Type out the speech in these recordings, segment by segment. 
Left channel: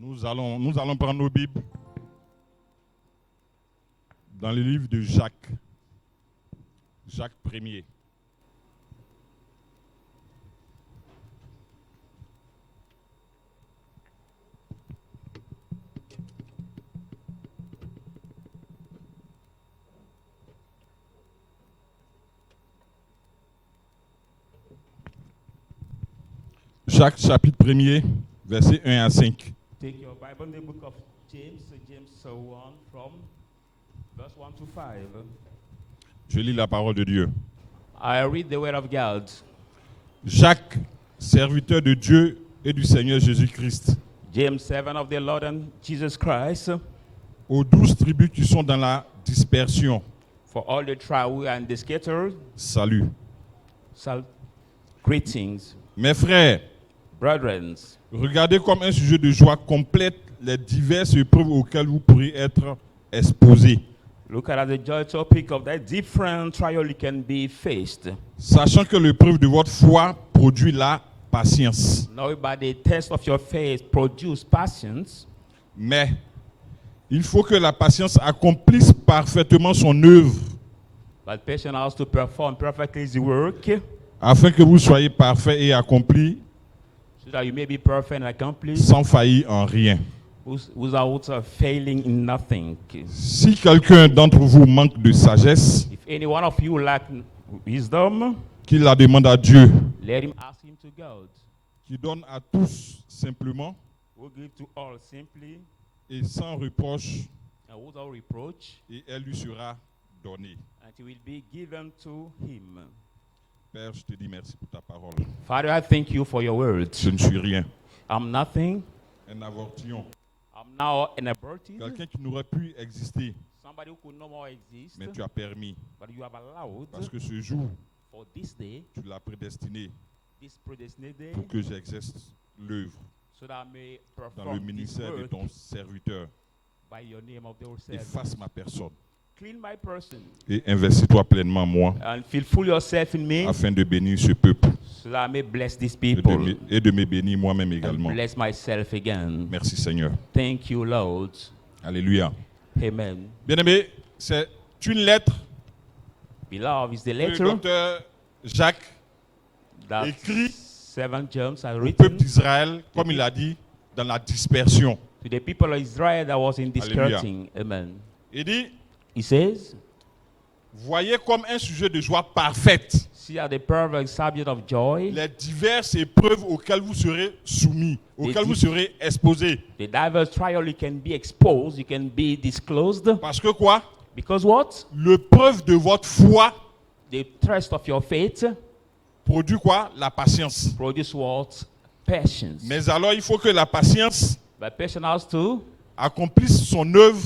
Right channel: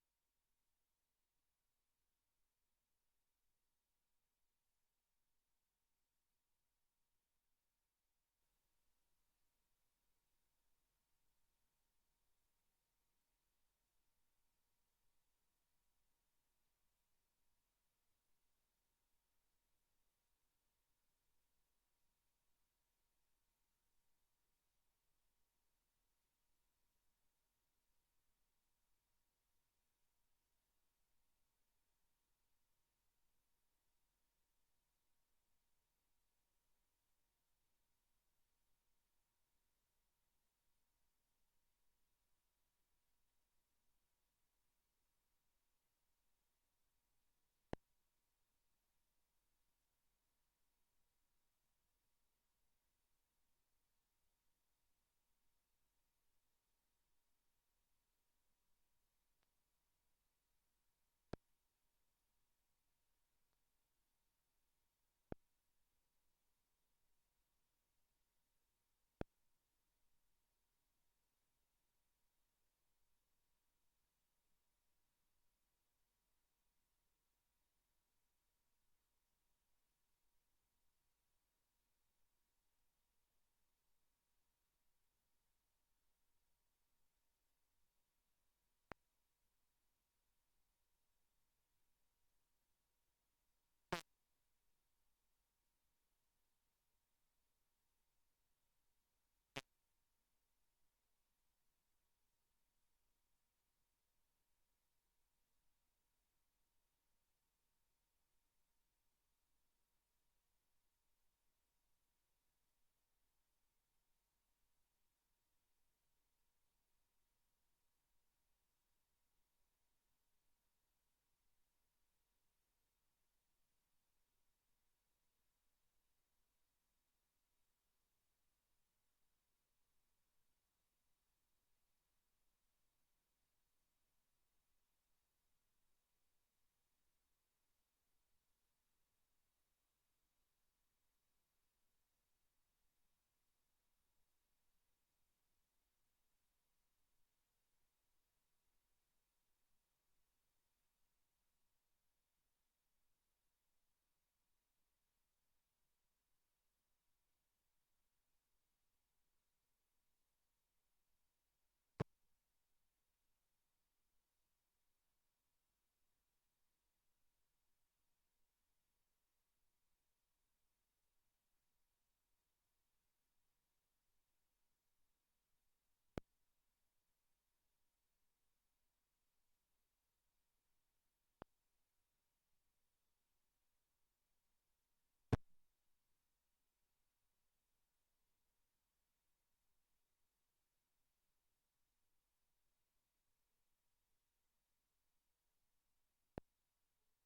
Nous allons prendre nos Bibles dans le livre de Jacques. Jacques 1er. Jacques chapitre 1er, versets 1 à 5. Take your Bible in the book of James, James 1 from verse 1 to 5. Je lis la parole de Dieu. I read the word of God. Jacques, serviteur de Dieu et du Seigneur Jésus-Christ, James 7 of the Lord and Jesus Christ, aux 12 tribus qui sont dans la dispersion, for all the tribes and the scattered, salut. Greetings, Mes frères, brethren. regardez comme un sujet de joie complète les diverses épreuves auxquelles vous pourrez être exposés, Look at the joy topic of that different trial you can be faced. sachant que l'épreuve de votre foi produit la patience. Now by the test of your faith produce patience, Mais il faut que la patience accomplisse parfaitement son œuvre, but patience has to perform perfectly the work, afin que vous soyez parfaits et accomplis, so that you may be perfect and accomplished, sans faillir en rien. without failing in nothing. Si quelqu'un d'entre vous manque de sagesse, If any one of you lack wisdom, qu'il la demande à Dieu, let him ask him to God, qui donne à tous simplement who give to all simply et sans reproche, and without reproach, et elle lui sera donnée. and it will be given to him. Père, je te dis merci pour ta parole. Father, I thank you for your words. Je ne suis rien. I'm nothing. Un avortillon. I'm now an aborted. Quelqu'un qui n'aurait pu exister, Somebody who could no more exist, mais tu as permis. but you have allowed Parce que ce jour, for this day, tu l'as prédestiné this predestined day, pour que j'exerce l'œuvre so that I may dans le perform this ministère de work ton serviteur. by your name of the Efface ma personne Clean my person et investis-toi pleinement en moi and fulfill yourself in me, afin de bénir ce peuple so that I may bless these et people de me bénir moi-même and également. bless myself again. Merci Seigneur. Thank you, Lord. Alléluia. Amen. Bien-aimé, c'est une lettre Beloved, is the que le letter docteur Jacques that écrit 7 James has au written peuple d'Israël, comme il a dit, dans la dispersion. to the people of Israel that was in dispersing. Amen. Il dit, He says, voyez comme un sujet de joie parfaite see at the perfect subject of joy, les diverses épreuves auxquelles vous serez soumis, auxquelles vous serez exposés. the diverse trial you can be exposed, you can be disclosed. Parce que quoi? Because what? L'épreuve de votre foi The test of your faith produit quoi? La patience. produce what? Patience. Mais alors, il faut que la patience But patience has to accomplisse son œuvre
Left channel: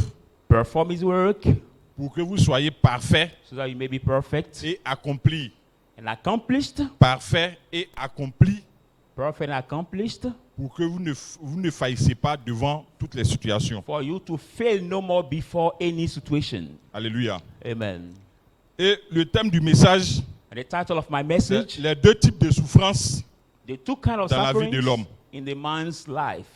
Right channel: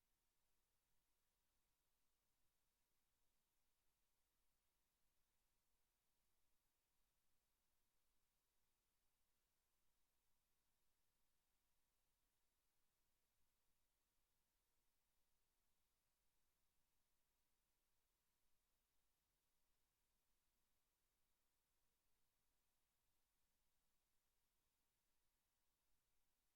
perform his work pour que vous soyez parfait so that you may be perfect et accompli. and accomplished. Parfait et accompli Perfect and accomplished. pour que vous ne faillissez pas devant toutes les situations. For you to fail no more before any situation. Alléluia. Amen. Et le thème du message, And the title of my c'est message, les deux types de souffrances the two kinds of dans la vie sufferings de l'homme. in the man's life.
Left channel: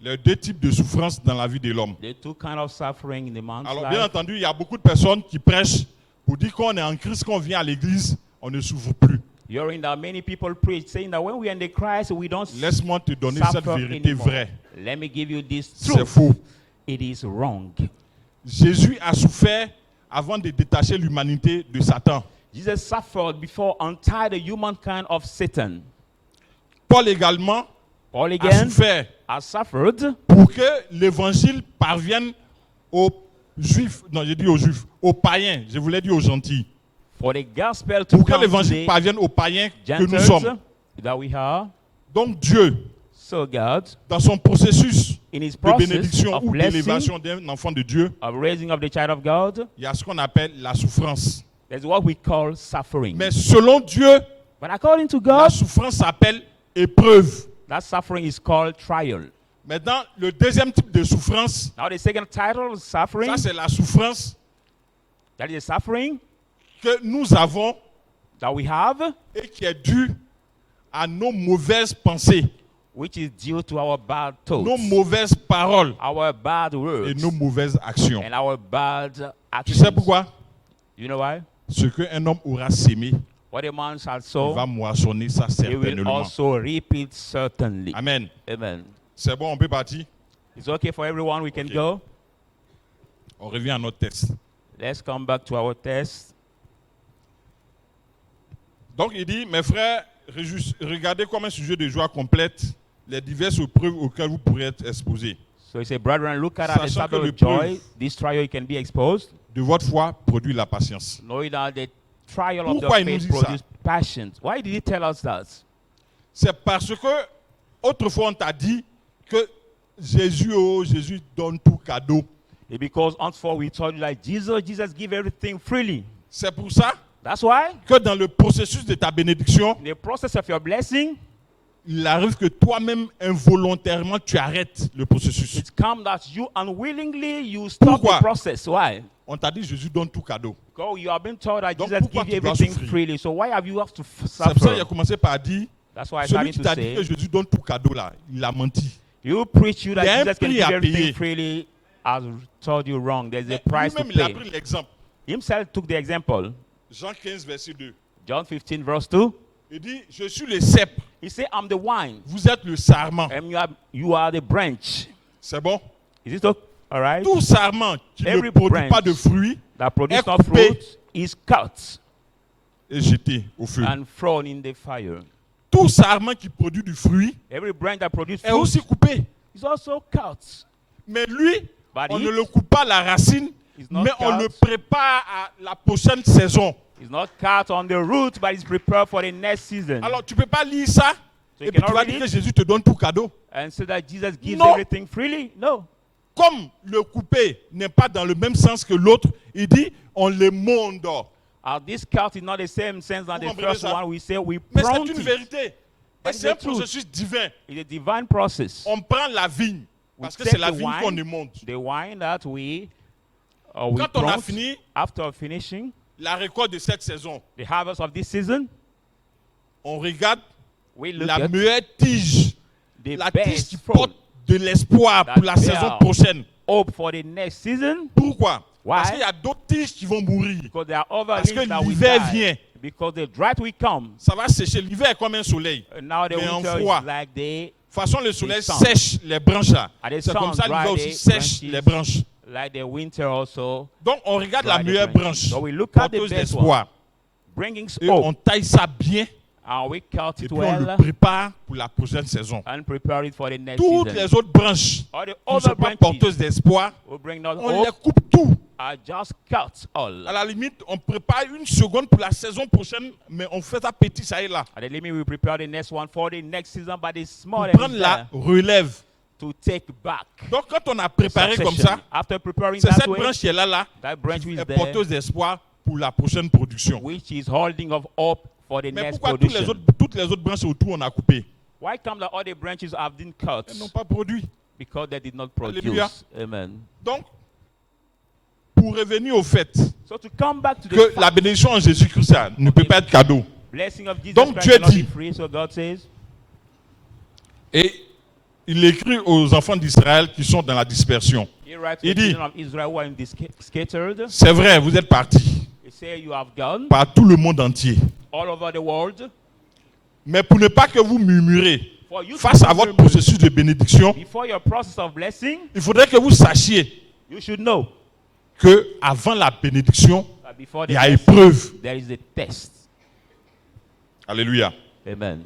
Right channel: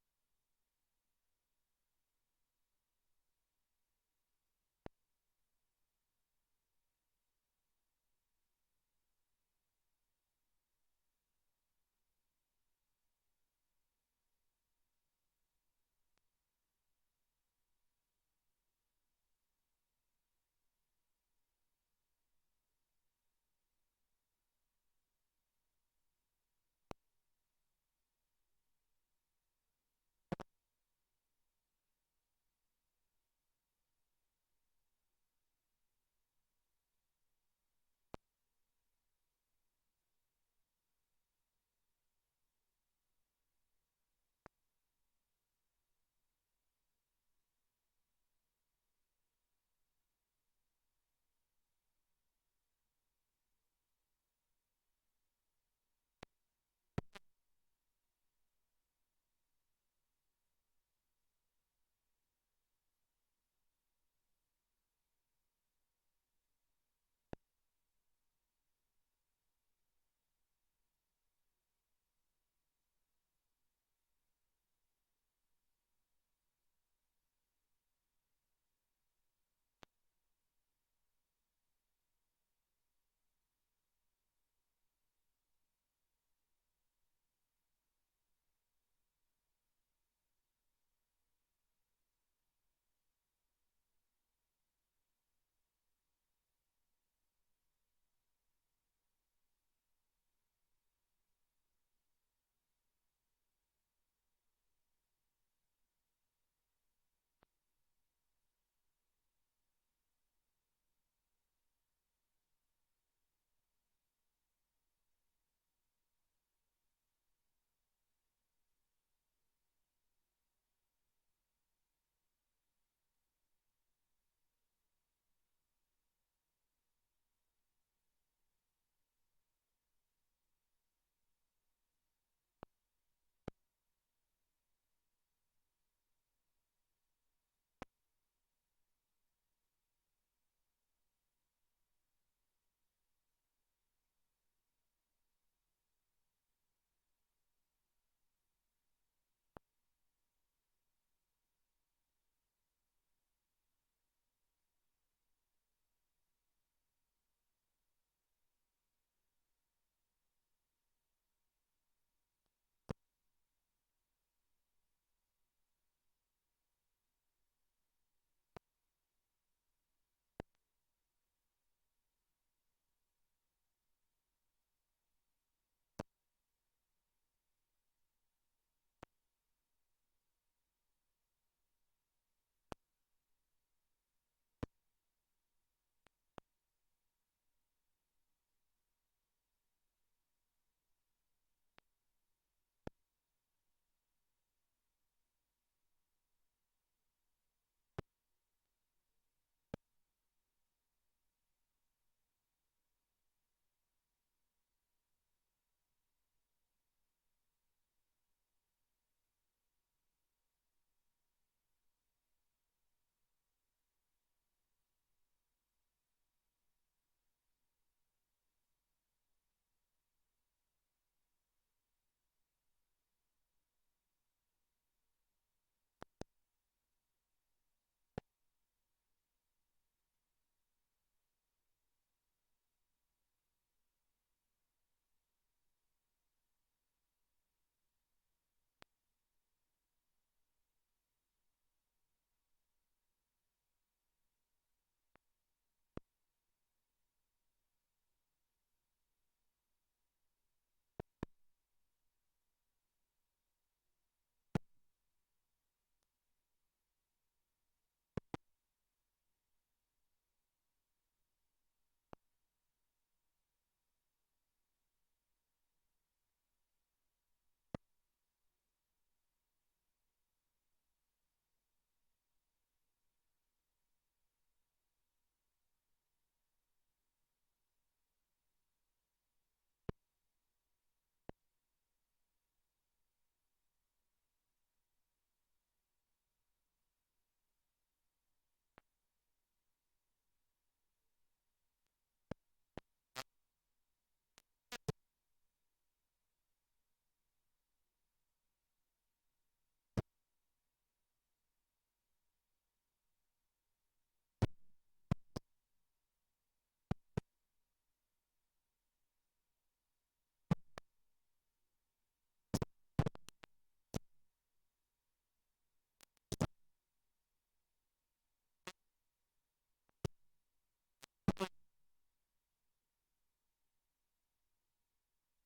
Les deux types de souffrances dans la vie de l'homme. The two kinds of suffering in the man's Alors, bien life. entendu, il y a beaucoup de personnes qui prêchent pour dire qu'on est en Christ, qu'on vient à l'église, on ne souffre plus. Hearing that many people preach, saying that when we are in the Christ, we don't Laisse-moi te donner cette suffer vérité anymore. vraie. Let me give you this C'est truth. faux. It is wrong. Jésus a souffert avant de détacher l'humanité de Satan. Jesus suffered before untie the humankind of Satan. Paul également Paul a again souffert has suffered pour que l'évangile parvienne aux juifs, non, j'ai dit aux juifs, aux païens, je voulais dire aux gentils. for the gospel to Pour que come to l'évangile the parvienne aux païens que nous Gentiles sommes. that we are. Donc Dieu, So God, dans son processus in his de process bénédiction of ou blessing, d'élévation d'un enfant de Dieu, of raising up the child of God, il y a ce qu'on appelle la souffrance. that's what we call suffering. Mais selon Dieu, But according to la God, souffrance s'appelle épreuve. that suffering is called trial. Maintenant, le deuxième type de souffrance, Now the second title, suffering, ça c'est la souffrance that is a suffering que nous avons that we have et qui est due à nos mauvaises pensées which is due to our bad thoughts, nos mauvaises paroles our bad et words, nos mauvaises actions. and our bad Tu actions. sais pourquoi? You know why? Ce qu'un homme aura sémé, What a man shall il sow, va moissonner ça he will certainement. also reap it certainly. Amen. Amen. C'est bon, on peut partir. It's okay for everyone. We can Okay. go. On revient à notre texte. Let's come back to our test. Donc il dit, mes frères, regardez comme un sujet de joie complète les diverses épreuves auxquelles vous pourrez être exposés. So he said, brethren, look at the Sachant que subject le of joy. preuve- This trial you can be exposed. De votre foi produit la patience. Knowing that the trial of Pourquoi the il nous faith dit ça? produces passion. Why did he tell us that? C'est parce que autrefois on t'a dit que Jésus donne tout cadeau. It's because henceforth we told you like Jesus give everything freely. C'est pour ça That's why que dans le processus de ta bénédiction, in the process of your blessing, il arrive que toi-même involontairement tu arrêtes le processus. it's come that you unwillingly you stop Pourquoi? the process. Why? On t'a dit Jésus donne tout cadeau. Because you have been told that Donc, Jesus pourquoi give you tu dois everything souffrir? freely. So why have you have to C'est pour ça qu'il a suffer? commencé par dire, That's why I celui started qui to t'a dit que say, Jésus donne tout cadeau là, il a menti. you preach you Il y a un that Jesus can prix give à everything payer. freely has told you wrong. There's a price to Lui-même, il a pay. pris l'exemple. Himself took the example. Jean 15, verset 2. John 15 verse 2. Il dit, je suis le cep, He said, I'm the wine vous êtes le sarment. and you are the branch. C'est bon? Is it okay? All right? Tout sarment qui ne Every produit branch pas de fruits That produce est not coupé fruit is cut est jeté au feu. and thrown in the fire. Tout sarment qui produit du fruit Every branch that produces est fruit aussi coupé. is also cut. Mais lui, But on it ne le coupe pas à la racine, is not mais on cut. le prépare à la prochaine saison. It's not cut on the root, but it's prepared for the next season. Alors tu ne peux pas lire ça So et you puis tu cannot vas read dire que it Jésus te donne tout cadeau. and say that Jesus gives No. everything freely. No. Comme le coupé n'est pas dans le même sens que l'autre, il dit on le monde. This cut is not the same sense as Vous the comprenez first ça? one. We say we Mais prune c'est une it. vérité. Et But c'est un it's the truth. processus divin. It's a divine process. On prend la vigne, We parce que take c'est la the vigne wine, qu'on émonde. The wine that we Quand on a prune, fini after finishing la récolte de cette saison, the harvest of this season, on regarde we look la at meilleure tige, the la tige best qui fruit, porte de l'espoir that pour la saison bear prochaine. hope for the next season. Pourquoi? Why? Parce qu'il y a d'autres tiges qui vont mourir. Because there are other Parce que leaves that will l'hiver die. vient. Because the drought will come. Ça va sécher. L'hiver est comme un soleil. And now the Mais en winter froid. is like the De toute façon, le soleil sun. sèche les branches là. And the C'est comme sun ça, l'hiver dry aussi the sèche branches. les branches. like the winter also, Donc, on regarde la dry the meilleure branches. branche, So we look at the porteuse best d'espoir. bringing Et hope, on taille ça bien. and we cut Et it puis, on le well prépare pour la prochaine saison. and prepare it for the next Toutes season. les autres branches All the qui ne sont other pas branches porteuses d'espoir, will bring not on les hope coupe tout. are just cut all. À la limite, on prépare une seconde pour la saison prochaine, mais on fait ça petit, ça et là. At the limit, we prepare the next one for the next season, but it's small Pour and prendre it's la there relève. to take back. Donc, quand on a préparé comme Succession. ça, After preparing c'est that cette way, branche qui est là, that branch qui is est there, porteuse d'espoir pour la prochaine production. which is holding of hope for the Mais next pourquoi production. toutes les autres branches autour, on a coupé? Why come that all the branches have been cut? Elles n'ont pas produit. Because they did not Alléluia. produce. Amen. Donc, pour revenir au fait So to come back to the que la fact, bénédiction en Jésus-Christ ça ne peut pas être cadeau. blessing of Jesus Donc, Christ Dieu cannot be dit- free, so God says, Et il écrit aux enfants d'Israël qui sont dans la dispersion. He writes to Il the dit- children of Israel who are in this scattered. C'est vrai, vous êtes partis He say you have gone par tout le monde entier. all over the world. Mais pour ne pas que vous murmurez For you face to à votre murmur processus de bénédiction, before your process of blessing, il faudrait que vous sachiez you should know que avant la bénédiction, that before the il y a blessing, épreuve. there is a test. Alléluia. Amen.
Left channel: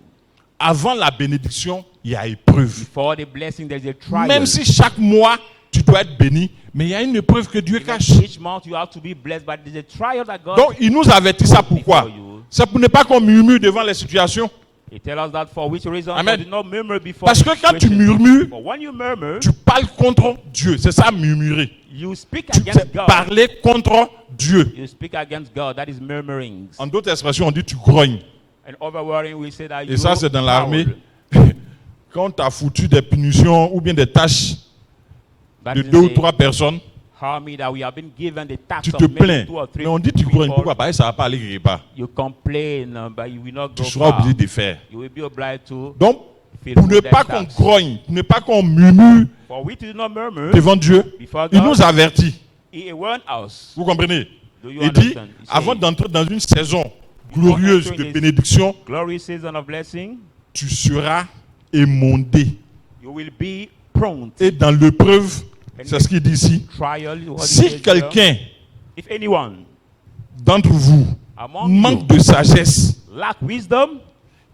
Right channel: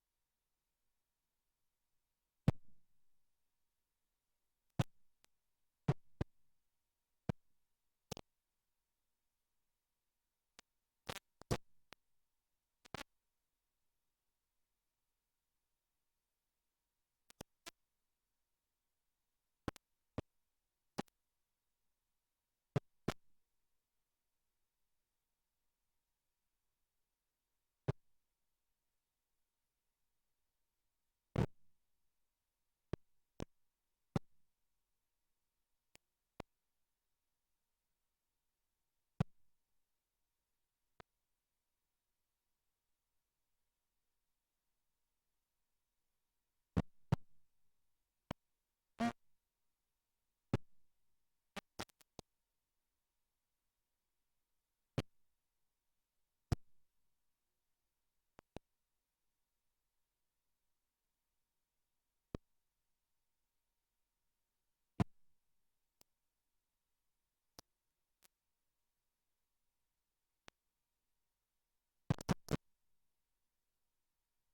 Avant la bénédiction, il y a épreuve. Before the blessing, there is a trial. Même si chaque mois, tu dois être béni, mais il y a une épreuve que Dieu Even cache. each month you have to be blessed, but there's a trial that God Donc, il nous avertit ça pourquoi? before you. C'est pour ne pas qu'on murmure devant les situations. He tells us that for which reason Amen. so do not murmur before Parce the que quand tu situation. murmures, But when you murmur, tu parles contre Dieu. C'est ça, murmurer. you speak Tu against sais God. parler contre Dieu. You speak against God. That is murmuring. En d'autres expressions, on dit tu grognes. And overwhelming, we say that Et ça, c'est dans proud. l'armée. Quand tu as foutu des punitions ou bien des tâches That de is 2 ou the 3 personnes, army that we have been given the tax tu of te maybe plains. 2 or 3 Mais on dit tu grognes. people. Pourquoi? Parce que ça ne va pas aller quelque part. You complain, but you will not Tu go seras far. obligé de faire. You will be obliged to Donc, feel pour ne good pas and qu'on tax. grogne, pour ne pas qu'on murmure For we do not murmur devant Dieu. before Il God. nous avertit. He warned us. Vous comprenez? Do you Il dit, understand? He avant said, d'entrer dans une saison glorieuse de bénédiction, glorious season of blessing, tu seras émondé. you will be prone to Et dans l'épreuve, c'est ce qu'il dit ici. trial. What he Si says here. quelqu'un If anyone d'entre vous among manque you de sagesse, lack wisdom,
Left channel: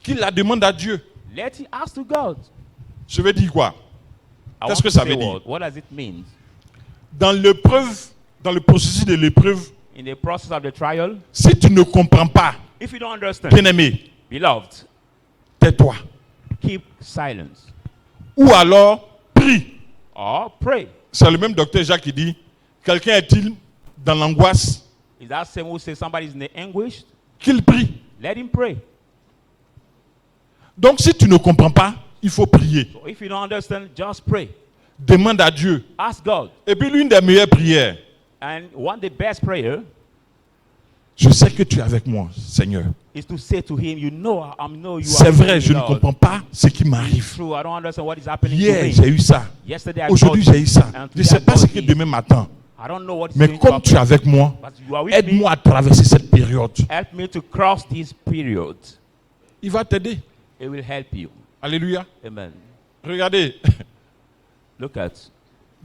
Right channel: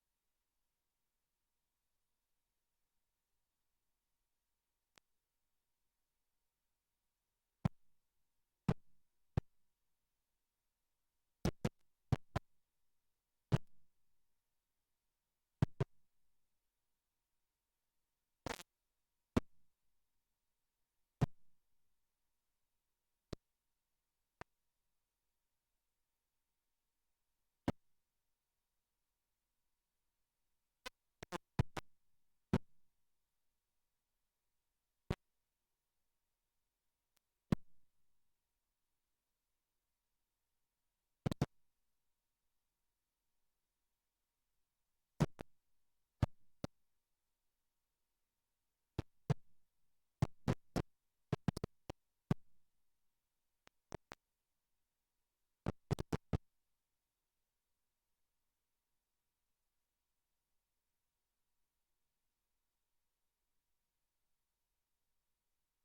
qu'il la demande à Dieu. let him ask to God. Je veux dire quoi? I Qu'est-ce want que to ça say veut dire? what does it mean? Dans l'épreuve, dans le processus de l'épreuve, In the process of the trial, si tu ne comprends pas, if you don't understand, bien-aimé, beloved, tais-toi. keep silence Ou alors, prie. or pray. C'est le même docteur Jacques qui dit, quelqu'un est-il dans l'angoisse? Is that same who says somebody is in the anguish? Qu'il prie. Let him pray. Donc si tu ne comprends pas, il faut prier. So if you don't understand, just pray. Demande à Dieu. Ask God. Et puis l'une des meilleures prières, And one the best prayer je sais que tu es avec moi, Seigneur. is to say to him, you know you C'est are vrai, with je me, ne Lord. comprends pas ce qui It's m'arrive. true, I don't understand what is happening Hier, to me. j'ai eu ça. Yesterday I Aujourd'hui, got j'ai eu ça. and Je ne today sais I pas got ce que it. demain m'attend. I don't know what is Mais going to comme tu es happen, 'avec moi, but you are with me. aide-moi à traverser cette période. Help me to cross this period. Il va t'aider. It will help you. Alléluia. Amen. Regardez, Look at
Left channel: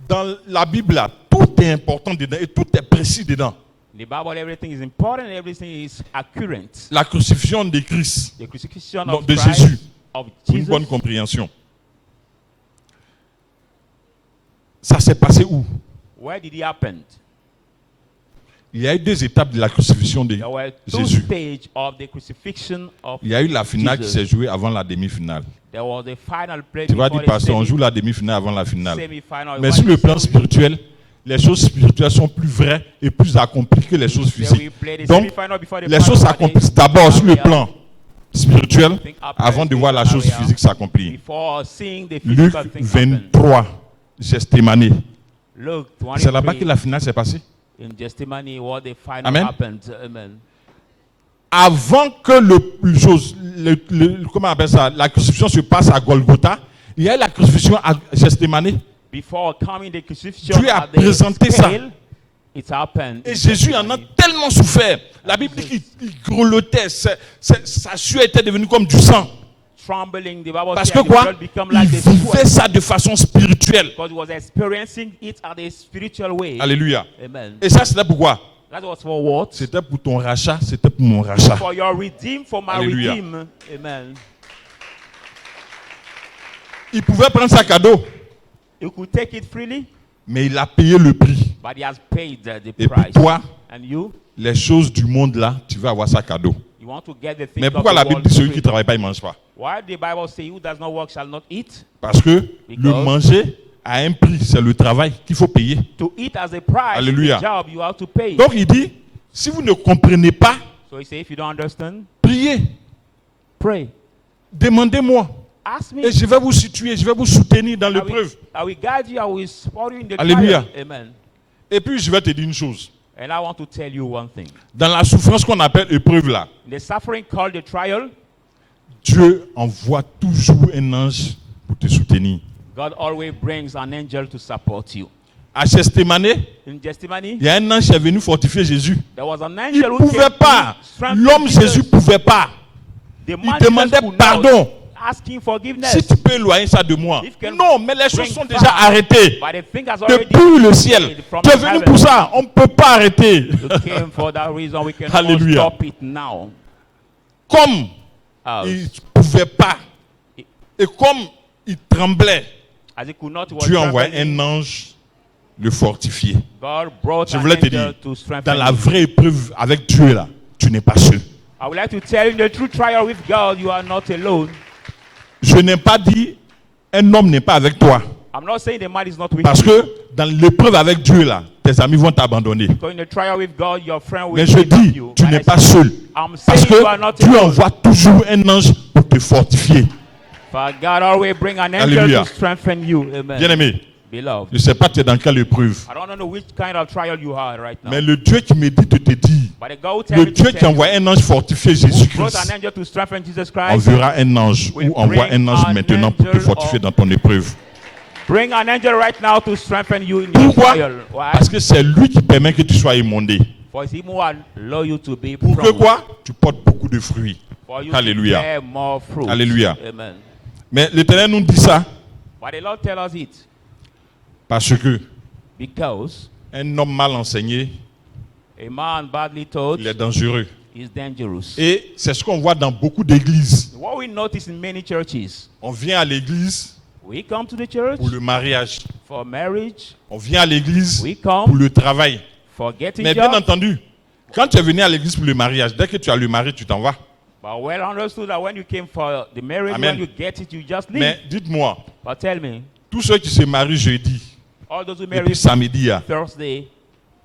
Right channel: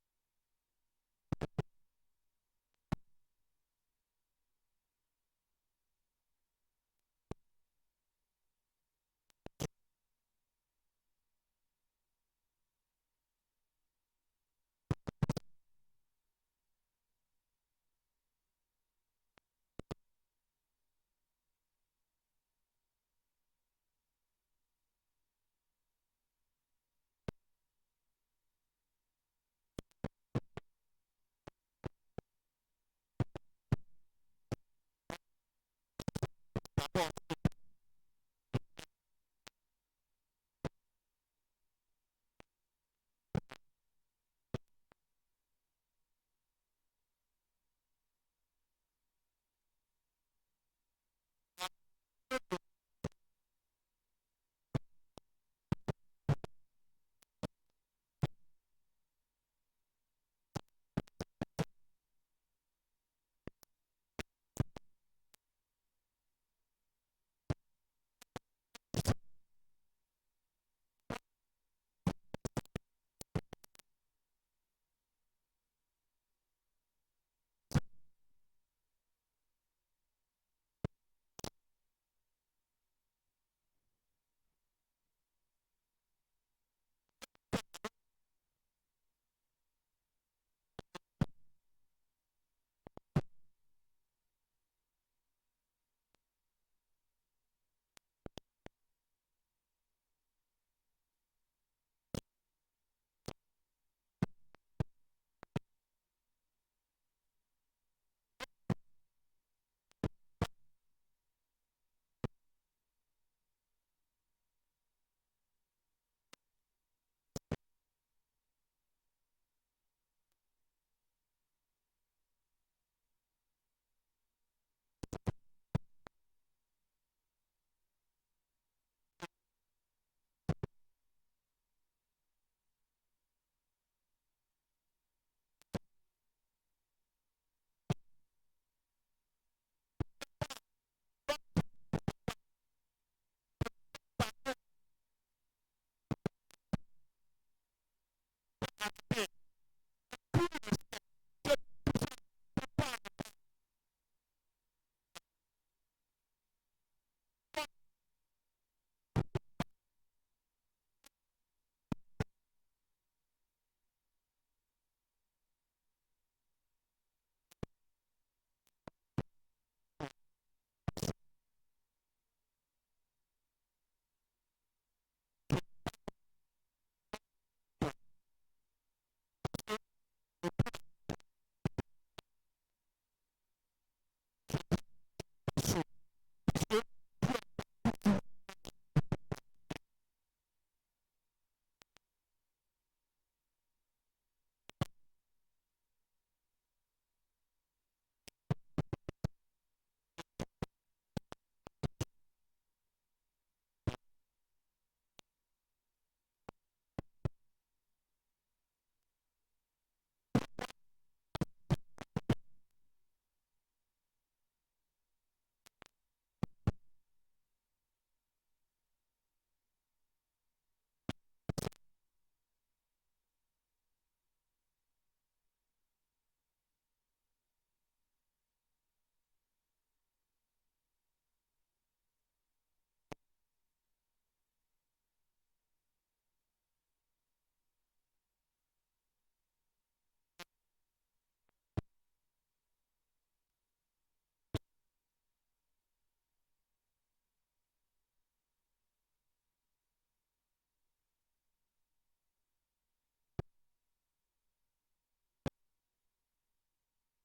dans la Bible, là, tout est important dedans et tout est précis dedans. the Bible. Everything is important. Everything is accurate. La crucifixion de Christ, The crucifixion non, of de Christ, Jésus, of pour une Jesus. bonne compréhension. Ça s'est passé où? Where did it happen? Il y a eu deux étapes de la crucifixion de There were two Jésus. stages of the crucifixion of. Il y a eu la finale qui Jesus. s'est jouée avant la demi-finale. There was the final play. Tu vas before dire, the pasteur, on joue la demi-finale avant la finale. semi-final. Mais What sur le is plan it? spirituel, les choses spirituelles sont plus vraies et plus accomplies que les choses There we physiques. play the Donc, semi-final before the les final, choses but s'accomplissent they- d'abord sur le area- plan spirituel think up avant de voir la chose area physique s'accomplir. Before seeing the Luc physical thing happen. 23, Gethsémanie. Look, C'est là-bas 23, que la finale s'est passée. in Gethsemane, what the final Amen. happened. Amen. Avant que comment on appelle ça, la crucifixion se passe à Golgotha, il y a eu la crucifixion à Gethsémanie. Before coming the crucifixion Dieu a at the présenté ça. scale, it happened. Et in Jésus en a Gethsemane. tellement souffert. La Bible dit qu'il grelottait, sa sueur était devenue comme du sang. Trembling, the Bible Parce says que his quoi? blood become Il like the vivait sweat, ça de façon spirituelle. because he was experiencing it at a spiritual way. Alléluia. Amen. Et ça, c'était pourquoi? That was for what? C'était pour ton rachat, c'était pour mon rachat. For your redeem, for my Alléluia. redeem. Amen. Il pouvait prendre ça cadeau, You could take it freely, mais il a payé le prix. but he has paid the Et price. pour toi, And you les choses du monde là, tu vas avoir ça cadeau. want to get the things Mais of pourquoi the la Bible world dit celui free. qui ne travaille pas, il ne mange pas? Why the Bible say who does not work shall not eat? Parce que le Because- manger a un prix, c'est le travail qu'il faut payer. To eat as a price, Alléluia. the job you have to pay. Donc il dit, si vous ne comprenez pas, So he say, if you don't understand, priez, pray. demandez-moi. Ask me. Et je vais vous situer, je vais vous soutenir dans I will, l'épreuve. I will guide you. I will support you in the Alléluia. trial. Amen. Et puis je vais te dire une chose. And I want to tell you one thing. Dans la souffrance qu'on appelle épreuve là, In the suffering called the trial, Dieu envoie toujours un ange pour te soutenir. God always brings an angel to support you. À Gethsémanie, In Gethsemane, il y a un ange qui est venu fortifier Jésus. there was an Il angel ne who pouvait came pas. to strengthen L'homme Jesus. Jésus ne pouvait pas. The Il man demandait Jesus could pardon. not asking forgiveness. Si tu peux éloigner ça de moi. If you can Non, mais les choses bring sont fire, déjà arrêtées. But the thing has already Depuis le ciel. from Tu es the venu heaven. pour ça. On ne peut pas arrêter. You came for that reason. We can Hallelujah. stop it now. Comme As, il ne pouvait pas. Et comme il tremblait, as he could not, he was Dieu envoie trembling. un ange le fortifier. God brought Je an voulais te angel dire, to strengthen dans la you. vraie épreuve avec Dieu là, tu n'es pas seul. I would like to tell you, in the true trial with God, you are not alone. Je n'ai pas dit un homme n'est pas avec toi. I'm not saying the man is not with Parce you. que dans l'épreuve avec Dieu là, tes amis vont t'abandonner. So in the trial with God, your friend will Mais je give up dis, you. tu But n'es I pas say, seul. I'm Parce saying you are que not Dieu alone. envoie toujours un ange pour te fortifier. For God always bring an angel Hallelujah. to strengthen you. Amen. Bien-aimé, Beloved, Je ne sais pas tu es dans quelle épreuve. I don't know which kind of trial you are right now. Mais le Dieu qui me dit de te dire, But the God tell le me Dieu to qui tell envoie you, un ange fortifier who brought Jésus-Christ, an angel to strengthen Jesus on Christ, verra un ange ou envoie un ange maintenant pour te fortifier dans ton épreuve. bring an angel right now to strengthen you in your Pourquoi? trial. Why? Parce que c'est lui qui permet que tu sois émondé. For it's him who allow you to be Pour que proud. quoi? Tu portes beaucoup de fruits. For you Alléluia. to bear more fruit. Alléluia. Amen. Mais l'Éternel nous dit ça But the Lord tell us it parce que because un homme mal enseigné, a man badly taught il est dangereux. is dangerous. Et c'est ce qu'on voit dans beaucoup d'églises. What we notice in many churches, On vient à l'église we come to the church pour le mariage. for marriage, On vient à l'église we pour come le travail. for getting Mais bien job. entendu, quand tu es venu à l'église pour le mariage, dès que tu as le mari, tu t'en vas. But well understood that when you came for the marriage, Amen. when you get it, you just leave. Mais dites-moi, But tell me, tous ceux qui se marient jeudi all those who et marry puis samedi, Thursday,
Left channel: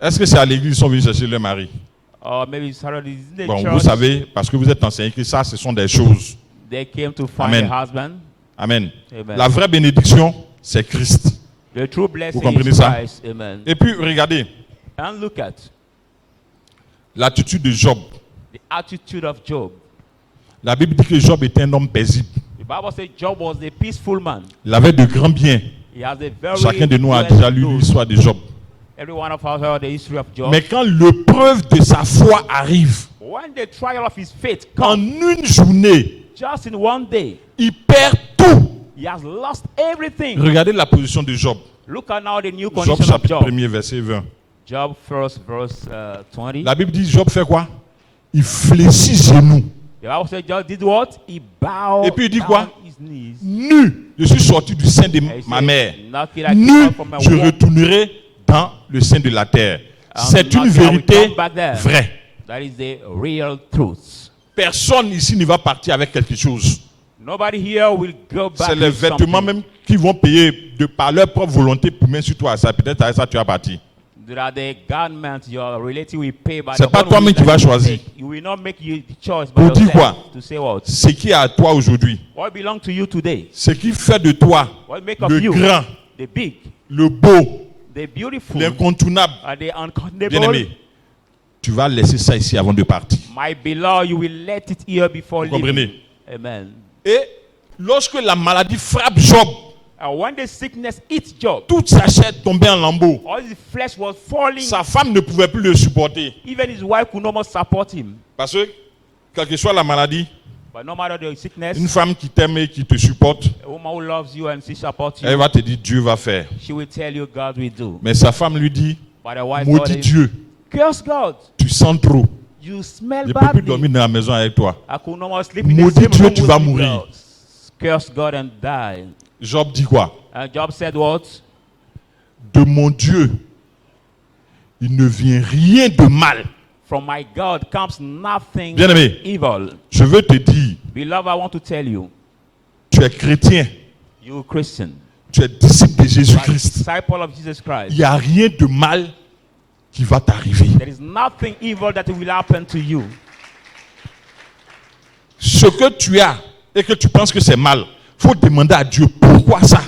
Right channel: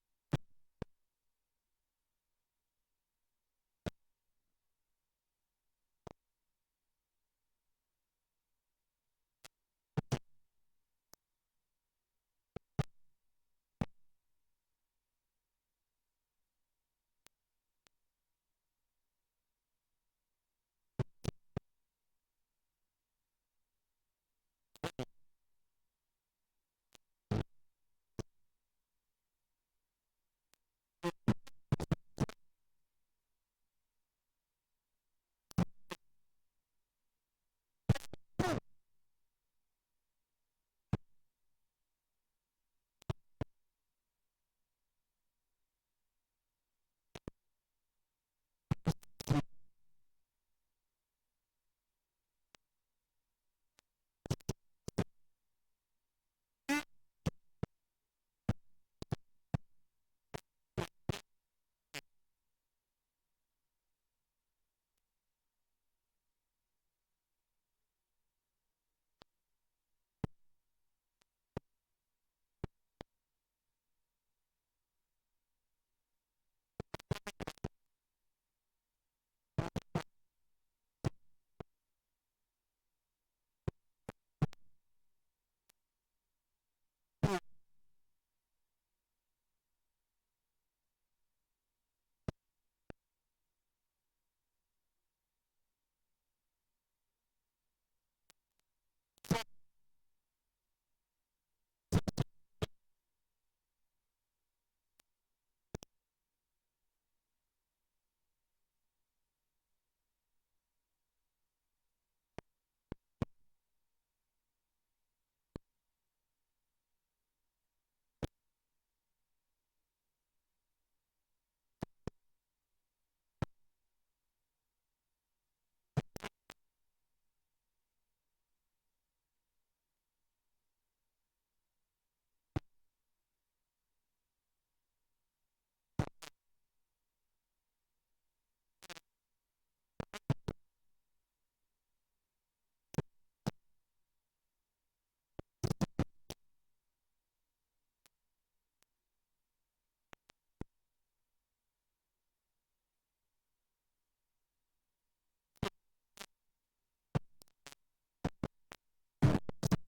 est-ce que c'est à l'église qu'ils sont venus chercher leur mari? or maybe Saturday, in the Bon, church, vous savez, parce que vous êtes enseigné que ça, ce sont des choses. they came to find Amen. a husband. Amen. Amen. La vraie bénédiction, c'est Christ. The true blessing comprenez is ça? Christ. Amen. Et puis, regardez, And look at l'attitude de Job. the attitude of Job. La Bible dit que Job était un homme paisible. The Bible says Job was a peaceful man. Il avait de grands biens. He has a very Chacun de nous a well déjà lu known- l'histoire de Job. Every one of us heard the history of Job. Mais quand l'épreuve de sa foi arrive, When the trial of his faith en comes, une journée, just in one day, il perd tout. he has lost everything. Regardez la position de Job. Look at now the new Job condition of chapitre Job. 1er, verset 20. Job first, verse 20. La Bible dit, Job fait quoi? Il fléchit genoux. The Bible says Job did what? He bowed Et puis il dit down quoi? his knees. Nu, je suis sorti du sein de And he ma said, mère. "Knock it, I came Nu, out from my je womb, retournerai dans le sein de la terre. and C'est une knock it, I will vérité come back there." vraie. That is the real truth. Personne ici ne va partir avec quelque chose. Nobody here will go back C'est les with vêtements something. même qui vont payer de par leur propre volonté pour mettre sur toi. Ça, peut-être avec ça tu vas partir. There are the garments your relative will pay by C'est the pas own toi-même will qui that vas you choisir. take. You will not make the choice by Pour dire yourself quoi? to say what? Ce qui est à toi aujourd'hui, What belongs to you today? ce qui fait de toi What make of le you grand, the big, le beau, the beautiful, l'incontournable, and the uncountable? bien-aimé, tu vas laisser ça ici avant de partir. My beloved, you will let it here before Vous leaving. comprenez? Amen. Et lorsque la maladie frappe Job, And when the sickness hit Job, toute sa chair tombait en lambeaux. all his flesh was falling. Sa femme ne pouvait plus le supporter. Even his wife could not more support him. Parce que, quelle que soit la maladie, But no matter the sickness, une femme qui t'aime et qui te supporte, a woman who loves you and she supports you, elle va te dire Dieu va faire. she will tell you God will do. Mais sa femme lui dit, But the wife maudit told him, Dieu, curse God. tu sens trop. You smell Je ne peux plus badly. dormir dans la maison avec toi. I could not more sleep in the Maudit same Dieu, room tu with vas you, mourir. God. Curse God and die. Job dit quoi? And Job said what? De mon Dieu, il ne vient rien de mal. From my God comes nothing Bien-aimé, evil. je veux te dire, Beloved, I want to tell you, tu es chrétien, you Christian, tu es disciple de you are a Jésus-Christ. disciple of Jesus Il Christ. n'y a rien de mal qui va t'arriver. There is nothing evil that will happen to you. Ce que tu as et que tu penses que c'est mal, il faut demander à Dieu pourquoi ça.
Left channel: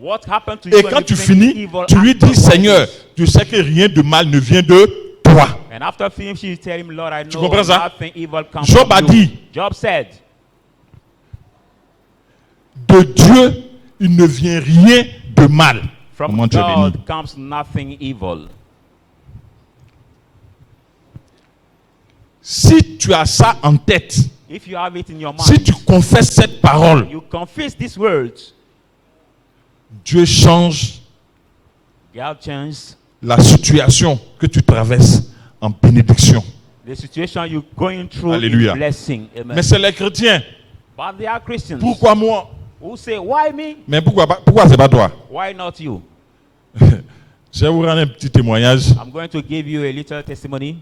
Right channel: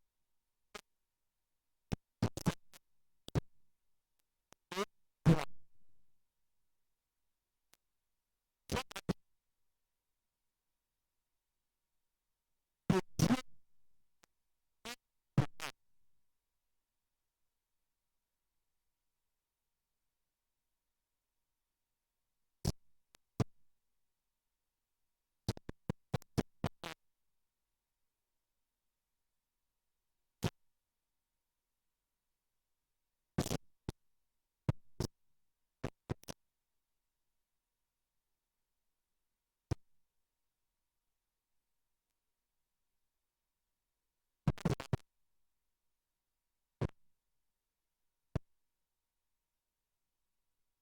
What happened to you Et when quand you tu think finis, evil tu lui dis, afterwards? Seigneur, tu sais que rien de mal ne vient de toi. And after finishing, you tell him, Lord, I know comprends ça? nothing evil comes Job from a you. dit, Job said, de Dieu, il ne vient rien de mal. from Comment tu es béni. God comes nothing evil. Si tu as ça en tête, If you have it in your mind, si tu confesses cette parole, you confess these words, Dieu change God changes la situation que tu traverses en bénédiction. the situation you're going through Alléluia. in blessing. Amen. Mais c'est les chrétiens. But they are Christians Pourquoi moi? who say, why me? Mais pourquoi c'est pas toi? Why not you? Je vais vous rendre un petit témoignage. I'm going to give you a little testimony.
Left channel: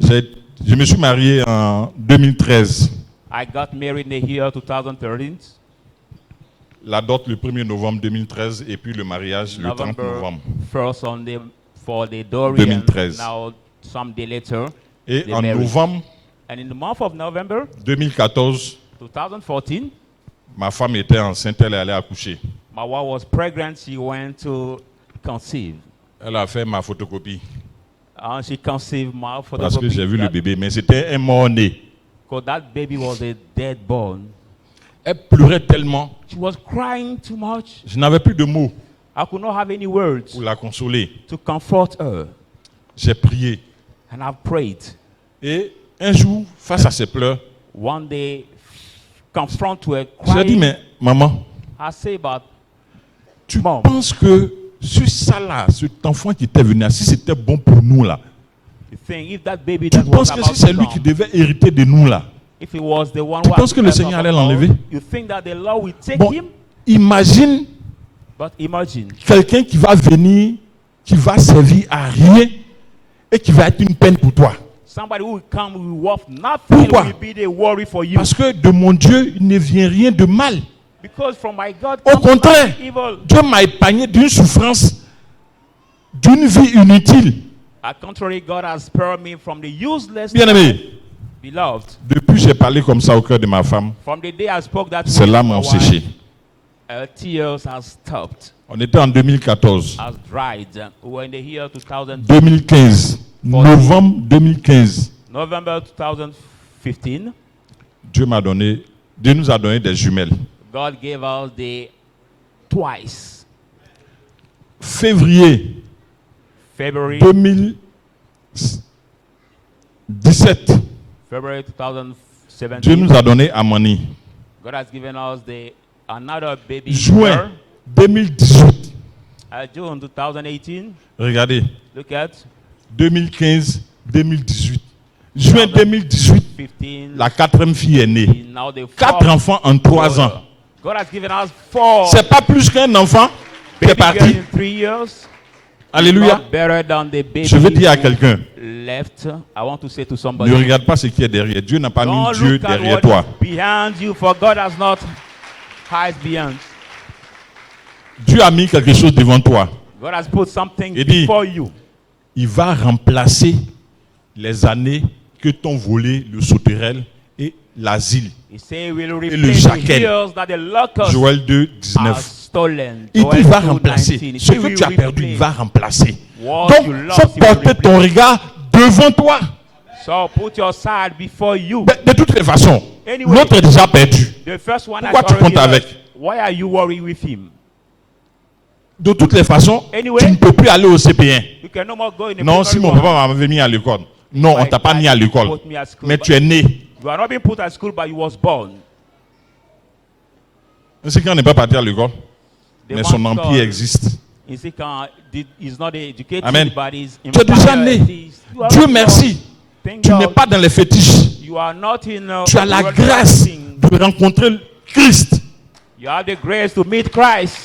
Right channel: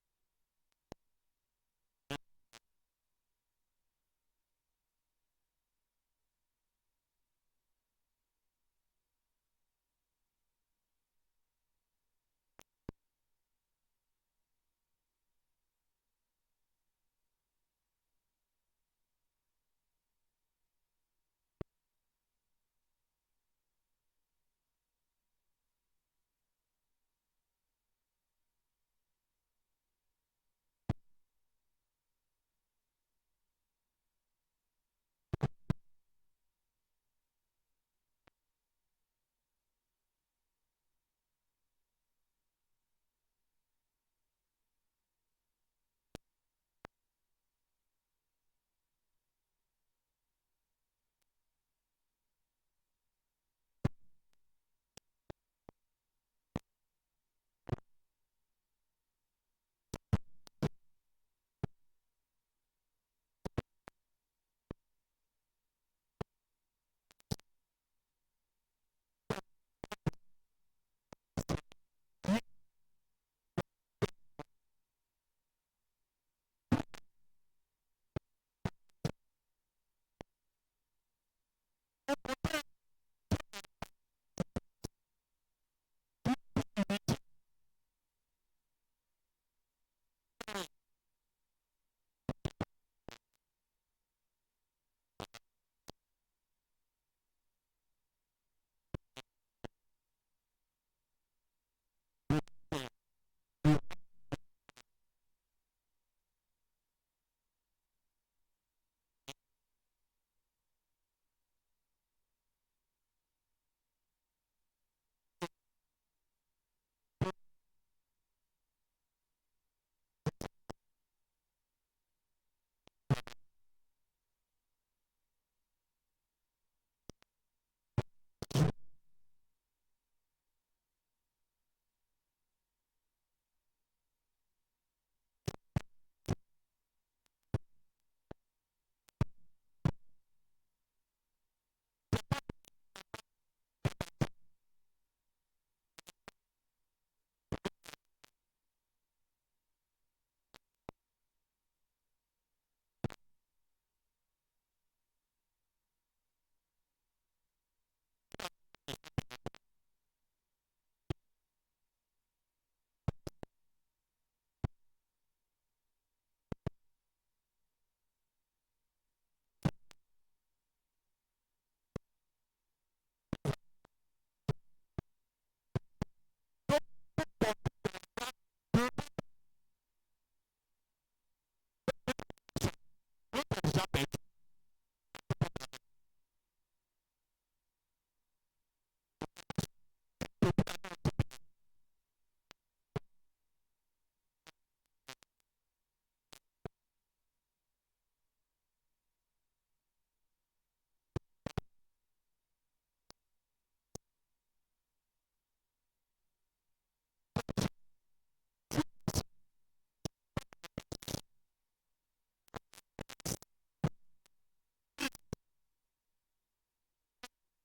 Je me suis marié en 2013. I got married in the year 2013, La dot le 1er novembre 2013 et puis le mariage le 30 November novembre. 1st on the, for the Dorian, 2013. now some day later. Et The en marriage. novembre And in the month of November 2014, 2014, ma femme était enceinte, elle est allée accoucher. My wife was pregnant. She went to conceive. Elle a fait ma photocopie. And she conceived my Parce que j'ai vu le that, bébé, mais c'était un mort-né. because that baby was a dead born. Elle pleurait tellement, She was crying too much. je n'avais plus de mots I could not have any words pour la consoler. to comfort her. J'ai prié. And I prayed. Et un jour, face à ses pleurs, One day, confront to her j'ai dit, crying, mais maman, I say, but tu Mom. penses que sur ça là, cet enfant qui était venu, si c'était bon pour nous là, you think if that baby tu that was penses que about si c'est to lui qui come, devait hériter de nous là, if it was the one tu who penses had que le to Seigneur come allait up, l'enlever? you think that the Lord will take bon, him? imagine But imagine quelqu'un qui va venir, qui va servir à rien et qui va être une peine pour toi. somebody who will come who will worth nothing Pourquoi? will be the worry for you. Parce que de mon Dieu, il ne vient rien de mal. Because from my God Au comes contraire, nothing evil. Dieu m'a épargné d'une souffrance, d'une vie inutile. At contrary, God has spared me from the useless Bien-aimé, life. Beloved, depuis j'ai parlé comme ça au cœur de ma femme, from the day I spoke that ses way to larmes my ont wife, séché. her tears have stopped, On était en 2014. has dried. We were in the year 2000, 2015. Novembre 2015. November 2015. Dieu nous a donné des jumelles. God gave us the twice. Février February 2017. February 2017. Dieu nous a donné Amani. God has given us another baby Juin girl. 2018. June 2018. Regardez. Look at 2015-2018. Juin 2018, 15. la quatrième fille est née. Now the 4 enfants en 3 ans. God has given us 4 C'est pas plus qu'un enfant qui est baby girls parti. in 3 years. Alléluia. Not better than the baby Je veux dire à who quelqu'un, left. I want to say to ne somebody, regarde pas ce qui est derrière. Dieu n'a pas mis don't Dieu look at derrière what toi. is behind you, for God has not hides beyond. Dieu a mis quelque chose devant toi. God has put something Il dit, before you. il va remplacer les années que t'ont volé le sauterelle et l'asile. He said, "Will le replace the jaquel. years that the locusts Joël 2, have 19. stolen." Il Joel va 2:19. remplacer. He Ce said, que "We tu as will perdu, il replace va remplacer. what Donc, you faut lost, he will porter ton replace." regard devant toi. So put your side before you. De toutes les façons, Anyway, l'autre est déjà perdu. The first one Pourquoi has tu already comptes avec? lost. Why are you worried with him? De toutes les façons, Anyway, tu ne peux plus aller au CP1. you can no more go in the Non, si primary mon one. papa m'avait mis à l'école. Non, on My t'a pas dad mis à l'école. put me at school, Mais but tu es né. You are not being put at school, but you was born. C'est qu'on n'est pas parti à l'école. The Mais son one empire son existe. is not educated, Amen. but is Tu es déjà né. You are Dieu born. merci. Thank Tu God. n'es pas dans les fétiches. You are not in. Tu as la world grâce thing. de rencontrer Christ. You have the grace to meet Christ.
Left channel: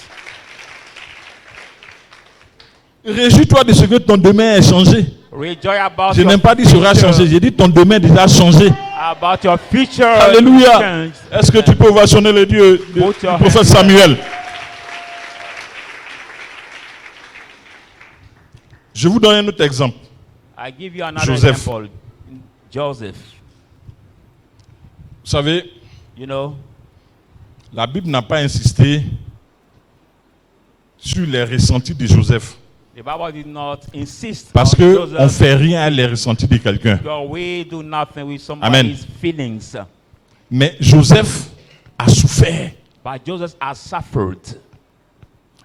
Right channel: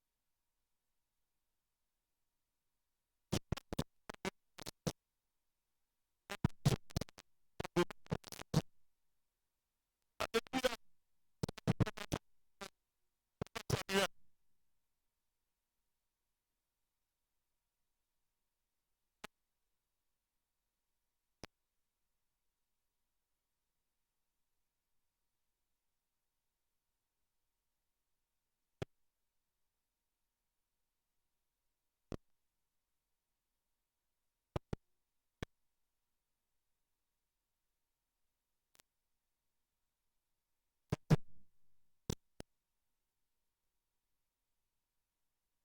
Réjouis-toi de ce que ton demain est changé. Rejoice about Je your n'ai pas dit sera future. changé. J'ai dit ton demain est déjà changé. About your future. Alléluia. change. Est-ce que tu peux ovationner le Dieu du Put your prophète hands Samuel? Je vous donne un autre exemple. I give you another Joseph. example. Joseph. Vous savez, You know, la Bible n'a pas insisté sur les ressentis de Joseph. the Bible did not insist Parce on qu'on ne Joseph. fait rien à les ressentis de quelqu'un. God, we do nothing with somebody's feelings. Mais Joseph a souffert. But Joseph has suffered.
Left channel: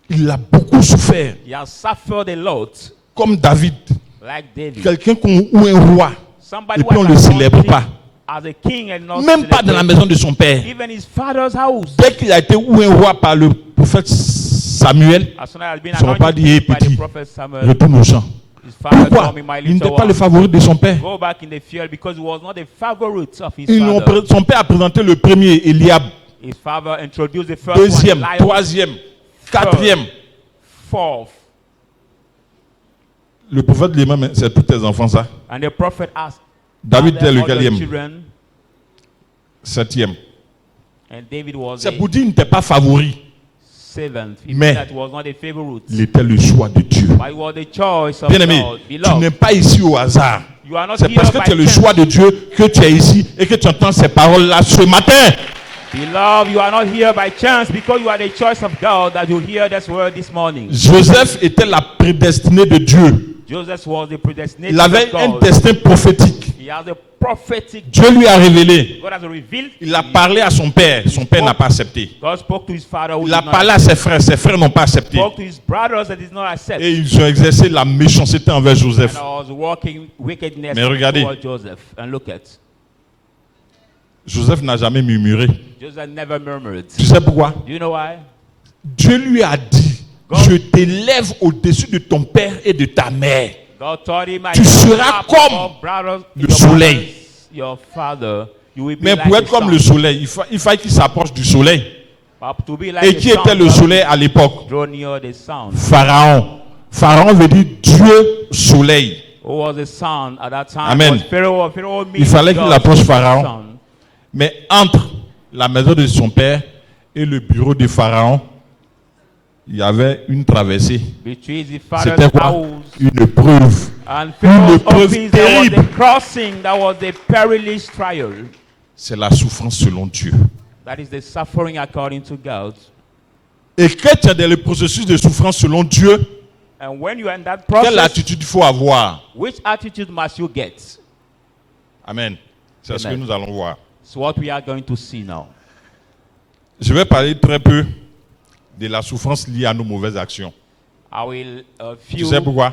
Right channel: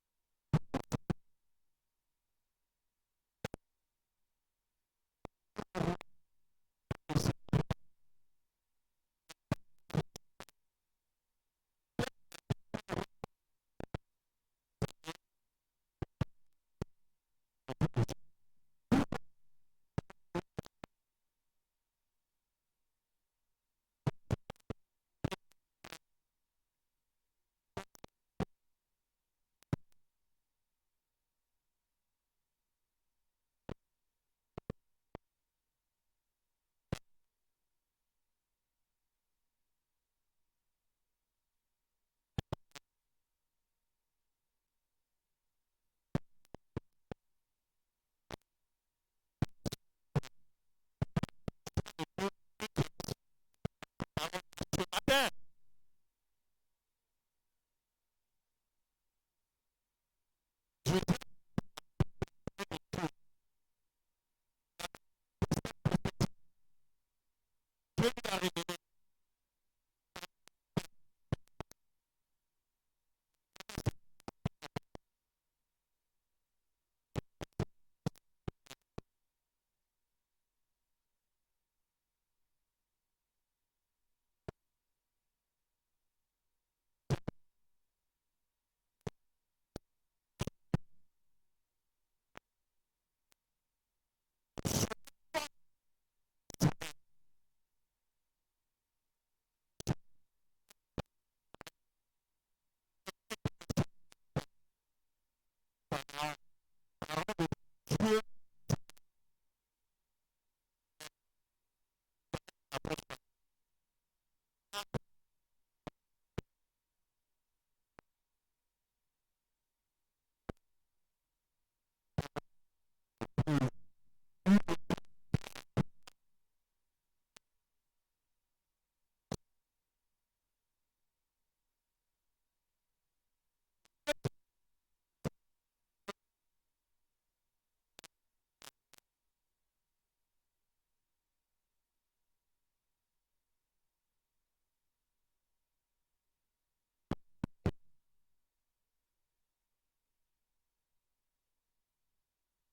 Il a beaucoup souffert. He has suffered a lot, Comme David. like David. Quelqu'un ou un roi. Somebody Et puis on who ne le has célèbre anointed pas. him as a king and not Même pas dans la celebrated. maison de son père. Even his father's house. Dès qu'il a été ou un roi par le prophète Samuel, As soon as he has been Ils n'ont pas dit, anointed hey, by the petit, prophet Samuel, retourne au champ. his father Pourquoi? told me, my Il little n'était pas le one, favori de son père. go back in the field because he was not the favorite of his Ils l'ont father. son père a présenté le premier, Eliab. His father introduced the first Deuxième, one, Eliab, troisième, quatrième. fourth. Le prophète lui-même, c'est tous tes enfants, ça. And the prophet asked, David "Are there était le other quatrième, children?" septième. And David was C'est the pour dire qu'il n'était pas favori. seventh. It Mais- means that he was not a favorite. Il était le choix de Dieu. But he was the choice of Bien-aimé, God. tu Beloved, n'es pas ici au hasard. you are not C'est here parce que by tu es le chance. choix de Dieu que tu es ici et que tu entends ces paroles-là ce matin. Beloved, you are not here by chance because you are the choice of God that you hear this word this morning. Joseph était la prédestinée de Dieu. Joseph was the predestinated Il avait of un God. destin prophétique. He has a prophetic. Dieu lui a révélé. God has revealed. Il a parlé à son père. Son père n'a pas accepté. God spoke to his father. Who Il a did not parlé à ses frères. Ses frères n'ont pas accepté. spoke to his brothers that did not accept. Et ils ont exercé la méchanceté envers And Joseph. I was walking wickedness Mais regardez. toward Joseph. And look at. Joseph n'a jamais murmuré. Joseph never murmured. Tu sais pourquoi? Do you know why? Dieu lui a dit, je t'élève au-dessus de ton père et de ta mère. God told him, Tu seras comme le soleil. Your father, you will be Mais like pour the être comme sun. le soleil, il fallait qu'il s'approche du soleil. But to be like Et the qui sun, était le God soleil à l'époque? draw near the sun. Pharaon. Pharaon veut dire Dieu soleil. Who was the sun at that time? Amen. Was Pharaoh. Pharaoh Il fallait qu'il God, approche the Pharaon. sun. Mais entre la maison de son père et le bureau de Pharaon, il y avait une traversée. Between the C'était father's quoi? house Une preuve. and Pharaoh's épreuve office, there was terrible. a crossing. That was a perilous trial. C'est la souffrance selon Dieu. That is the suffering according to God. Et quand tu es dans le processus de souffrance selon Dieu, And when you are in that quelle process, attitude il faut avoir? which attitude must you get? Amen. C'est ce que Amen. nous allons voir. It's what we are going to see now. Je vais parler très peu de la souffrance liée à nos mauvaises actions. I will Tu sais pourquoi?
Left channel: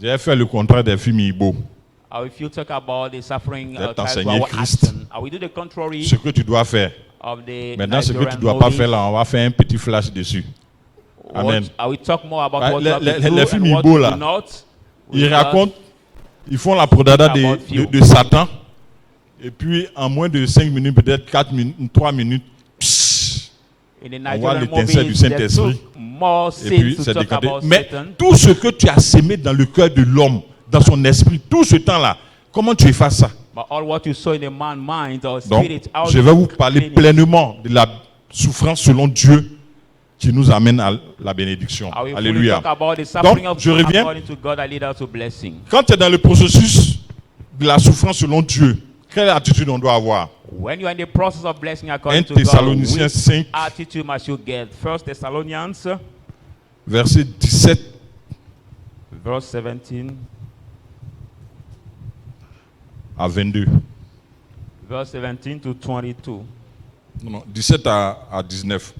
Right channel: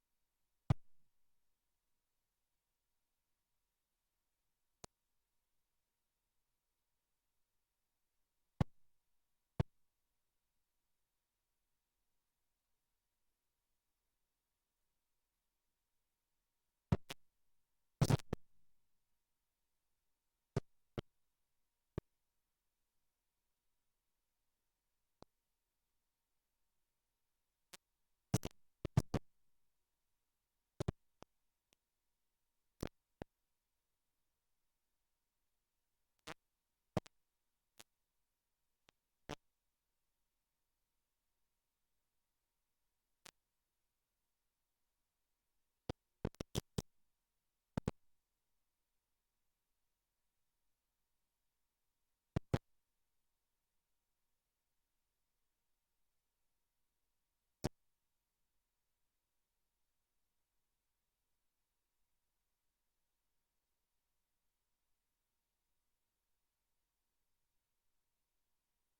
J'ai fait le contraire des films Igbo. talk about the suffering D'être tied to enseigné our Christ. action. I will do the contrary Ce que tu dois faire. of the Maintenant, ce que tu ne Nigerian dois pas movies. faire là, on va faire un petit flash dessus. Amen. I will talk more about Ouais, what you have to les do films and what Igbo, you là, do not. Ils We just- racontent, ils font la prodada de Satan. Et puis, en moins de 5 minutes, peut-être 4 minutes, 3 minutes, pssst, In the on voit Nigerian l'étincelle du movies, they Saint-Esprit. took more et puis sins to c'est talk décanté. about Mais Satan. tout ce que tu as sémé dans le cœur de l'homme, dans son esprit, tout ce temps-là, comment tu effaces ça? But all what you saw in the man's mind or Donc, spirit, how je you vais vous parler clean it. pleinement de la souffrance selon Dieu qui nous amène à la bénédiction. I will fully Alléluia. talk about the suffering Donc, of je reviens. according to God that lead us to blessing. Quand tu es dans le processus de la souffrance selon Dieu, quelle attitude on doit avoir? When you are in the process of blessing 1 according to God, Thessaloniciens which 5, attitude must you get? 1 Thessalonians, verset 17 verse 17, à 22. verse 17 to 22, Non, non, 17 à 19.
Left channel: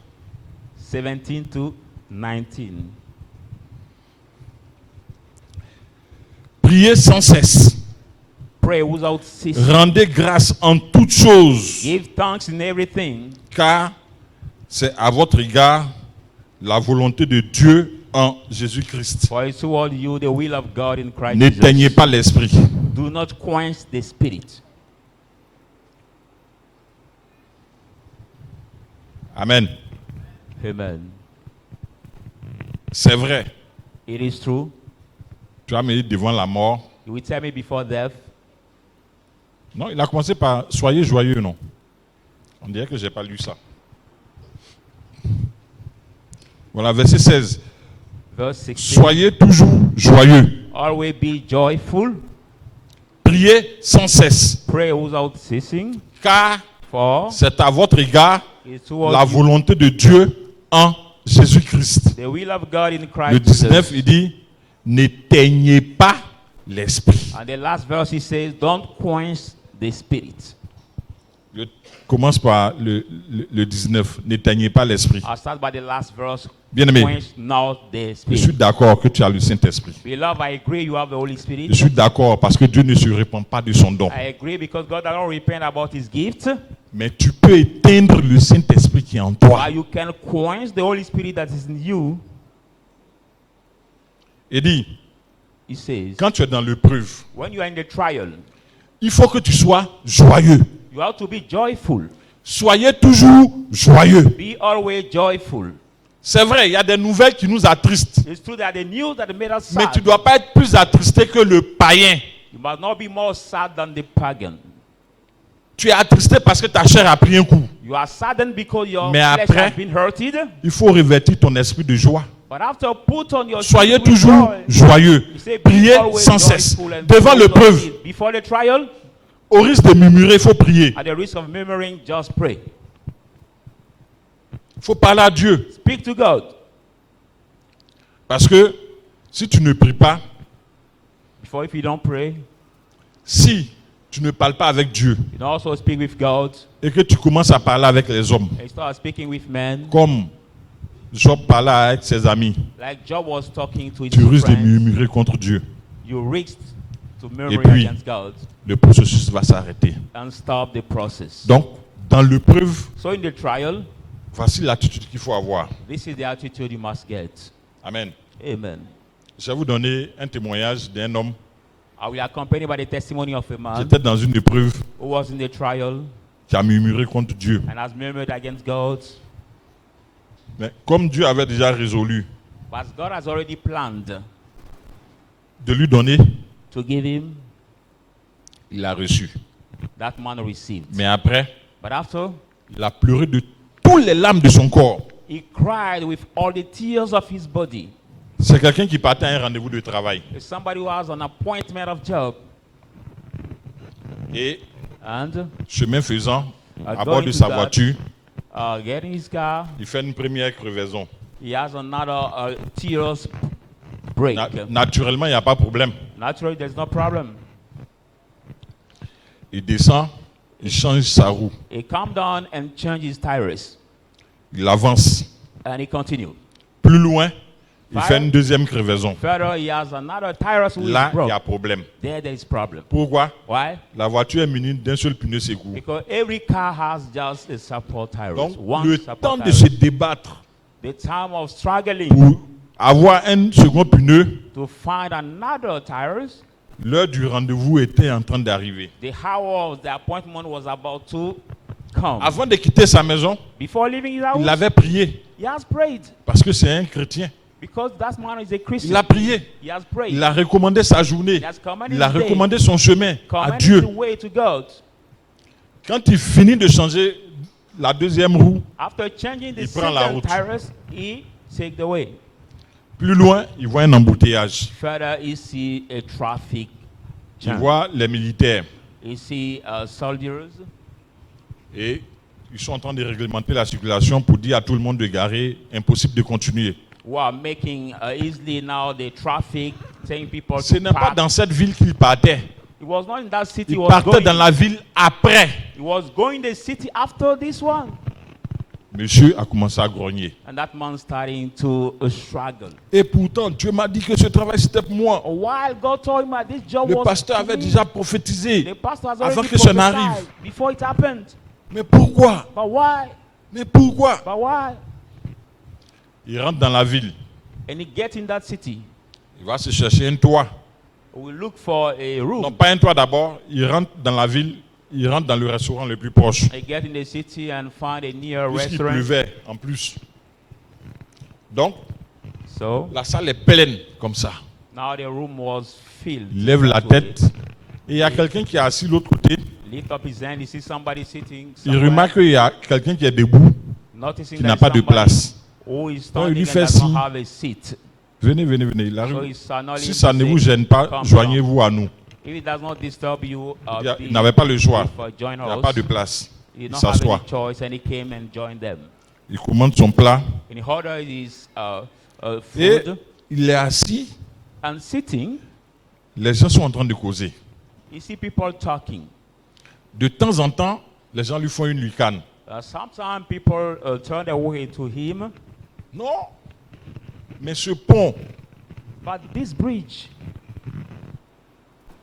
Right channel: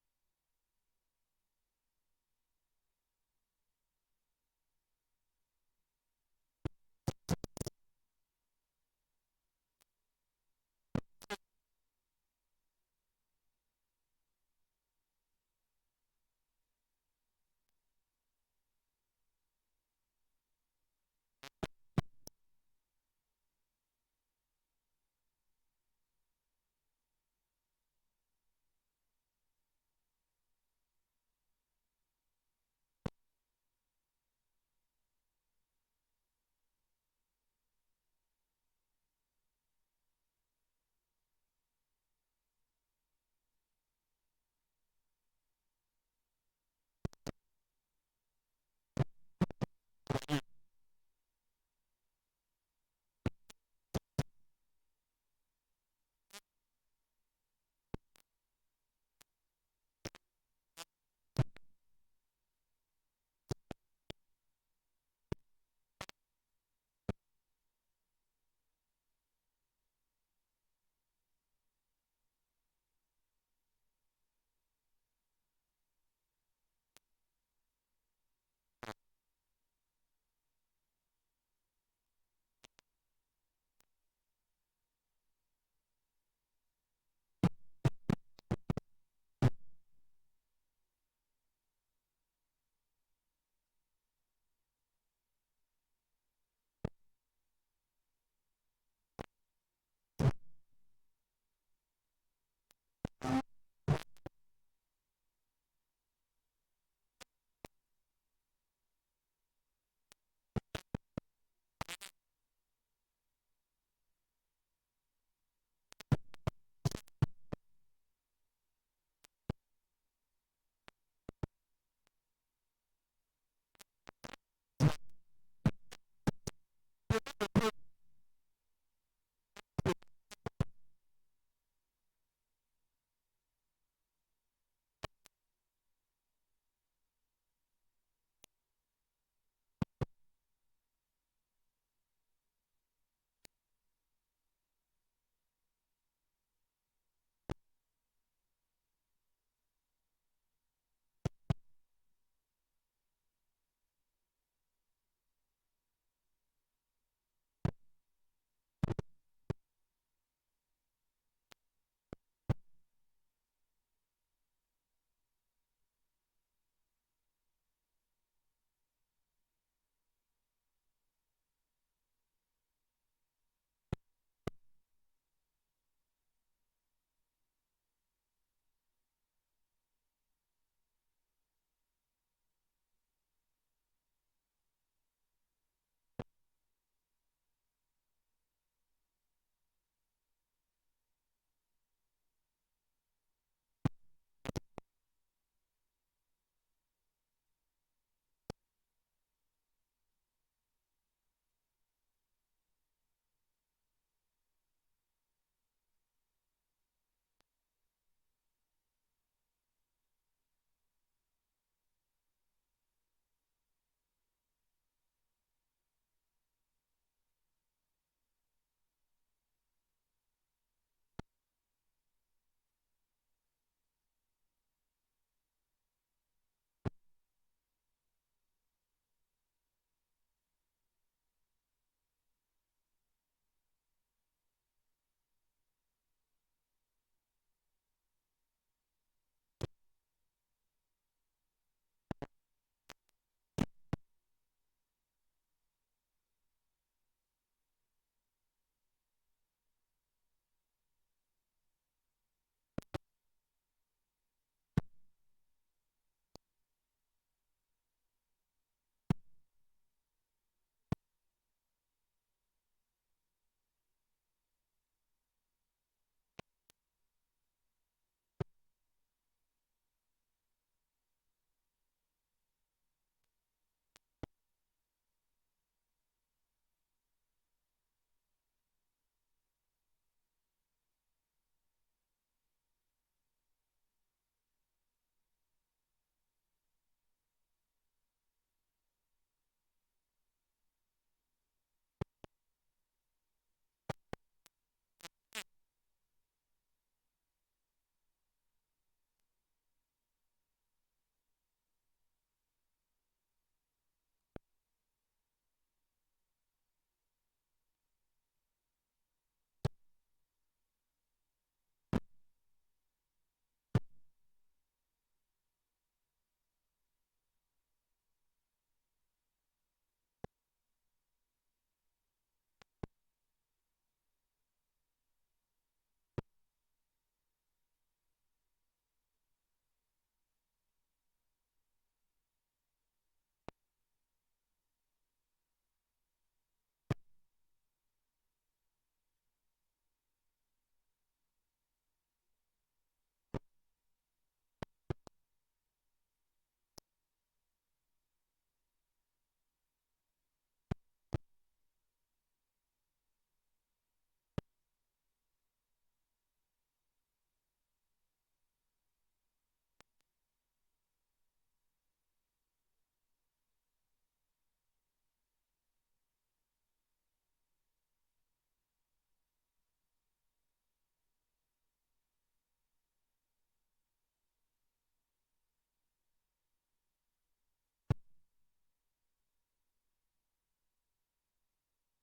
17 to 19. Priez sans cesse. Pray without ceasing. Rendez grâce en toutes choses, Give thanks in everything, car c'est à votre égard la volonté de Dieu en Jésus-Christ. for it's toward you the will of God in Christ N'éteignez Jesus. pas l'esprit. Do not quench the spirit. Amen. Amen. C'est vrai. It is true. Tu as mis devant la mort. You will tell me before death. Non, il a commencé par soyez joyeux, non? On dirait que je n'ai pas lu ça. Voilà, verset 16. Verse 16. Soyez toujours joyeux. Always be joyful. Priez sans cesse, Pray without ceasing. car For c'est à votre égard it's toward la you volonté de Dieu en Jésus-Christ. the will of God in Le Christ 19, Jesus. il dit, n'éteignez pas l'esprit. And the last verse he says, don't quench the spirit. Je commence par le 19, n'éteignez pas l'esprit. I'll start by the last verse. Bien-aimé, Quench not the je suis spirit. d'accord que tu as le Saint-Esprit. Beloved, I agree you have the Holy Spirit. Je suis d'accord parce que Dieu ne se répand pas de son don. I agree because God does not repent about his gift. Mais tu peux éteindre le Saint-Esprit qui est en toi. But you can quench the Holy Spirit that is in you. Il dit, He says, quand tu es dans l'épreuve, when you are in the trial, il faut que tu sois joyeux. you have to be joyful. Soyez toujours joyeux. Be always joyful. C'est vrai, il y a des nouvelles qui nous attristent. It's true that the news that made us Mais sad. tu ne dois pas être plus attristé que le païen. You must not be more sad than the pagan. Tu es attristé parce que ta chair a pris un coup. You are saddened because your Mais flesh après- has been hurted. Il faut revêtir ton esprit de joie. But after put on your Soyez spirit with toujours joy, joyeux. he said, be Priez always sans cesse. joyful and Devant full of l'épreuve, peace. Before the trial, au risque de murmurer, il faut prier. at the risk of murmuring, just pray. Il faut parler à Dieu. Speak to God. Parce que si tu ne pries pas, Before, if you don't pray, si tu ne parles pas avec Dieu you don't also speak with God. et que tu commences à parler avec les hommes, And you start speaking with men. comme Job parlait avec ses amis, Like Job was talking to his tu risques de friends. murmurer contre Dieu. You risked to Et murmur puis, against God le processus va s'arrêter. and stop the process. Donc, dans l'épreuve, So in the trial, voici l'attitude qu'il faut avoir. this is the attitude you must get. Amen. Amen. Je vais vous donner un témoignage d'un homme I will accompany by the testimony of a qui man était dans une épreuve, who was in the trial qui a murmuré contre Dieu. and has murmured against God. Mais comme Dieu avait déjà résolu But God has already planned de lui donner, to give him, il a reçu. that man received. Mais après, But after, il a pleuré de toutes les larmes de son corps. he cried with all the tears of his body. C'est quelqu'un qui partait à un rendez-vous de travail. It's somebody who has an appointment of job. Et And chemin faisant, à going bord de to sa that, voiture, getting his car, il fait une première crevaison. he has another tears break. Naturellement, il n'y a pas de problème. Naturally, there's no problem. Il descend, il change sa roue, He calmed down and changed his tires. il avance. And he continued. Plus loin, il Fire. fait une deuxième crevaison. Further, he has another tires which Là, is il broke. y a problème. There is problem. Pourquoi? Why? La voiture est munie d'un seul pneu secours. Because every car has just a support tires. Donc, One le support temps de tires. se débattre The time of struggling pour avoir un second pneu, to find another tires. l'heure du rendez-vous était en train d'arriver. The hour of the appointment was about to come. Avant de quitter sa maison, Before leaving his house, il avait prié he has prayed. parce que c'est un chrétien. Because that man is a Christian. Il a prié. He has prayed. Il a recommandé sa journée. He has commanded Il a his day. recommandé son chemin à Commanded Dieu. the way to God. Quand il finit de changer la deuxième roue, After changing the Il prend la second route. tires, he take the way. plus loin, il voit un embouteillage. Further, he see a traffic Il jam. voit les militaires He see soldiers. et ils sont en train de réglementer la circulation pour dire à tout le monde de garer, impossible de continuer. Who are making easily now the traffic, saying people Ce to n'est pas park. dans cette ville qu'il partait. He was not in that city. Il He was partait going. dans la ville après. He was going the city after this one, Monsieur a commencé à grogner. and that man starting to struggle. Et pourtant, Dieu m'a dit que ce travail c'était pour moi. While God told him that this job Le was pasteur to avait me, déjà prophétisé. the pastor has avant already que ça prophesied n'arrive. before it happened. Mais pourquoi? But why? Mais pourquoi? But why? Il rentre dans la ville. And he gets in that city. Il va se chercher un toit. We look for a room. Non, pas un toit d'abord. Il rentre dans la ville. Il rentre dans le restaurant le plus proche. I get in the city and find a near Puisqu'il restaurant. pleuvait en plus. Donc, So la salle est pleine comme ça. now the room was filled. Il lève la That way. tête. Et il y a quelqu'un qui est assis de l'autre côté. Lift up his hand. He sees somebody sitting. Il somewhere, remarque qu'il y a quelqu'un qui est debout, noticing qui that n'a pas de somebody place. who is Donc, il standing lui and fait does not signe. have a seat. Venez, venez, venez. Il So arrive. he's signaling Si to ça ne say, vous gêne pas, "Come joignez-vous à nous. If it does not disturb you, Il n'avait pas le choix. join Il n'y a us. pas de place. He Il did not have s'assoit. any choice, and he came and joined them. Il commande son plat. And he ordered his Et food, il est assis. and sitting, Les gens sont en train de causer. you see people talking. De temps en temps, les gens lui font une lucane. Sometimes people turn away to him, Non. Mais ce pont, but this bridge,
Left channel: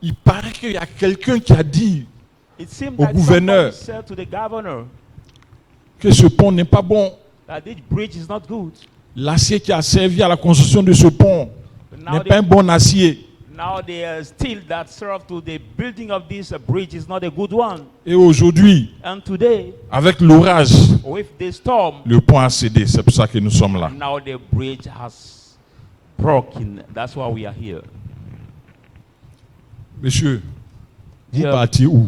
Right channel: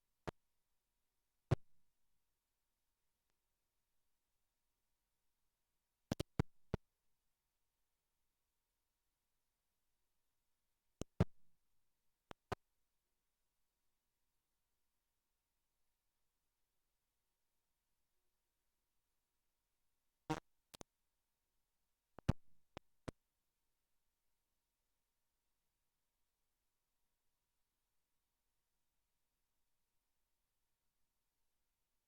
il paraît qu'il y a quelqu'un qui a dit it seemed Au like gouverneur. somebody said to the governor que ce pont n'est pas bon. that this bridge is not good. L'acier qui a servi à la construction de ce pont Now n'est pas un bon acier. Now the steel that served to the building of this bridge is not a good one. Et aujourd'hui, And today, avec l'orage, with the storm, le pont a cédé. C'est pour ça que nous sommes là. now the bridge has broken. That's why we are here. Monsieur, vous Dear, partiez où?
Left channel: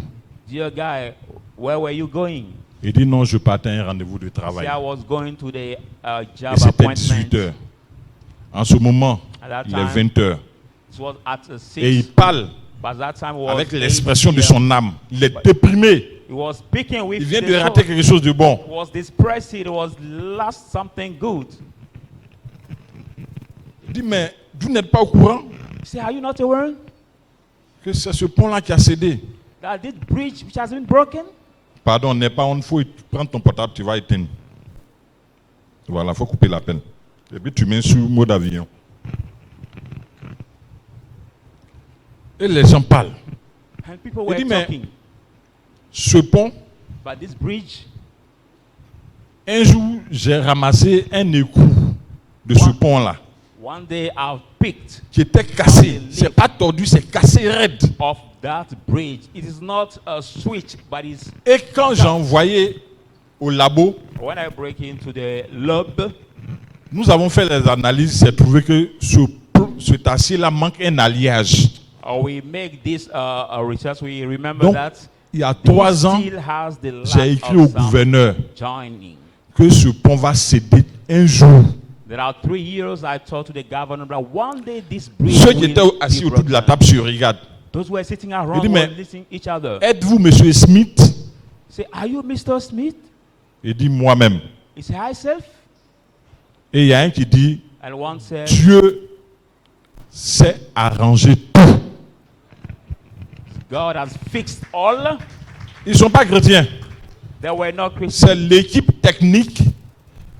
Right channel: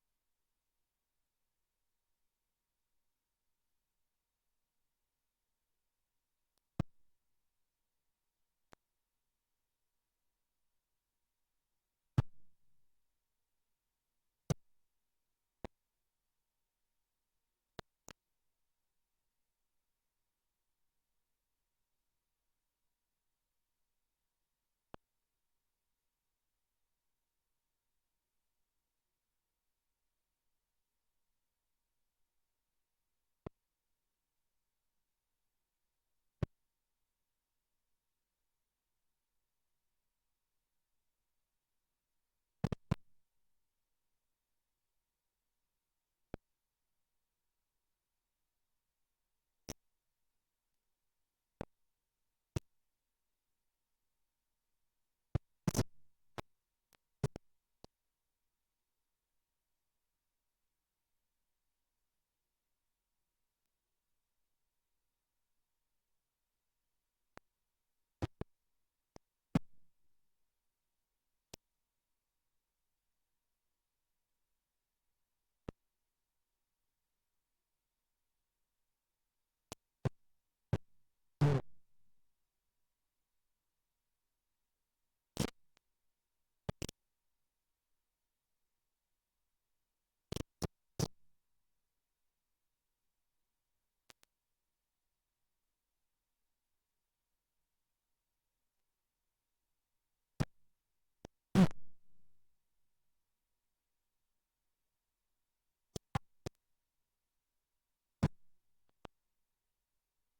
dear guy, where were you going? Il dit non, je partais à un rendez-vous de See, travail. I was going to the job Et c'était appointment. 18 heures. En ce moment, At that il est time, 20 heures. it was at Et il 6, parle But that time was avec 8 l'expression de p.m. son âme. Il est déprimé. He was speaking with Il vient the de rater soul. quelque chose de bon. He was depressed. He was lost something good. Il dit, mais vous n'êtes pas au courant He said, are you not aware que c'est ce pont-là qui a cédé? that this bridge which has been broken? Pardon, n'est pas une fois, prends ton portable, tu vas éteindre. Voilà, il faut couper l'appel. Et puis tu mets sur mode avion. Et les gens parlent. And people Il were dit, mais talking. ce pont, But this bridge, un jour, j'ai ramassé un écrou de ce pont-là, one day I've picked qui était cassé. C'est pas tordu, c'est cassé raide. off that bridge. It is not a switch, but it's Et quand j'ai envoyé au labo, when I break into the lab, nous avons fait les analyses, c'est trouvé que cet acier-là manque un alliage. we make this research. We remember Donc, that il y a 3 ans, still has the lack j'ai écrit au of some gouverneur joining. que ce pont va céder un jour. There are 3 years I talked to the governor that one day this bridge Ceux qui will étaient be assis autour de la broken. table se regardent. Those who were sitting around dit, were mais- listening each other. Êtes-vous Monsieur Smith? Say, are you Mr. Smith? Il dit moi-même. He said, hi, self. Et il y a un qui dit And one said, Dieu sait arranger tout. God has fixed all. Ils ne sont pas chrétiens. There were no Christians. C'est l'équipe technique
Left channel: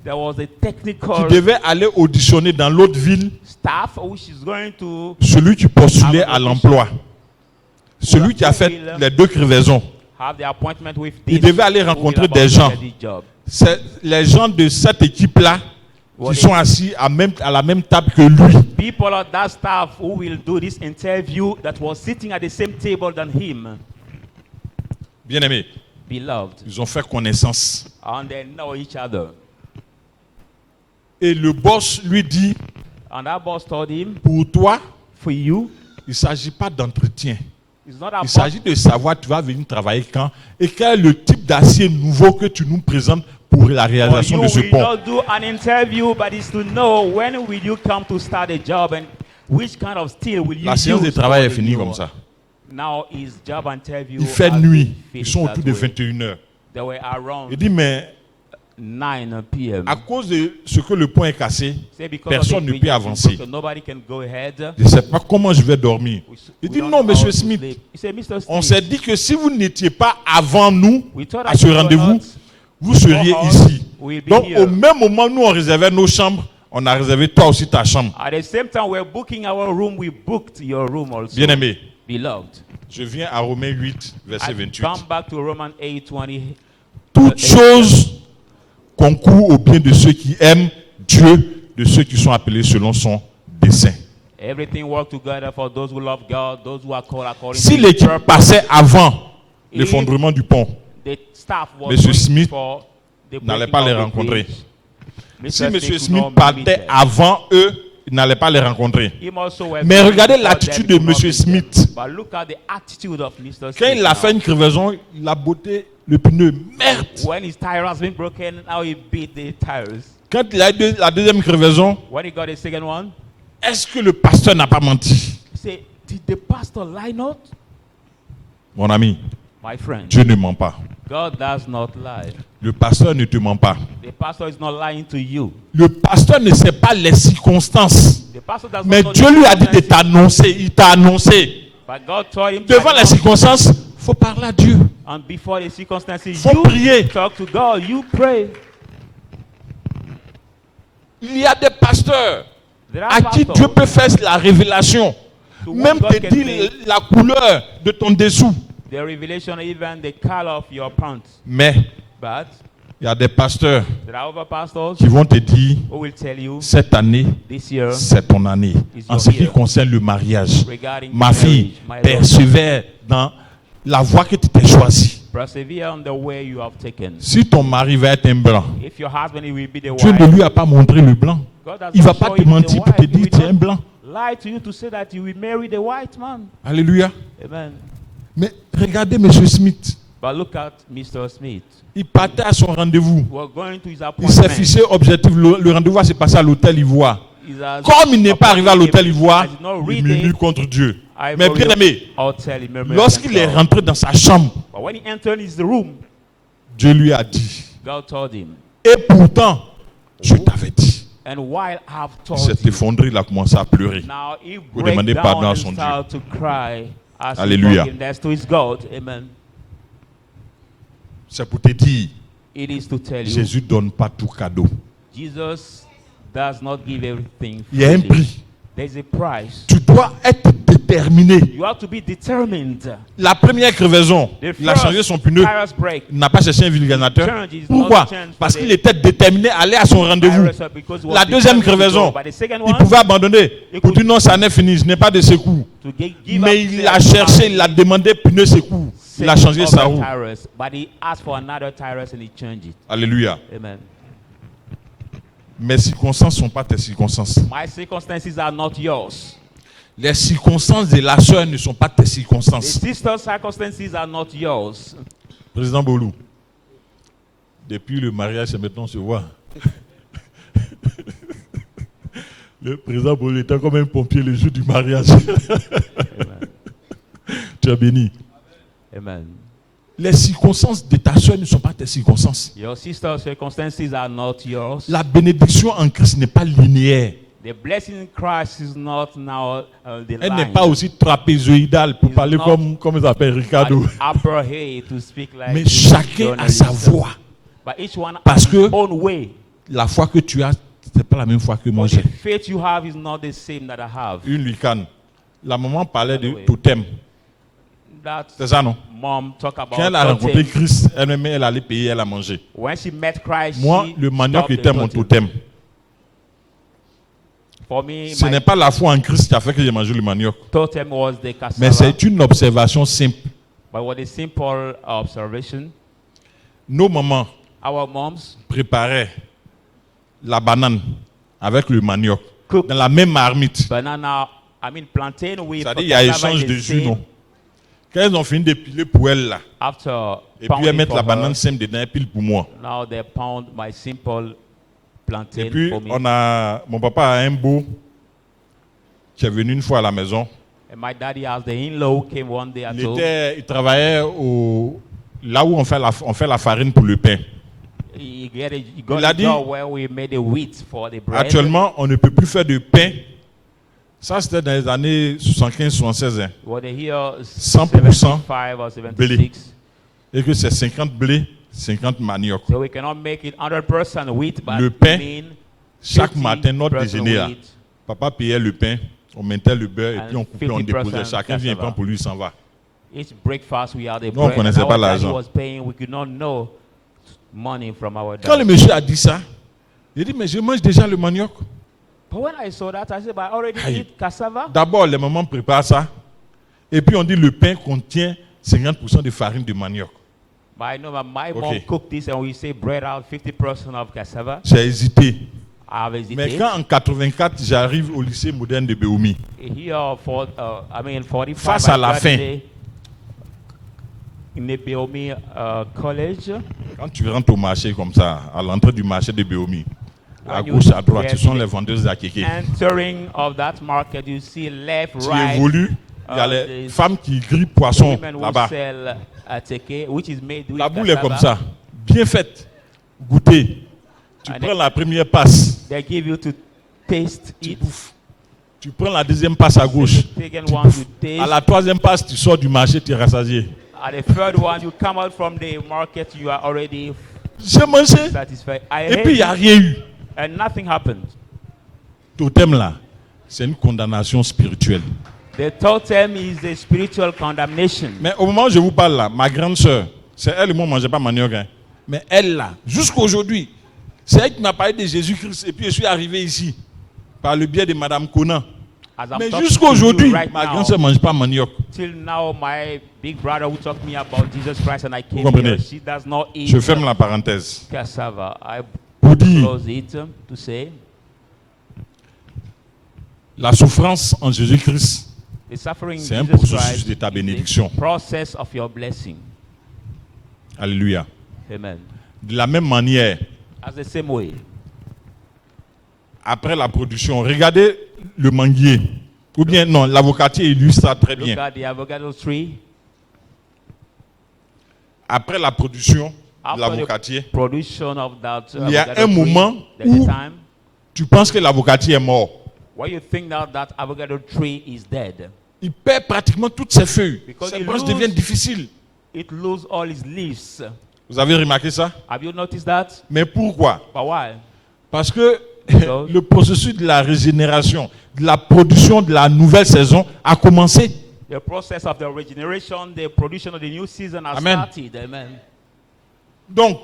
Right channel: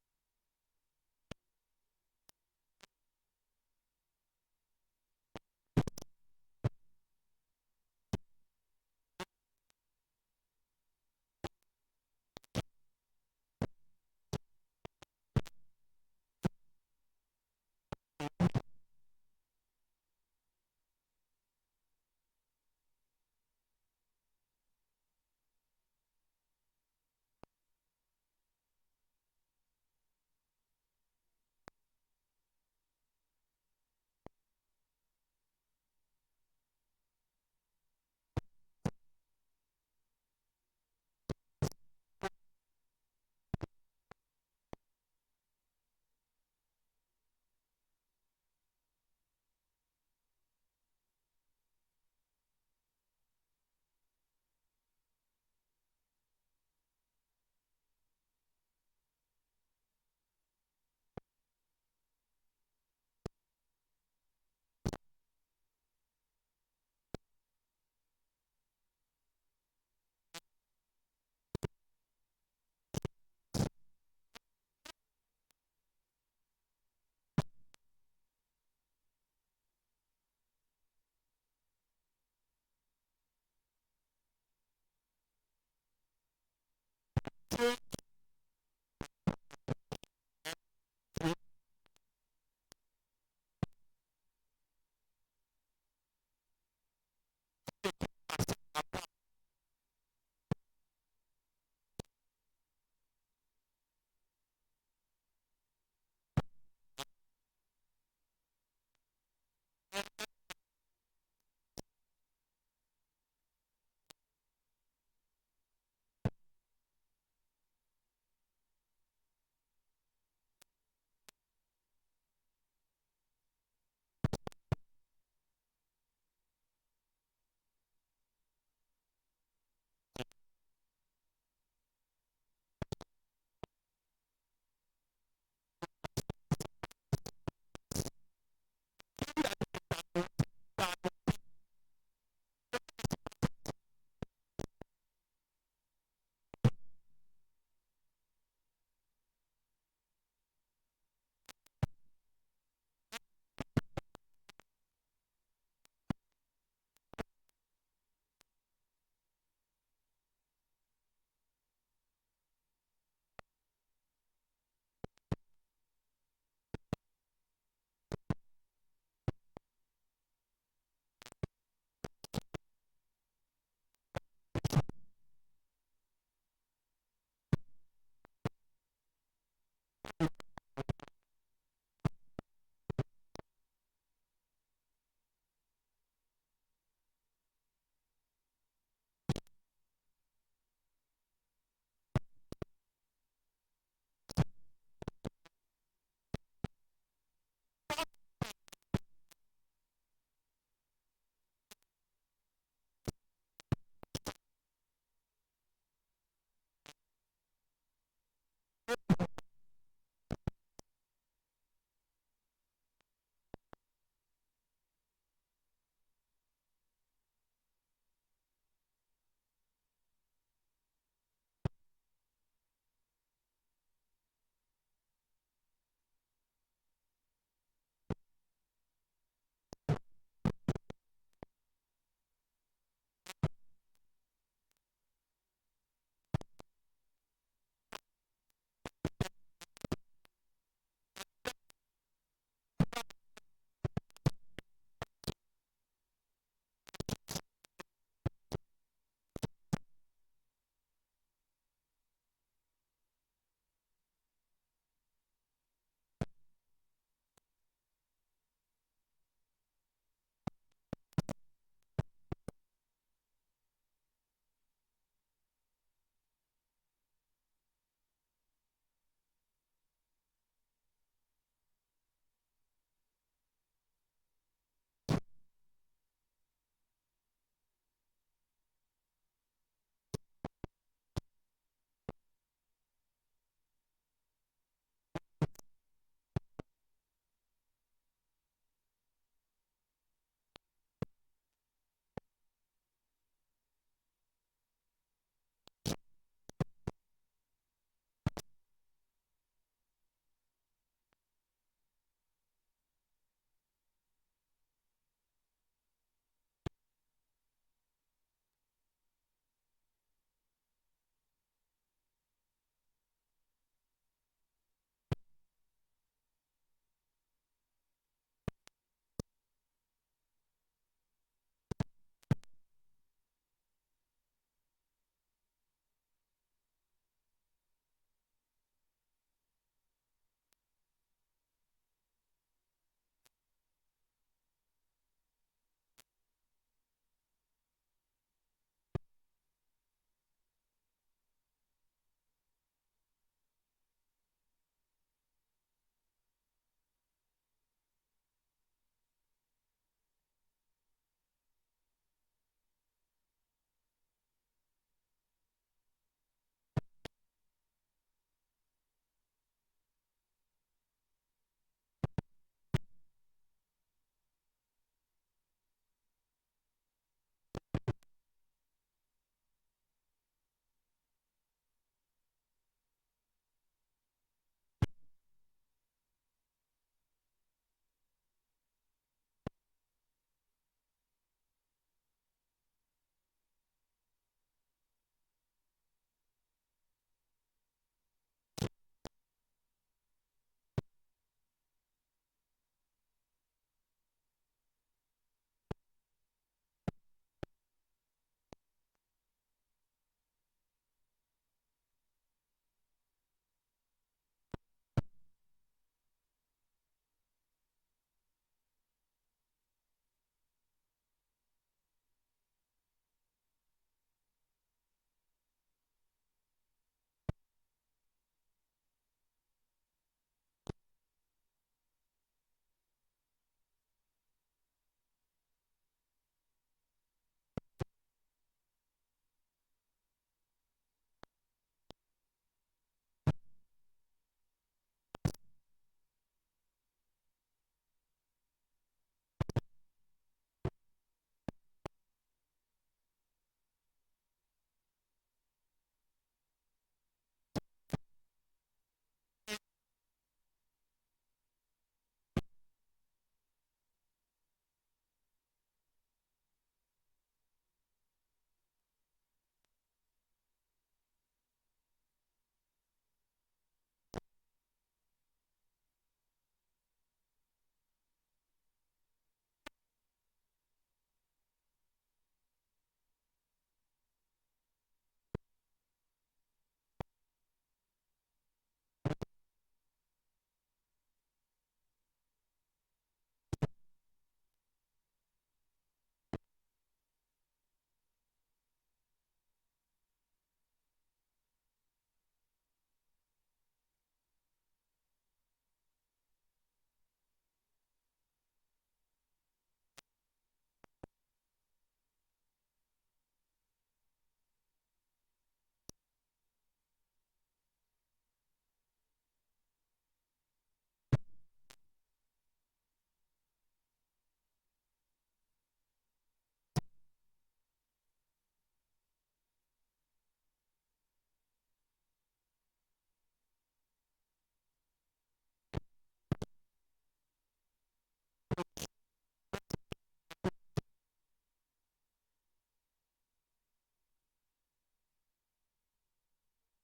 There was a qui technical devait aller auditionner dans l'autre ville staff which is going to celui qui postulait à l'emploi. Celui qui a fait les 2 crevaisons. have the appointment with Il this. devait aller who will rencontrer about des to gens. get this job. C'est les gens de cette équipe-là qui sont assis à la même table que lui. People of that staff who will do this interview that was sitting at the same table than him, Bien-aimés, beloved, ils ont fait connaissance. and they know each other. Et le boss lui dit, And that boss told him, pour toi, for you, il ne s'agit pas d'entretien. it's not Il about s'agit de savoir tu vas venir travailler quand et quel est le type d'acier nouveau que tu nous présentes pour la for réalisation you de ce will pont. not do an interview, but it's to know when will you come to start a job and which kind of steel will you La séance de use travail est for finie your- comme ça. Now his job interview. Il fait has nuit. been Ils finished sont that autour de way. 21h. They were around Il dit, mais 9 p.m. à cause de ce que le pont est cassé, Say because personne of the ne peut bridge has been avancer. broken, nobody can go ahead. je ne sais pas comment je vais dormir. Il We dit, don't non, know monsieur how to Smith, sleep. He said, Mr. on Smith, s'est dit que si vous n'étiez pas avant nous we thought à that ce you were rendez-vous, not vous seriez before us, ici. we'll be Donc, here. au même moment, nous, on réservait nos chambres, on a réservé toi aussi ta chambre. At the same time, we're booking our room. We booked your room also. Bien-aimé, Beloved, je viens à Romains 8, verset I 28. come back to Romans 8:20. Toutes choses concourent au bien de ceux qui aiment Dieu, de ceux qui sont appelés selon son dessein. Everything work together for those who love God, those who are called according Si to His l'équipe purpose. passait avant If l'effondrement du pont, The staff was Monsieur going Smith for the n'allait breaking pas of les the rencontrer. bridge. si Mr. M. Smith Smith could not partait meet them. avant eux, il n'allait pas les rencontrer. Him also were Mais going regardez before l'attitude them, de could not M. meet them. Smith. But look at the attitude of Mr. Quand Smith il a now. fait une crevaison, il a botté le pneu. Merde! When his tire has been broken, now he beat the tires. Quand il a eu la deuxième crevaison, When he got the second one, est-ce que le pasteur n'a pas menti? he said, did the pastor lie not? Mon ami, My friend, Dieu ne ment pas. God does not lie. Le pasteur ne te ment pas. The pastor is not lying to you. Le pasteur ne sait pas les circonstances. The pastor does Mais not know Dieu the lui a dit de circumstances. t'annoncer. Il t'a annoncé. But God told him to Devant les announce. circonstances, il faut parler à Dieu. And before the circumstances, Faut you prier. talk to God, you pray. Il y a des pasteurs There are à qui pastors Dieu peut faire la révélation. to whom Même God te can dire make la couleur de ton dessous. the revelation, even the color of your pants. Mais But il y a des pasteurs there are other pastors qui vont te dire, who will tell you cette année, this year c'est ton année. is En your ce qui year. concerne le mariage, regarding ma fille, marriage, my love, persévère dans la voie que tu t'es choisie. persevere on the way you have taken. Si ton mari va être un blanc, If your husband he will be the Dieu ne white, lui a pas montré le blanc. God has Il ne va not pas shown te you the mentir pour te white. He dire will tu es un not blanc. lie to you to say that you will marry the white man. Alléluia. Amen. Mais regardez M. Smith. But look at Mr. Smith. Il partait à son rendez-vous. We're going to his Il s'est appointment. fixé objectif. Le rendez-vous s'est passé à l'hôtel Ivoire. He's as- Comme il n'est pas arrivé à l'hôtel I Ivoire, did not il read murmure it. contre Dieu. Mais bien aimé, lorsqu'il est rentré dans sa chambre, but when he entered his room, Dieu lui a dit, God told him, et pourtant, je t'avais dit. and while I've Il told s'est you, effondré, il a commencé à pleurer. now he Pour break demander pardon down à and son Dieu. start to cry as he Alléluia. forgiveness to his God. Amen. C'est pour te dire, It is to tell you, Jésus ne donne pas tout cadeau. Jesus does not give everything Il y a un freely. prix. There's a price. Tu dois être déterminé. You have to be determined. La première crevaison, The il a changé son pneu. tires break. Il n'a pas cherché un vulgarisateur. Pourquoi? Parce qu'il était déterminé à aller à son rendez-vous. La deuxième crevaison, il pouvait abandonner. Pour dire non, ça n'est fini, je n'ai pas de secours. Mais il a cherché, il a demandé pneu secours. Il a changé sa roue. But he asked for another tires and he changed it. Alléluia. Amen. Mes circonstances ne sont pas tes circonstances. My circumstances are not yours. Les circonstances de la soeur ne sont pas tes The circonstances. sister's circumstances are not yours. Président Bolou, depuis le mariage, c'est maintenant se voit. Le président Bolou était comme un pompier le jour du mariage. Tu es béni. Amen. Les circonstances de ta soeur ne sont pas tes circonstances. Your sister's circumstances are not yours. La bénédiction en Christ n'est pas linéaire. The blessing in Christ is not now the Elle n'est line. pas aussi trapézoïdale pour It's parler not comme il s'appelle Ricardo. Upper hay to speak like Mais this chacun a sa journalist. voix. But each one Parce has que- his own way. La foi que tu as, ce n'est pas la même foi que moi But j'ai. the faith you have is not the same that I have. Une lucane. La maman parlait de Anyway. totem. That C'est ça, non? mom talk about Quand elle a totem. rencontré Christ, elle-même, elle allait payer, elle a mangé. When she met Christ, Moi, she le manioc stopped the était mon totem. For me, Ce my n'est pas la foi en Christ qui a fait que j'ai mangé le manioc. totem was the cassava. Mais c'est une observation simple. But with a simple observation, Nos mamans our moms préparaient la banane avec le manioc cook dans la même marmite. banana, plantain with C'est-à-dire qu'il y a cassava échange in de the jus, same. non? Quand elles ont fini d'épiler pour elle, là, After et puis pounding elles mettent for la her, banane simple dedans, elles pilent pour moi. now they pound my simple plantain Et puis, for me. mon papa a un beau qui est venu une fois à la maison. And my daddy, as the in-law, came one day at home. Il travaillait là où on fait la farine pour le pain. He got Il a a dit- job where we made the wheat for the bread. Actuellement, on ne peut plus faire de pain. Ça, c'était dans les années 75-76. Hein. What they hear 100% 75 or blé. 76. Et que c'est 50 blé, 50 manioc. So we cannot make it 100% wheat, but Le pain, we mean Chaque matin, notre 50% déjeuner, là, wheat papa payait le pain, on mettait le beurre et and puis on coupait, on 50% déposait. Chacun vient et cassava. prend pour lui, il s'en va. Each breakfast we had the Nous, on bread. connaissait And pas our daddy l'argent. was paying. We could not know money from our Quand le dad. monsieur a dit ça, il dit, mais je mange déjà le manioc. But when I saw that, I said, but I already Aïe. eat cassava. D'abord, les mamans préparent ça. Et puis on dit le pain contient 50% de farine de manioc. But I know that my mom Okay. cooked this and we say bread out 50% of cassava. J'ai hésité. I have hesitated. Mais quand en 84, j'arrive au lycée moderne de Béoumi, Here for 45 Face à I la fin. graduated in the Beomi College. quand tu rentres au marché comme ça, à l'entrée du marché de Béomi, à When you gauche, à droite, ce get sont in les the vendeuses à kéké. Entering of that market, you see left, Tu right. évolues, il y a les there's femmes qui grillent poisson women who là-bas. sell teke, which is made with La boule est cassava. comme ça, bien faite, goûtée. Tu And prends la première passe, They give you to taste tu it. bouffes. Tu prends la deuxième passe à gauche, The second tu one bouffes. you taste. À la troisième passe, tu sors du marché, tu es rassasié. At the third one, you come out from the market, you are already J'ai mangé, satisfied. I et puis il n'y a ate rien eu. and nothing happened. Totem là, c'est une condamnation spirituelle. The totem is the spiritual condemnation. Mais au moment où je vous parle là, ma grande sœur, c'est elle et moi, on ne mangeait pas manioc. Hein. Mais elle là, jusqu'aujourd'hui, c'est elle qui m'a parlé de Jésus-Christ. Et puis je suis arrivé ici, par le biais de Madame Conan. As I'm Mais talking jusqu'à to you aujourd'hui, right ma now, grande sœur ne mange pas manioc. till now, my big brother who taught me about Jesus Christ and I came comprenez? here, she does not eat Je ferme la parenthèse. cassava. I Pour dire, close it to say la souffrance en Jésus-Christ, the suffering in c'est un Jesus processus Christ de ta is bénédiction. the process of your blessing. Alléluia. Amen. De la même manière, As the same way, après la production, regardez le manguier. Ou bien, non, l'avocatier illustre ça très Look bien. at the avocado tree. Après la production de After l'avocatier, the production of that il y a avocado un tree, moment there's a où time tu penses que l'avocatier est mort. where you think that avocado tree is dead. Il perd pratiquement toutes ses feuilles. Because Ses he branches lose- deviennent difficiles. It loses all its leaves. Vous avez remarqué ça? Have you noticed that? Mais pourquoi? But why? Parce que Because- le processus de la régénération, de la production de la nouvelle saison a commencé. The process of the regeneration, the production of the new season has Amen. started. Amen. Donc,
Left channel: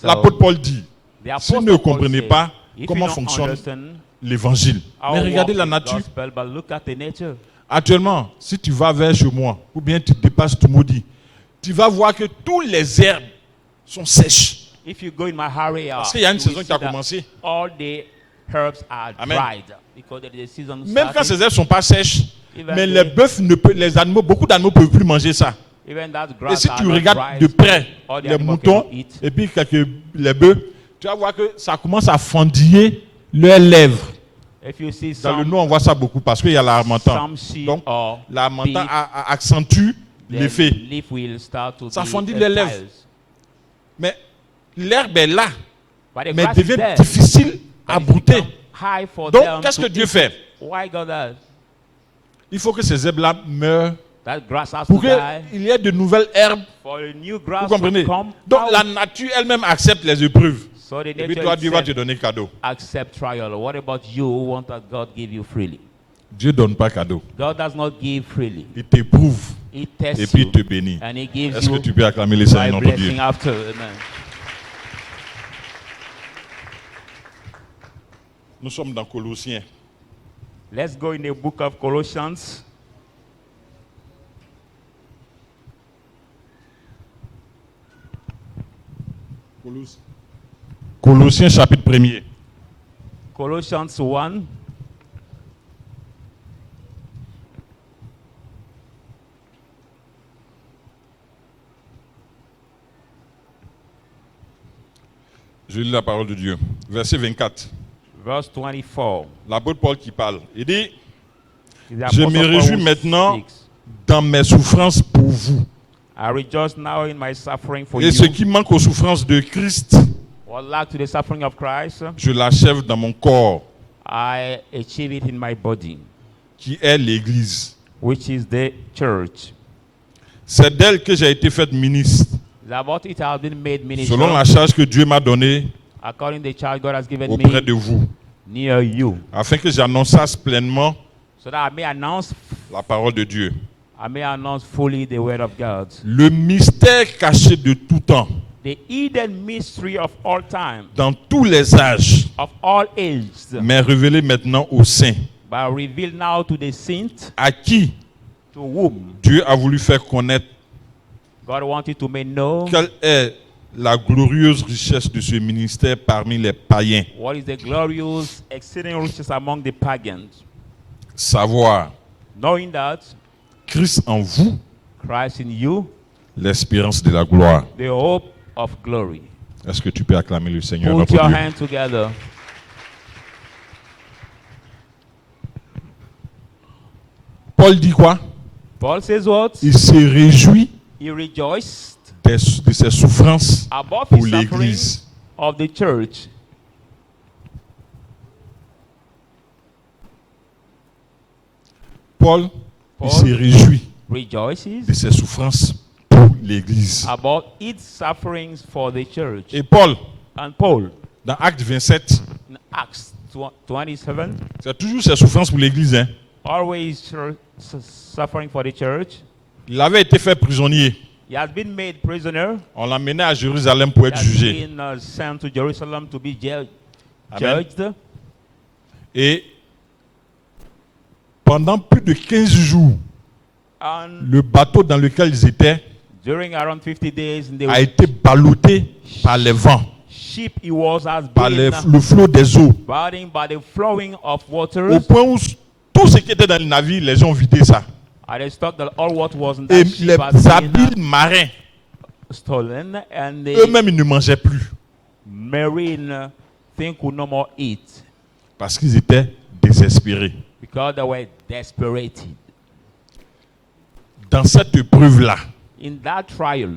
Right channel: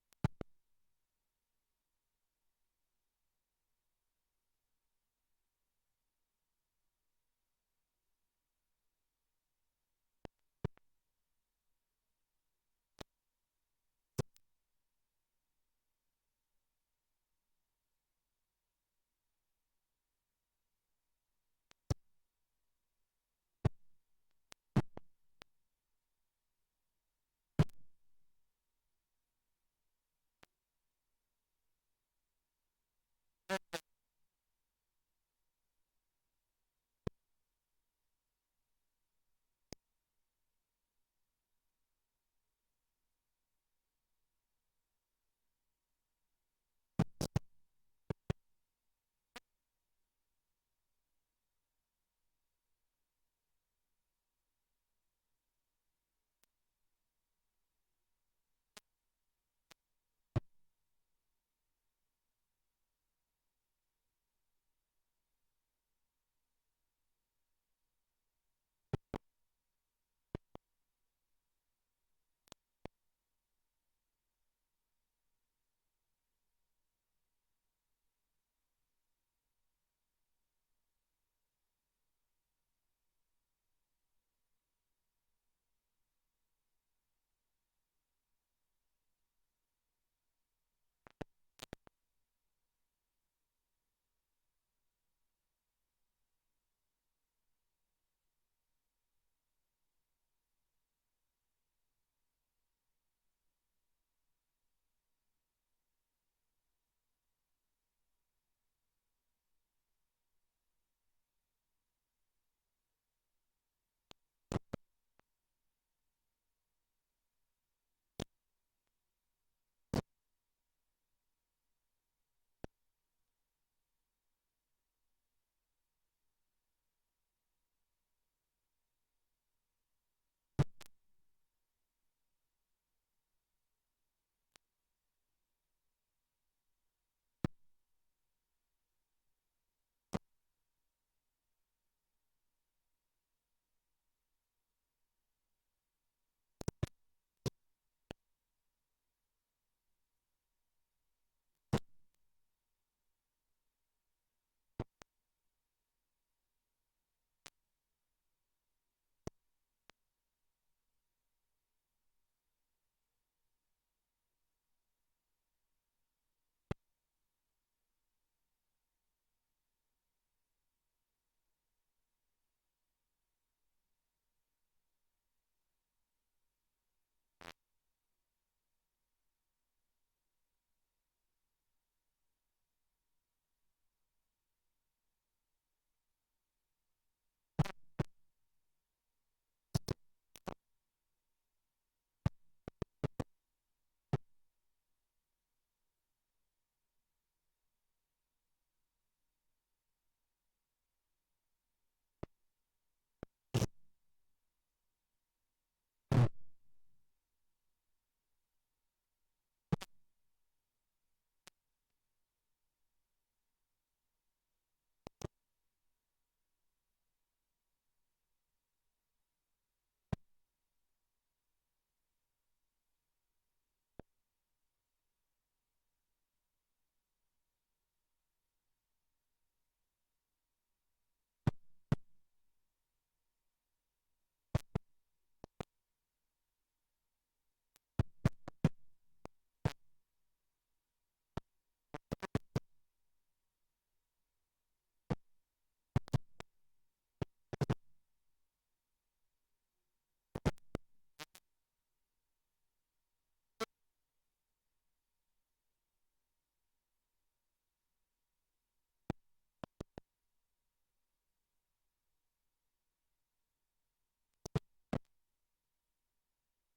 So, l'apôtre Paul dit, the si vous apostle ne Paul comprenez said, pas if comment you don't fonctionne understand l'évangile, how mais it regardez works la with nature. gospel, but look at the nature. Actuellement, si tu vas vers chez moi, ou bien tu dépasses tout maudit, tu vas voir que toutes les herbes sont sèches. If you go in my area, Parce qu'il y a une you will saison qui see a that commencé. all the herbs are Amen. dried because there is a season Même quand starting. ces herbes ne sont pas sèches, Even mais the- les bœufs ne peuvent, les animaux, beaucoup d'animaux ne peuvent plus manger ça. Even that Et grass si are tu not regardes dried, de près all the les animals moutons cannot eat. et puis les bœufs, tu vas voir que ça commence à fendiller leurs lèvres. If you see Dans le some, nord, on voit ça beaucoup parce qu'il y a l'harmattan. some sheep Donc, or l'harmattan beef, accentue the l'effet. leaf will start to Ça be fendit les lèvres. tiles. Mais l'herbe est là, But the mais grass is devient there. difficile à But it brouter. become high for Donc, them qu'est-ce to que Dieu eat. fait? Why God does? Il faut que ces herbes-là meurent That grass has pour to die qu'il y ait de nouvelles herbes. for a new Vous grass comprenez? to come Donc, out. la nature elle-même accepte les épreuves. So the Et puis, nature toi, Dieu va te itself donner cadeau. accept trial. What about you who want that God give you freely? Dieu ne donne pas cadeau. God does not give freely. Il t'éprouve He et tests puis you il te bénit. and He gives Est-ce que you tu peux acclamer le by Seigneur notre Dieu? blessing after. Amen. Nous sommes dans Colossiens. Let's go in the book of Colossians. Colossiens chapitre 1er. Colossians 1. Je lis la parole de Dieu. Verset 24. Verse 24. L'apôtre Paul qui parle. Il dit, The je Apostle me Paul réjouis who maintenant speaks. dans mes souffrances pour vous. I rejoice now in my suffering for Et you. ce qui manque aux souffrances de Christ, What lack to the suffering of Christ, je l'achève dans mon corps, I achieve it in my body, qui est l'Église. which is the church. C'est d'elle que j'ai été fait ministre, About it has been made minister selon la charge que Dieu m'a donnée according to the charge God has given auprès me de vous, near you, afin que j'annonçasse pleinement so that I may announce fully the word of God. le mystère caché de tout temps, The hidden mystery of all time, dans tous les âges, of all ages, mais révélé maintenant aux saints, but revealed now to the saints, à qui to whom Dieu a voulu faire connaître God wanted to make know quelle est la glorieuse richesse de ce ministère parmi les païens. what is the glorious, exceeding riches among the pagans, Savoir knowing that Christ en vous, Christ in you, l'espérance de la gloire. the hope of glory. Est-ce que tu peux acclamer le Seigneur Put notre your Dieu? hands together. Paul dit quoi? Paul says what? Il se réjouit He rejoiced de ses souffrances above pour his suffering l'Église. of the church. Paul, Paul il se réjouit rejoices de ses souffrances pour l'Église. about its sufferings for the church. Et Paul, And Paul, dans Acte 27, in Acts 27, c'est toujours ses souffrances pour l'Église. Hein. always suffering for the church. Il avait été fait prisonnier. He has been made prisoner. On l'a mené à Jérusalem pour He être has jugé. been sent to Jerusalem to be Amen. judged. Et pendant plus de 15 jours, And le bateau dans lequel ils étaient during around 50 days in a the été ballotté par les vents, ship he was has par been le flot des eaux, burdened by the flowing of au waters. point où tout ce qui était dans le navire, les gens ont vidé ça. And they thought that all what was in Et that ship les had been habiles marins, stolen, and the eux-mêmes, ils ne mangeaient plus marine thing could no more eat parce qu'ils étaient désespérés. Because they were desperate. Dans cette épreuve-là, In that trial,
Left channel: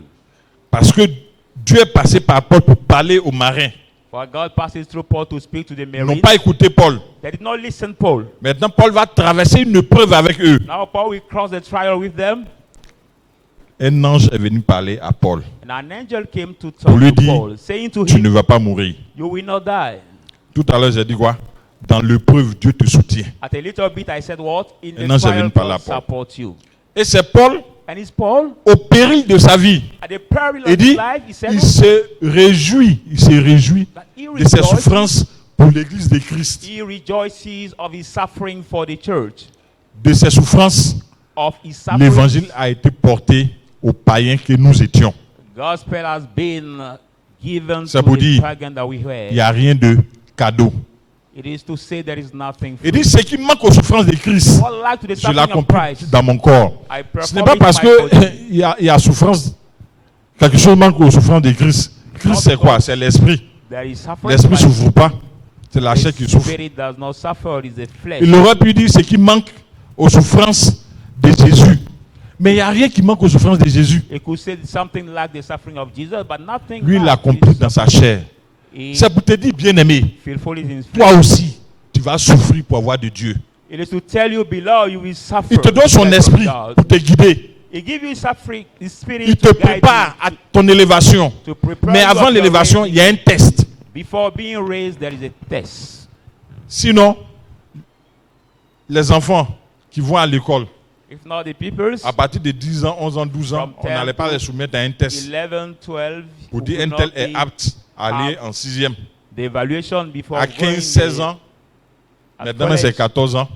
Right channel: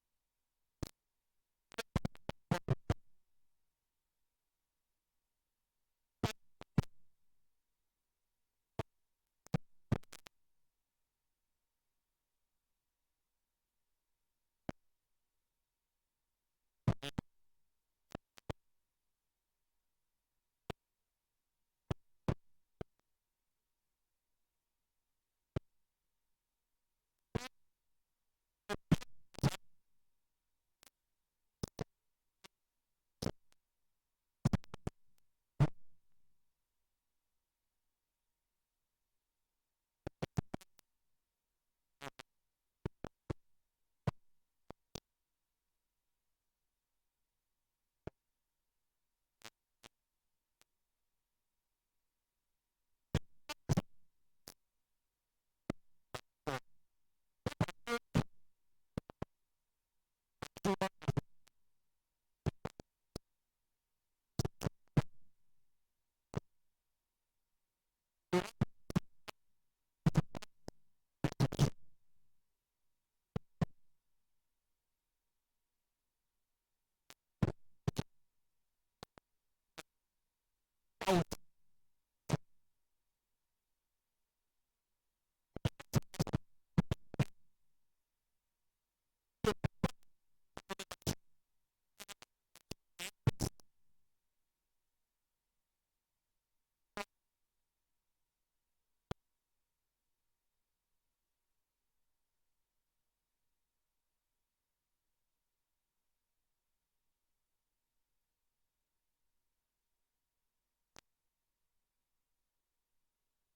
parce que Dieu est passé par Paul pour parler aux marins. for God passes through Paul to speak to the Ils n'ont Marines. pas écouté Paul. They did not listen Paul. Maintenant, Paul va traverser une épreuve avec eux. Now Paul will cross the trial with them. Un ange est venu parler à Paul. And an angel came to Pour talk lui to dire, Paul, saying to tu ne him, vas pas mourir. you will not die. Tout à l'heure, j'ai dit quoi? Dans l'épreuve, Dieu te soutient. At a little bit I said what? In Un the ange est trial venu parler à God Paul. support you. Et c'est Paul, And it's Paul, au péril de sa vie, at the peril il of his dit, life, he said il se réjouit that de ses souffrances pour l'église de Christ. he rejoices of his suffering for the church. De ses souffrances, Of his suffering, l'évangile a été porté aux païens que nous étions. gospel has been given Ça to veut the dire, pagan that we were. Il n'y a rien de cadeau. It is to say there is nothing Il free. dit, ce qui manque aux souffrances de Christ, What like to the je suffering of l'accomplis Christ, dans mon corps. I Ce n'est perform pas it parce in my body. qu'il y a souffrance, quelque chose manque aux souffrances de Christ. Christ, c'est quoi? C'est l'esprit. There is suffering, L'esprit ne but souffre pas. C'est la chair the qui souffre. spirit does not suffer, it is the flesh. Il aurait pu dire ce qui manque aux souffrances de Jésus. Mais il n'y a rien qui manque aux souffrances de Jésus. It could say something like the suffering of Jesus, but nothing Lui, il like l'accomplit his dans sa chair. suffering. C'est pour te dire, bien-aimé, Fearful is in toi flesh. aussi, tu vas souffrir pour avoir de Dieu. It is to tell you below you will suffer. Il te donne son because of esprit God. pour te guider. He gives you suffering, the spirit Il te to guide prépare you, à ton élévation. to prepare Mais you avant of your l'élévation, raising. il y a un test. Before being raised, there is a test. Sinon, les enfants qui vont à l'école, If not the peoples, à partir de 10 ans, 11 ans, 12 ans, From on n'allait pas les soumettre à un test 11, 12, pour dire would un tel not est be apte à aller en 6e. the evaluation before À going 15, 16 the- ans, at maintenant college. c'est 14 ans,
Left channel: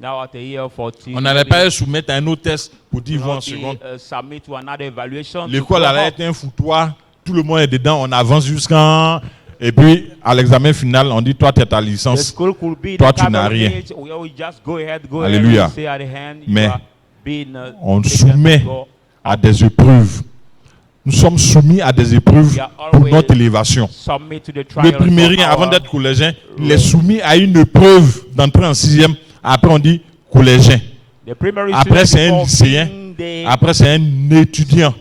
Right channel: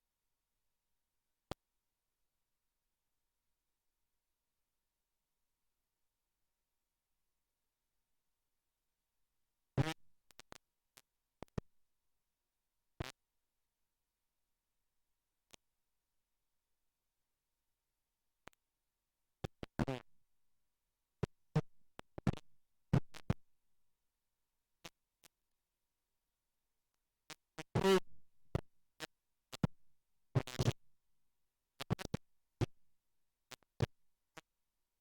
Now at the year 14, on n'allait pas les soumettre à un autre test pour dire ils vont en not seconde. be, submit to another evaluation. to L'école go allait up. être un foutoir, tout le monde est dedans, on avance jusqu'en... Et puis, à l'examen final, on dit, toi, tu as ta The licence. school could be Toi, the tu n'as rien. cabinet where we just go ahead, Alléluia. and say at the hand, you Mais are being, on taken soumet to go. à des épreuves. Nous sommes soumis à des épreuves We are pour always notre élévation. Submit to the Le trials primérien, of avant our- d'être collégien, il est soumis à une épreuve d'entrer en 6e. Après, on dit collégien. the primary Après, student c'est un before lycéen. being the- Après, c'est un étudiant.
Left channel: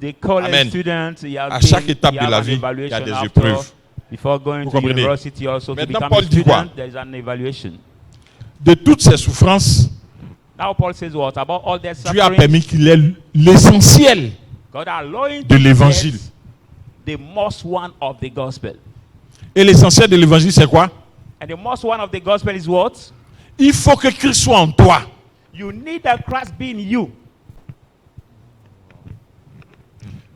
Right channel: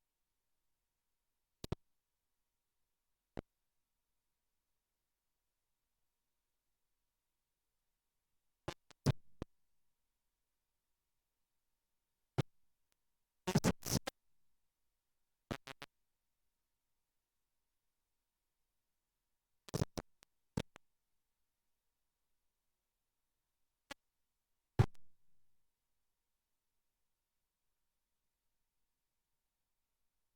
the college Amen. student, he has À been- chaque étape he de has la an vie, il y a evaluation des after. épreuves. Before going Vous to comprenez? university also to Maintenant, become Paul a dit quoi? student, there is an evaluation. De toutes ces souffrances, Now Paul says what? About all that Dieu a suffering, permis qu'il ait l'essentiel God allowing de to l'évangile. get the most one of the gospel. Et l'essentiel de l'évangile, c'est quoi? And the most one of the gospel is what? Il faut que Christ soit en toi. You need that Christ be in you.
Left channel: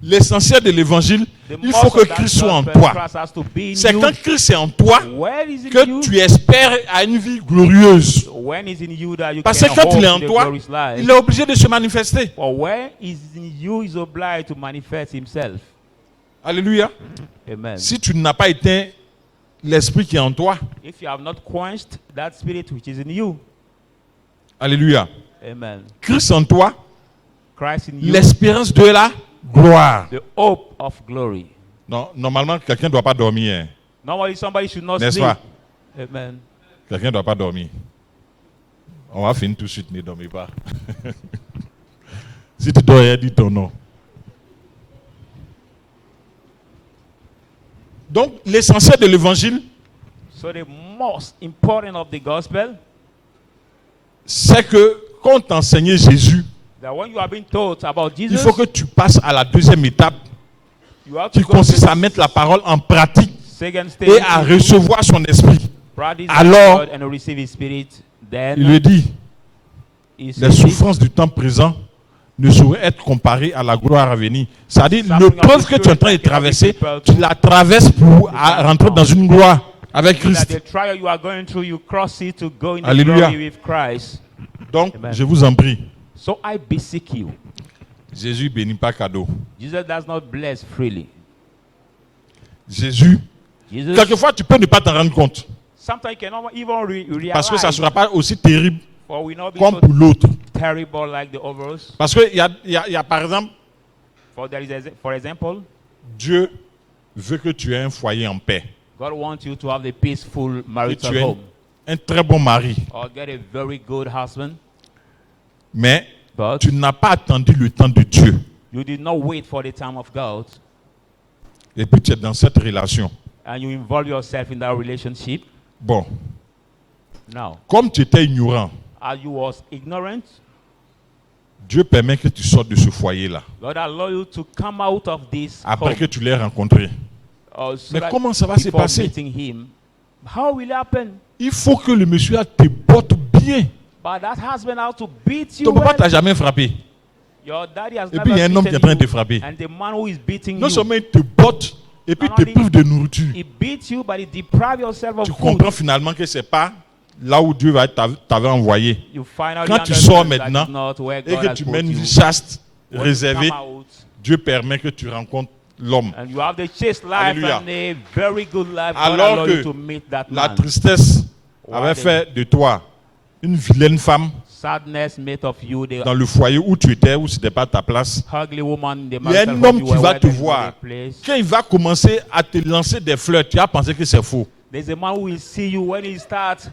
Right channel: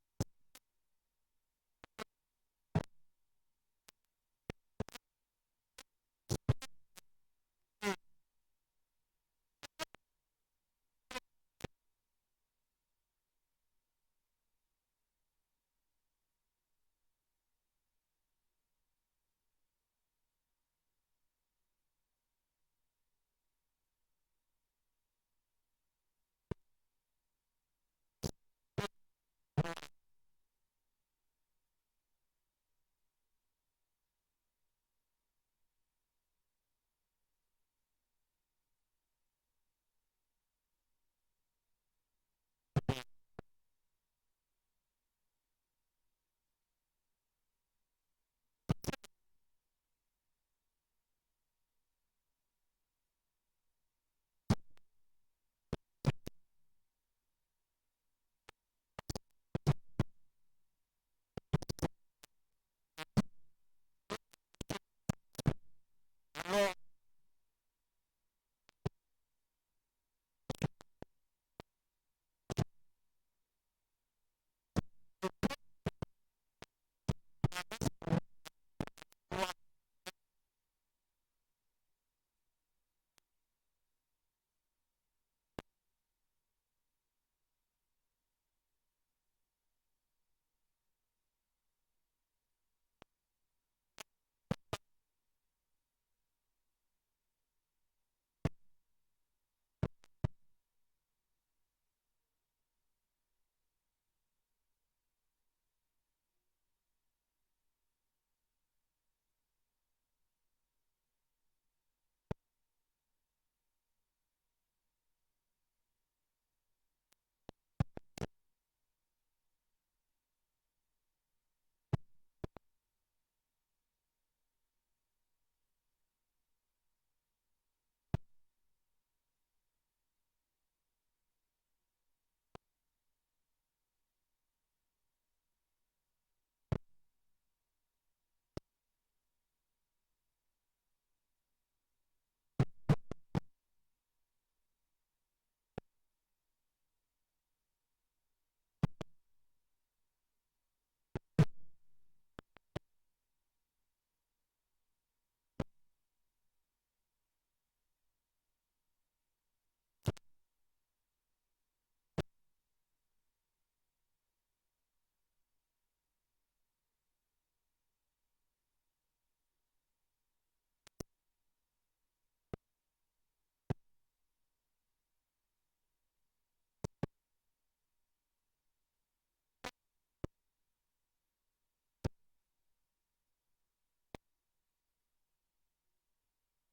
L'essentiel de l'évangile, The il most faut of que that Christ soit en gospel, toi. Christ has to be in C'est you. quand Christ est en toi Where is in que you? tu espères à une vie glorieuse. When is in you that you Parce can que quand hope il est to en the toi, glorious life? il est obligé de se manifester. For when is in you is obliged to manifest himself. Alléluia. Amen. Si tu n'as pas éteint l'esprit qui est en toi, If you have not quenched that spirit which is in you, alléluia. amen. Christ en toi, Christ in you, l'espérance de la gloire. the hope of glory. Non, normalement, quelqu'un ne doit pas dormir. Hein. Normally somebody should not N'est-ce sleep. pas? Amen. Quelqu'un ne doit pas dormir. On va finir tout de suite, ne dormez pas. Si tu dors, dis ton nom. Donc, l'essentiel de l'évangile, So the most important of the gospel, c'est que quand on t'enseignait Jésus, that when you have been taught about il Jesus, faut que tu passes à la deuxième étape you have qui to go to consiste à the mettre la parole en pratique second stage et à recevoir son esprit. practice Alors, God and receive his spirit. Then Il lui dit, he les says, souffrances du temps présent ne sauraient être comparées à la gloire à venir. C'est-à-dire, Suffering l'épreuve of que the tu es en train de spirit that traverser, people tu la traverses pour rentrer dans une gloire avec that Christ. the trial you are going through, you cross it to go in the Alléluia. glory with Christ. Donc, Amen. je vous en prie, So I beseech you. Jésus bénit pas cadeau. Jesus does not bless freely. Jésus, Jesus, quelquefois, tu peux ne pas t'en rendre compte. sometimes you cannot even realize, Parce que ça ne sera pas aussi terrible or will not be comme so pour l'autre. terrible like the others. Parce qu'il y a, par exemple, For example, Dieu veut que tu aies un foyer en paix. God wants you to have a peaceful Que marital tu aies home. un très bon mari. or get a very good husband, Mais but tu n'as pas attendu le temps de Dieu. you did not wait for the time of God, Et puis tu es dans cette relation. and you involve yourself in that relationship. Bon, Now, comme tu étais ignorant, as you was ignorant, Dieu permet que tu sortes de ce foyer-là. God allow you to come out of this Après home, que tu l'aies rencontré. so Mais that comment ça va se before passer? meeting him. How will it happen? Il faut que le monsieur te botte bien. But that husband has to beat you. Ton papa well. t'a jamais frappé. Your daddy has Et never puis il y a un homme qui est en beaten train de te you. frapper. And the man who is beating Non you, seulement il te botte, et puis il te prive de nourriture. he beats you, but he deprives yourself of Tu food. comprends finalement que c'est pas là où Dieu t'avait envoyé. You finally Quand tu understand sors that maintenant, it's not where et God que has tu put mènes une you. chaste When you réservée, come out, Dieu permet que tu rencontres l'homme. and you have the chaste life Alléluia. and a very good life. God Alors allow que you to meet that la man. tristesse While avait the fait de toi une vilaine femme sadness made of you the dans le foyer où tu étais, où ce n'était pas ta place. ugly woman in the Il y a marital un home homme you qui were, va where te there is no voir. place. Quand il va commencer à te lancer des fleurs, tu vas penser que c'est faux. There's a man who will see you when he starts,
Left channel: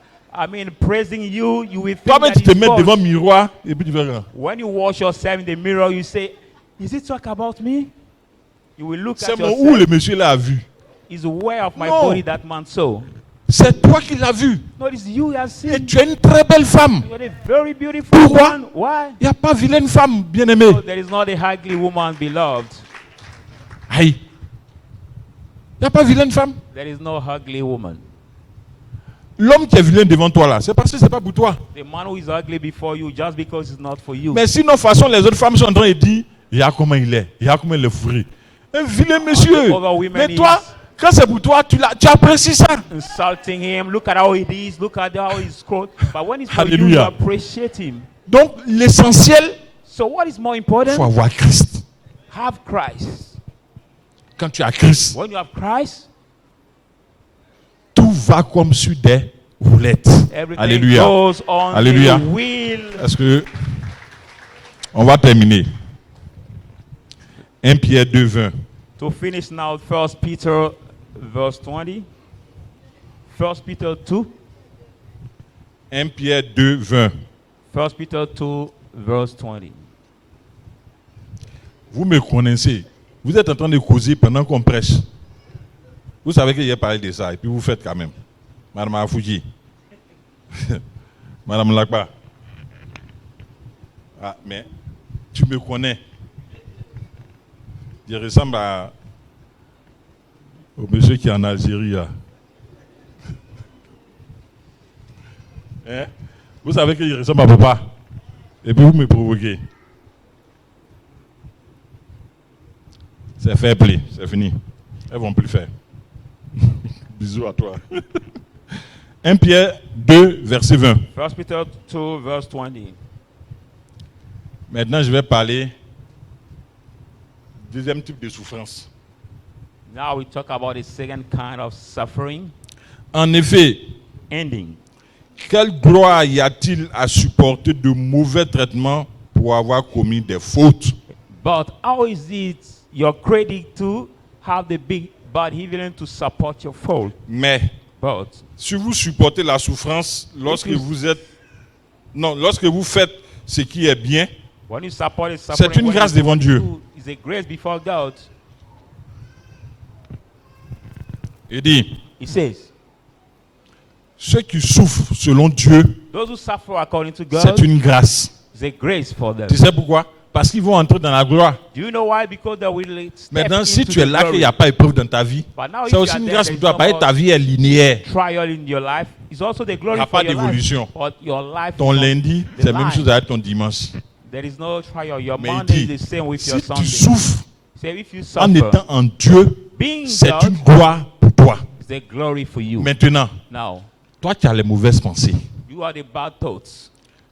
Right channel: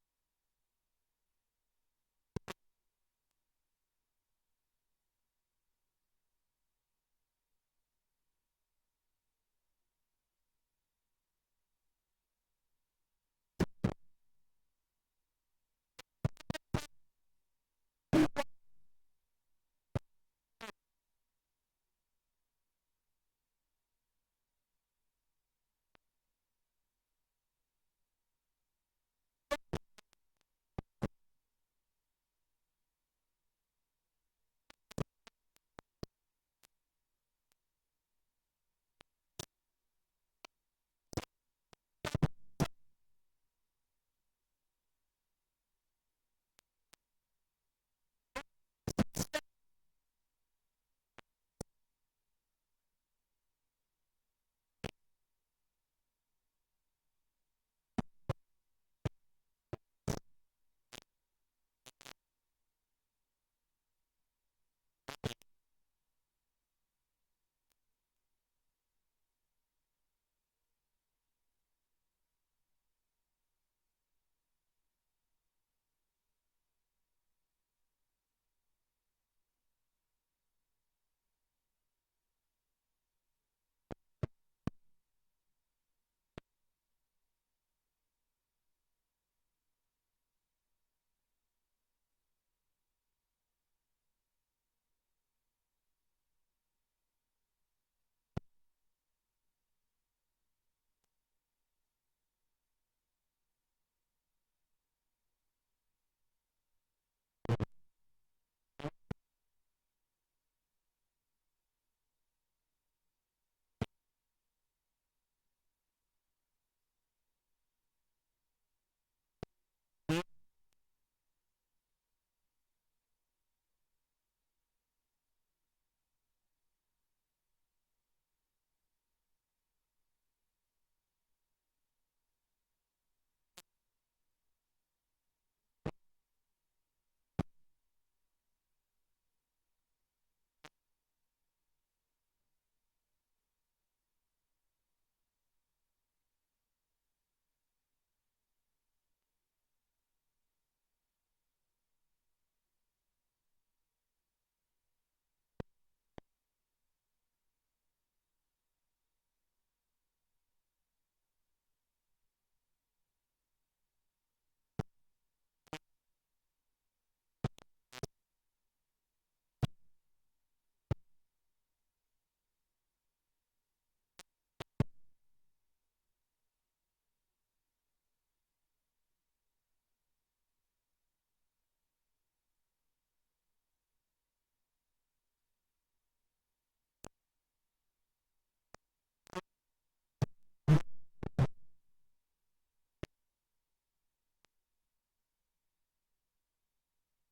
praising you. You will think Toi-même, that tu te it's mets false. devant le miroir et puis tu vas. When you watch yourself in the mirror, you say, "Is it talk about me?" You will look C'est at mon où le yourself. monsieur l'a vu. Is aware of my No. body that man saw. C'est toi qui l'as vu. No, it's you he has Et seen. tu es une très belle femme. You're a very beautiful Pourquoi? woman. Why? Il n'y a pas vilaine femme, bien-aimée. No, there is not a ugly woman, beloved. Aïe. Il n'y a pas vilaine femme. There is no ugly woman. L'homme qui est vilain devant toi là, c'est parce que ce n'est pas pour toi. The man who is ugly before you, just because it's not for you. Mais sinon, de toute façon, les autres femmes sont en train de dire, regarde comment il est, regarde comment il est fourré. Un vilain monsieur. other women Mais toi, quand c'est pour toi, tu apprécies ça. Insulting him, look at how it is, look at how he's clothed. But when it's for you, you Hallelujah. appreciate him. Donc, l'essentiel, So what is more il important? faut avoir Christ. Have Christ. Quand tu as Christ, When you have Christ, tout va comme sur des roulettes. everything Alléluia. goes on Alléluia. the wheel. Est-ce que on va terminer? 1 Pierre 2, 20. To finish now, 1 Peter verse 20. 1 Peter 2. 1 Pierre 2, 20. 1 Peter 2 verse 20. Vous me connaissez. Vous êtes en train de causer pendant qu'on prêche. Vous savez que j'ai parlé de ça et puis vous faites quand même. Madame Afouji. Madame Lakba. Ah, mais tu me connais. Je ressemble au monsieur qui est en Algérie. Là. Hein? Vous savez qu'il ressemble à papa. Et puis vous me provoquez. C'est fair play, c'est fini. Elles vont plus le faire. Bisous à toi. 1 Pierre 2, verset 20. 1 Peter 2 verse 20. Maintenant, je vais parler du deuxième type de souffrance. Now we talk about the second kind of suffering. En effet, Ending. quelle gloire y a-t-il à supporter de mauvais traitements pour avoir commis des fautes? But how is it your credit to have the big bad even to support your fault? Mais But si vous supportez la souffrance lorsque lorsque vous faites ce qui est bien, when you support the suffering, c'est une when grâce you devant do Dieu. is a grace before God. Il dit, He says, ceux qui souffrent selon Dieu, those who suffer according to God c'est une grâce. is a grace for them. Tu sais pourquoi? Parce qu'ils vont entrer dans la gloire. Do you know why? Because they will step Maintenant, si into tu es the là qu'il glory. n'y a pas épreuve dans ta vie, But now if c'est you aussi are une there, grâce there pour is toi. no Parce que more ta vie est linéaire. trial in your life. It's also the glory Il n'y a for pas your d'évolution. life. But your life Ton is not lundi, the c'est la même line. chose avec ton dimanche. There is no trial. Your Mais il Monday dit, is the same with si your tu Sunday. souffres Say if you en suffer, étant en Dieu, being c'est God, une gloire pour toi. it's a glory for you. Maintenant, Now, toi qui as les mauvaises pensées, you are the bad thoughts.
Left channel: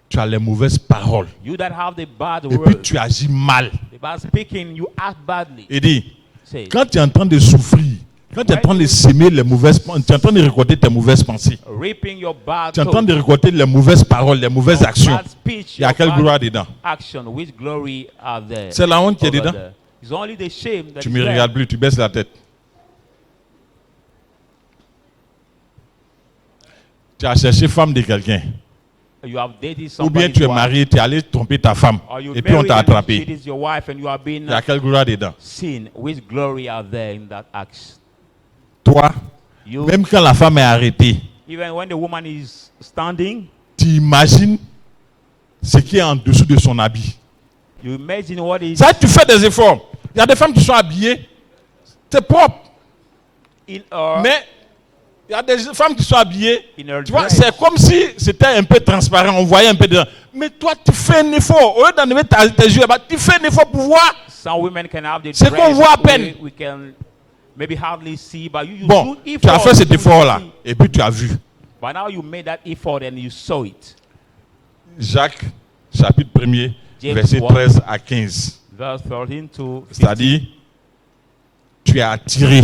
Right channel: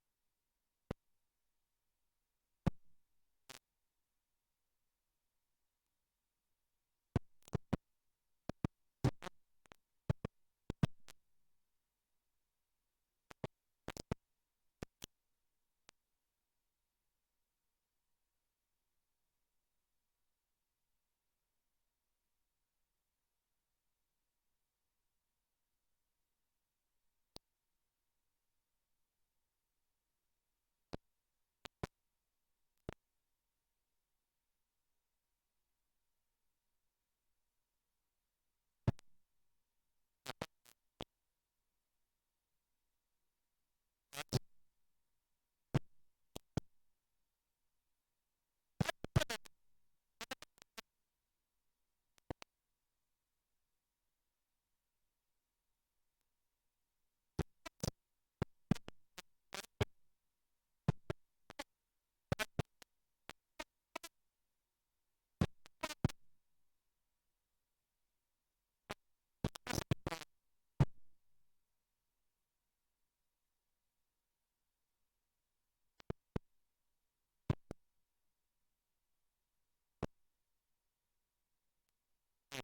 tu as les mauvaises paroles, You that have the bad et puis words, tu agis mal. the bad speaking, you act badly. Il dit, Say, quand tu es en train de souffrir, quand tu es en train de s'aimer les mauvaises pensées, tu es en train de récolter tes mauvaises pensées, reaping your bad tu es en train thoughts, de récolter les mauvaises paroles, les mauvaises your actions. bad speech, Il y a your quelle bad gloire dedans? action, which glory are there? C'est la honte qui est over dedans. there? It's only the shame that Tu is ne me there. regardes plus, tu baisses la tête. Tu as cherché femme de quelqu'un. You have dated Ou bien somebody's tu es wife, marié, tu es allé tromper ta femme. or you Et puis on married t'a and attrapé. she is your wife and you have been Il y a quelle gloire dedans? seen. Which glory are there in that act? Toi, You, même quand la femme est arrêtée, even when the woman is standing, tu imagines ce qui est en dessous de son habit. you imagine what is Ça, tu fais des efforts. Il y a des femmes qui sont habillées, c'est propre. in her, Mais il y a des femmes qui sont habillées, in her tu vois, dress. c'est comme si c'était un peu transparent, on voyait un peu dedans. Mais toi, tu fais un effort. Au lieu d'enlever tes yeux, bah, tu fais un effort pour voir. Some women can have the C'est dress qu'on voit à peine. we can maybe hardly see, but you Bon, do tu as effort fait cet to effort-là, see. et puis tu as vu. But now you made that effort and you saw it. Jacques, chapitre 1er, James verset 1. 13 à 15. Verse 13 to 15. C'est-à-dire, tu es attiré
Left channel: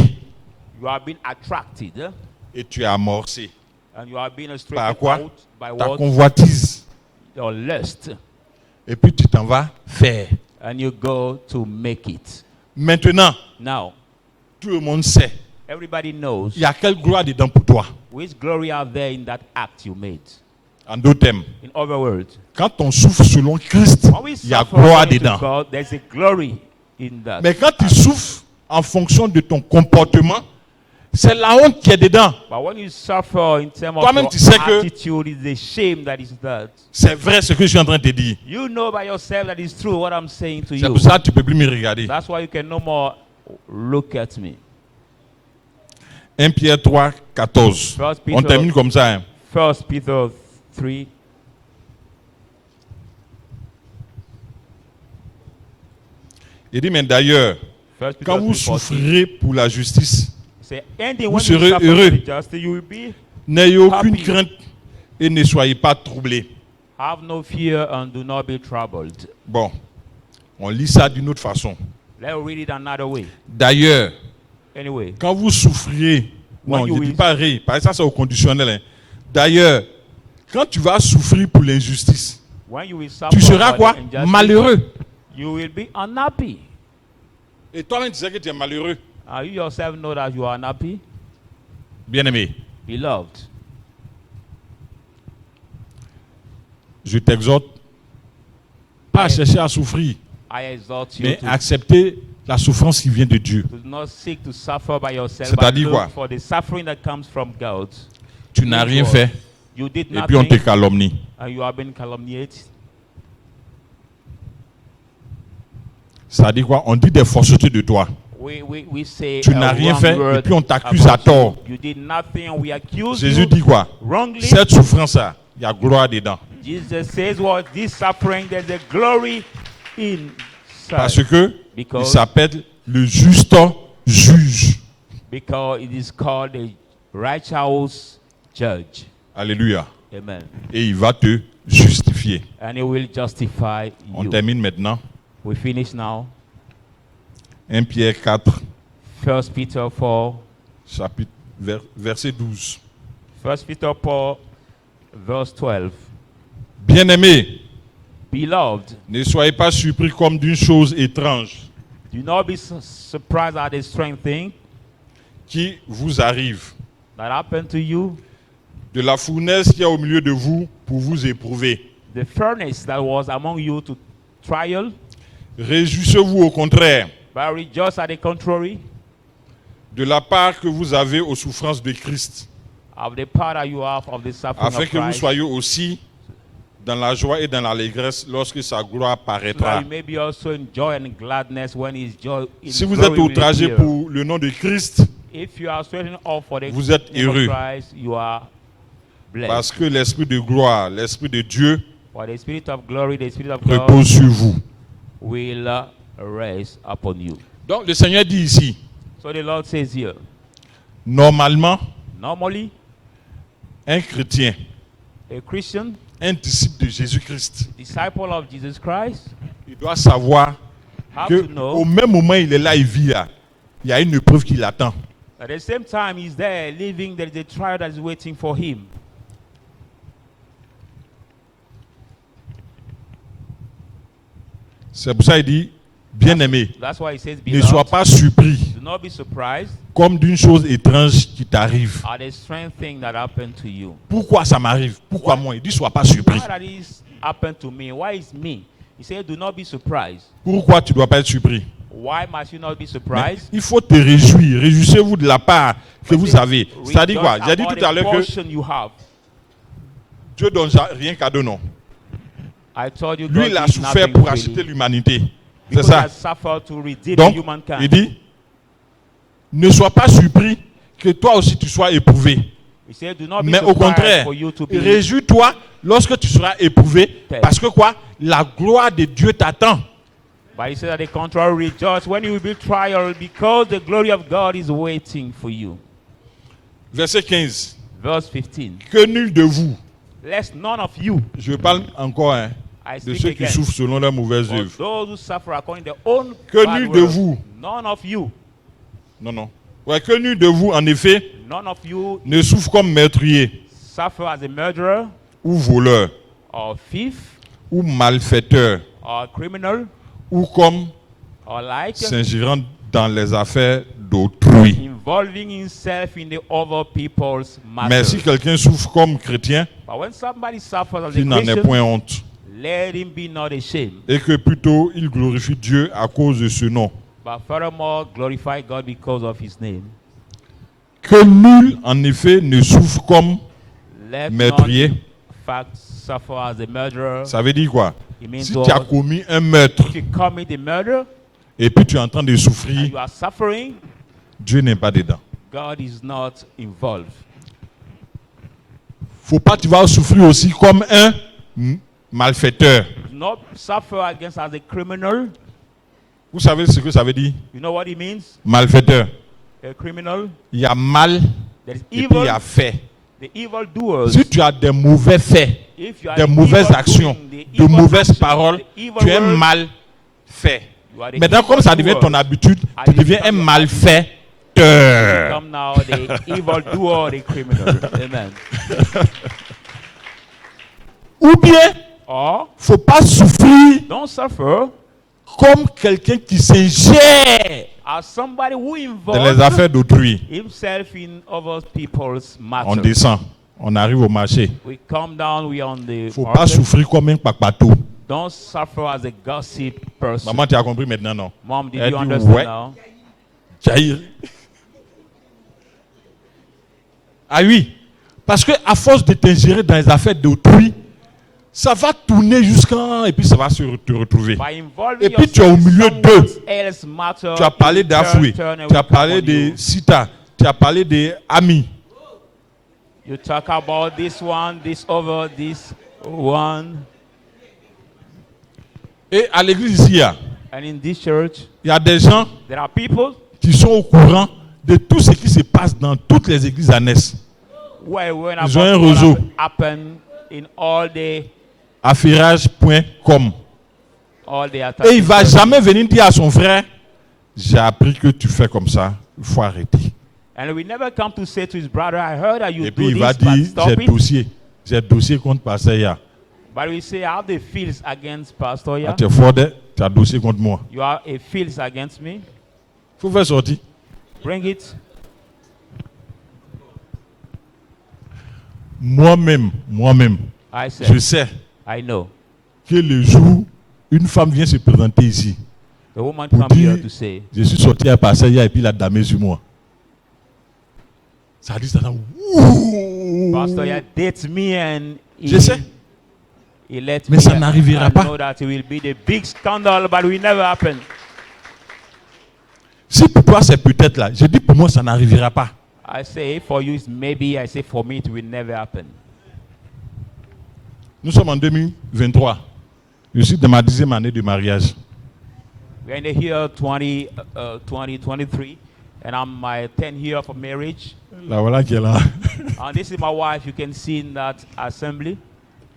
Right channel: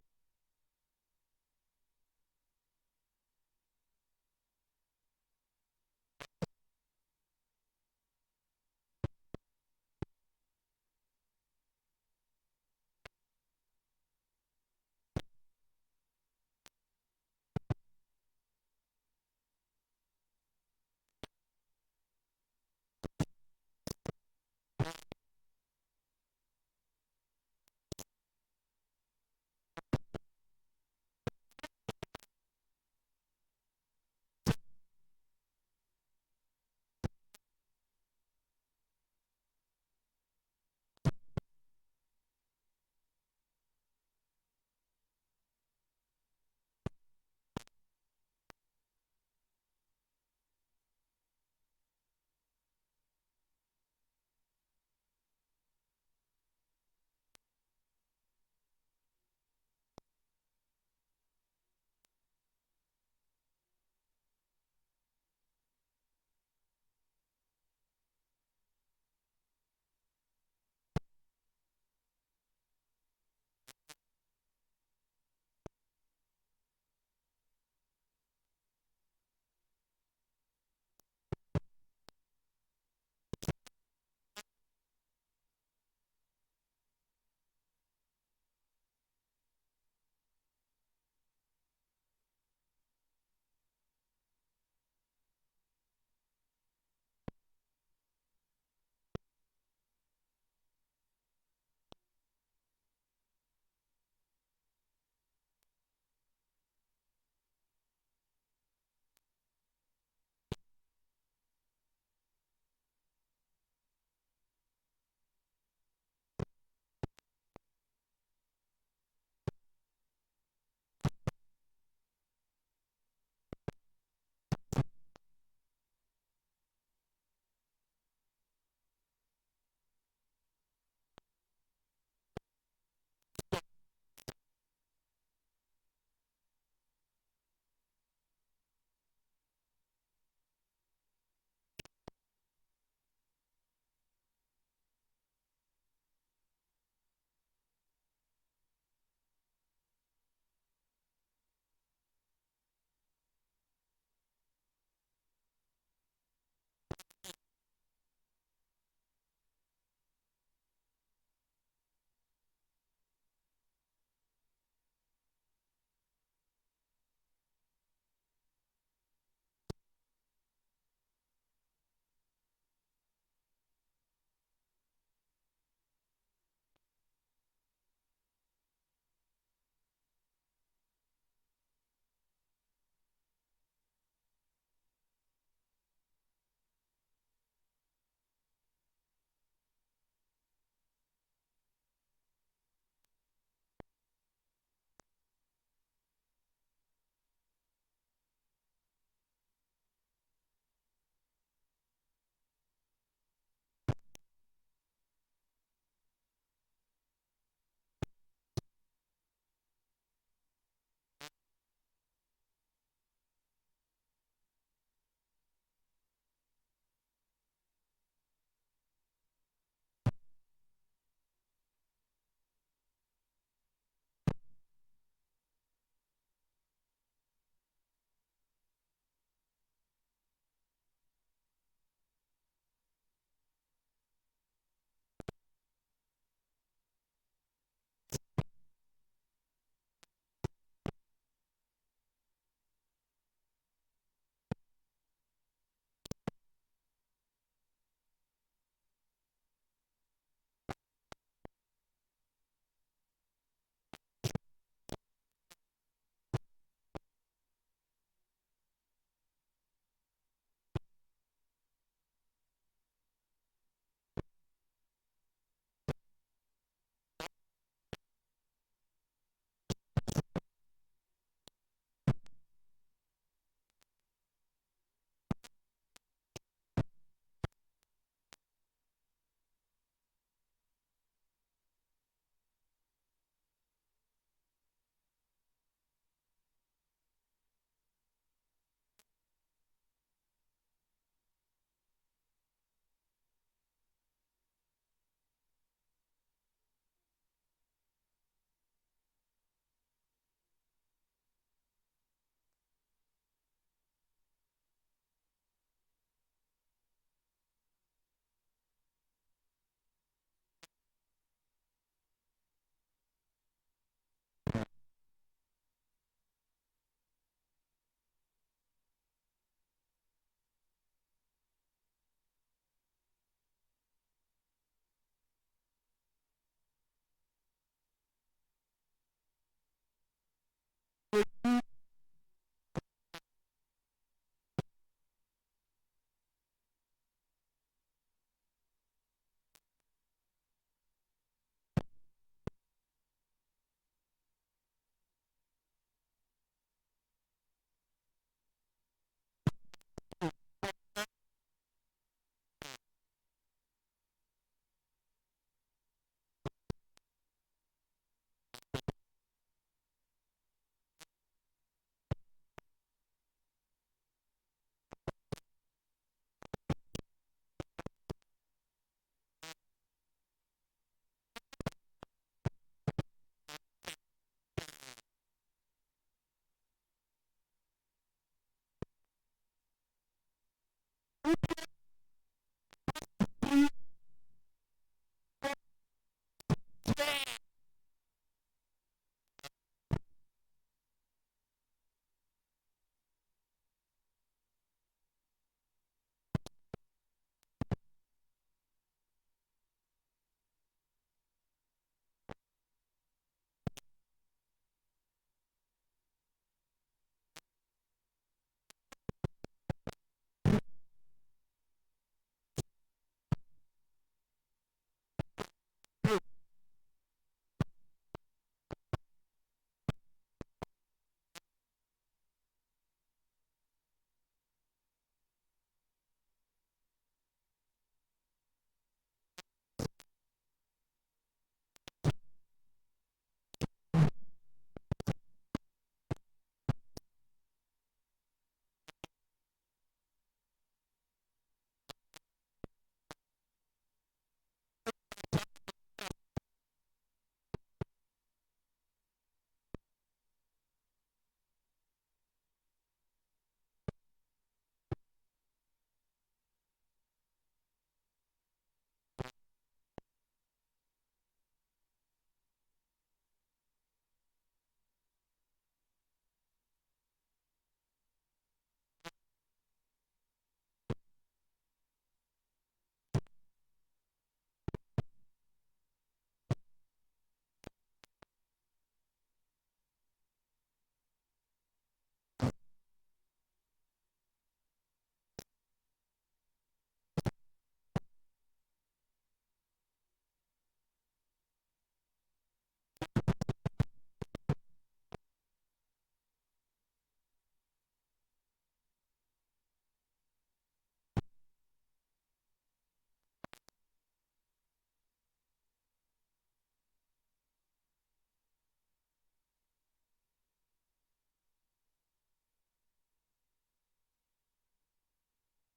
You have been attracted et tu es amorcé and you have been par straightened quoi? out by Ta what? convoitise. Your lust. Et puis tu t'en vas faire. And you go to make it. Maintenant, Now, tout le monde sait. everybody knows Il y a quelle gloire dedans pour toi? which glory are there in that act you made. En d'autres termes, In other words, quand on souffre selon Christ, when we il y a suffer gloire according to dedans. God, there's a glory in that. Mais quand tu souffres en fonction de ton comportement, c'est la honte qui est dedans. But when you suffer in terms of Toi-même, your tu sais que- attitude, it's the shame that is that. C'est vrai ce que je suis en train de te dire. You know by yourself that it's true what I'm saying to C'est you. pour ça que tu ne peux plus me regarder. That's why you can no more look at me. 1 Pierre 3, 14. First On Peter- termine comme ça. Hein. 1 Peter 3. Il dit, mais d'ailleurs, 1 Peter quand vous 3:14. souffrirez pour la justice, Say, ending vous when you serez suffer heureux. for the justice, you will be. n'ayez aucune Happy. crainte et ne soyez pas troublés. Have no fear and do not be troubled. Bon, on lit ça d'une autre façon. Let's read it another way. D'ailleurs, Anyway, quand vous souffrirez, non, When je you ne dis will- pas rire, parce que ça c'est au conditionnel. Hein. D'ailleurs, quand tu vas souffrir pour l'injustice, when you will suffer tu seras for quoi? the injustice, Malheureux. you will be unhappy. Et toi-même tu sais que tu es malheureux. You yourself know that you are unhappy, Bien-aimé, beloved. je t'exhorte pas à chercher à souffrir, I exhort you mais to accepter la souffrance qui vient de Dieu. do not seek to suffer by yourself, C'est-à-dire but quoi? look for the suffering that comes from God. Tu n'as rien fait You did et puis on te nothing calomnie. and you have been calumniated. Ça dit quoi? On dit des faussetés de toi. We say Tu a n'as rien wrong fait et word puis on t'accuse à about tort. you. You did nothing and we accuse Jésus you dit quoi? wrongly. Cette souffrance-là, il y a gloire dedans. Jesus says, "Well, this suffering, there's a glory inside." Parce que il Because- s'appelle le juste juge. Because it is called a righteous judge. Alléluia. Amen. Et il va te justifier. And he will justify On you. termine maintenant. We finish now. 1 Pierre 4, 1 Peter 4. chapitre, verset 12. 1 Peter 4, verse 12. Bien-aimés, Beloved, ne soyez pas surpris comme d'une chose étrange do not be surprised at the strange thing qui vous arrive, that happened to you. de la fournaise qu'il y a au milieu de vous pour vous éprouver. The furnace that was among you to trial, Réjouissez-vous au contraire but rejoice at the contrary de la part que vous avez aux souffrances de Christ, of the part that you have of the suffering afin of que vous Christ, soyez aussi dans la joie et dans l'allégresse lorsque sa gloire so paraîtra. that you may be also in joy and gladness when his joy in Si vous glory êtes will outragé appear. pour le nom de Christ, If you are sweating off for the vous êtes name of heureux. Christ, you are blessed. parce que l'Esprit de gloire, l'Esprit de Dieu For the spirit of glory, the spirit of God repose sur vous. will rest upon you. Donc le Seigneur dit ici, So the Lord says here, normalement, normally, un chrétien, a Christian, un disciple de Jésus-Christ, disciple of Jesus Christ, il doit savoir have que to know au même moment où il est là, il vit là, il y a une épreuve qui l'attend. at the same time he's there living, there is a trial that is waiting for him. C'est pour ça qu'il dit, Bien-aimé, That's why he says, ne sois pas surpris do not be surprised comme d'une chose étrange qui t'arrive. at the strange thing that happened to you. Pourquoi ça m'arrive? Pourquoi moi? Il dit, sois pas surpris. Why that is happened to me? Why is me? He said, do not be surprised. Pourquoi tu ne dois pas être surpris? Why must you not be Mais surprised? il faut te réjouir. Réjouissez-vous de la part que vous avez. C'est-à-dire quoi? J'ai dit About tout à the l'heure que portion you have. Dieu donne rien cadeau, non. I told you Lui, God il a gives souffert nothing pour freely, acheter l'humanité. C'est because he ça. has suffered to redeem Donc, humankind. il dit, ne sois pas surpris que toi aussi tu sois éprouvé. He said, do not be Mais au surprised contraire, for you to be. réjouis-toi lorsque tu seras éprouvé. Parce que quoi? La gloire de Dieu t'attend. But he said that the contrary, rejoice when you will be trial, because the glory of God is waiting for you. Verset 15. Verse 15. Que nul de vous, Lest none of you, je parle encore I de speak ceux qui again, souffrent selon leurs mauvaises for œuvres. those who suffer according to their own Que bad nul de works, vous, none of you, non, non. Ouais, que nul de vous, en effet, none of you ne souffre comme meurtrier, suffer as a murderer ou voleur, or thief ou malfaiteur, or criminal ou comme or like s'ingérant dans les affaires d'autrui. involving himself in the other people's Mais matters. si quelqu'un souffre comme chrétien, But when somebody suffers as a qu'il n'en ait Christian, point honte. let him be not ashamed, Et que plutôt il glorifie Dieu à cause de ce nom. but furthermore glorify God because of his name. Que nul, en effet, ne souffre comme Let meurtrier. none, in fact, suffer as a murderer. Ça veut dire quoi? It means Si tu as what? commis un meurtre If you commit a murder et puis tu es en train de and souffrir, you are suffering, Dieu n'est pas dedans. God is not involved. Faut pas que tu vas souffrir aussi comme un malfaiteur. Do not suffer against as a criminal. Vous savez ce que ça veut dire? You know what it means? Malfaiteur. A criminal. Il y a mal There is et puis il y evil. a fait. The evil doers. Si tu as des mauvais faits, If you are des the mauvaises evil actions, doing, the de evil mauvaises action, paroles, the evil tu es words, mal fait. you are the Maintenant, comme ça evil devient ton doers. habitude, tu deviens un malfaiteur. Become now the evil doer, the criminal. Amen. Ou bien, Or faut pas souffrir don't suffer comme quelqu'un qui s'ingère as somebody who dans les affaires involves d'autrui. himself in other people's On matters. descend, on arrive au marché. We come down, we are on the Faut pas market. souffrir comme un papato. Don't suffer as a gossip person. Maman, tu as compris maintenant, non? Mom, did Elle you dit, understand ouais. now? Jair. Ah oui, parce que à force de t'ingérer dans les affaires d'autrui, ça va tourner jusqu'à et puis ça va te retrouver. By involving Et puis tu es au yourself in milieu someone d'eux. else's matter, Tu as parlé it d'Afoué, turn and tu as will come parlé on de you. Sita, tu as parlé des amis. You talk about this one, this over, this one. Et à l'église ici, And in this church, il y a des gens there are people qui sont au courant de tout ce qui se passe dans toutes les églises annexes. who are aware Ils ont un about réseau. what happen in all the Affairage.com. Et il ne va jamais venir dire à son frère, j'ai appris que tu fais comme ça, il faut arrêter. And we never come to say to his brother, I heard that you Et puis do il va this, but dire, stop it. j'ai dossier contre Pasteur Ya. But we say, I have the feels against Pastor Ah, Ya. tu es fort, tu as dossier contre moi. You have a feels against me. Il faut faire sortir. Bring it. Moi-même, I je said, sais I know. que le jour, une femme vient se présenter ici. The woman Pour come here dire, to say, je suis sorti à Pasteur Ya et puis il a damé sur moi. Ça dit ça dans ouh. Pastor Ya dates me and Je sais. he let Mais me ça n'arrivera I pas. know that it will be the big scandal, but it will never happen. Si pour toi c'est peut-être là, je dis pour moi ça n'arrivera pas. I say for you it's maybe, I say for me it will never happen. Nous sommes en 2023. Je suis dans ma 10e année de mariage. We're in the year 2023, and I'm my 10th year of marriage. La voilà qui est là. And this is my wife. You can see in that assembly.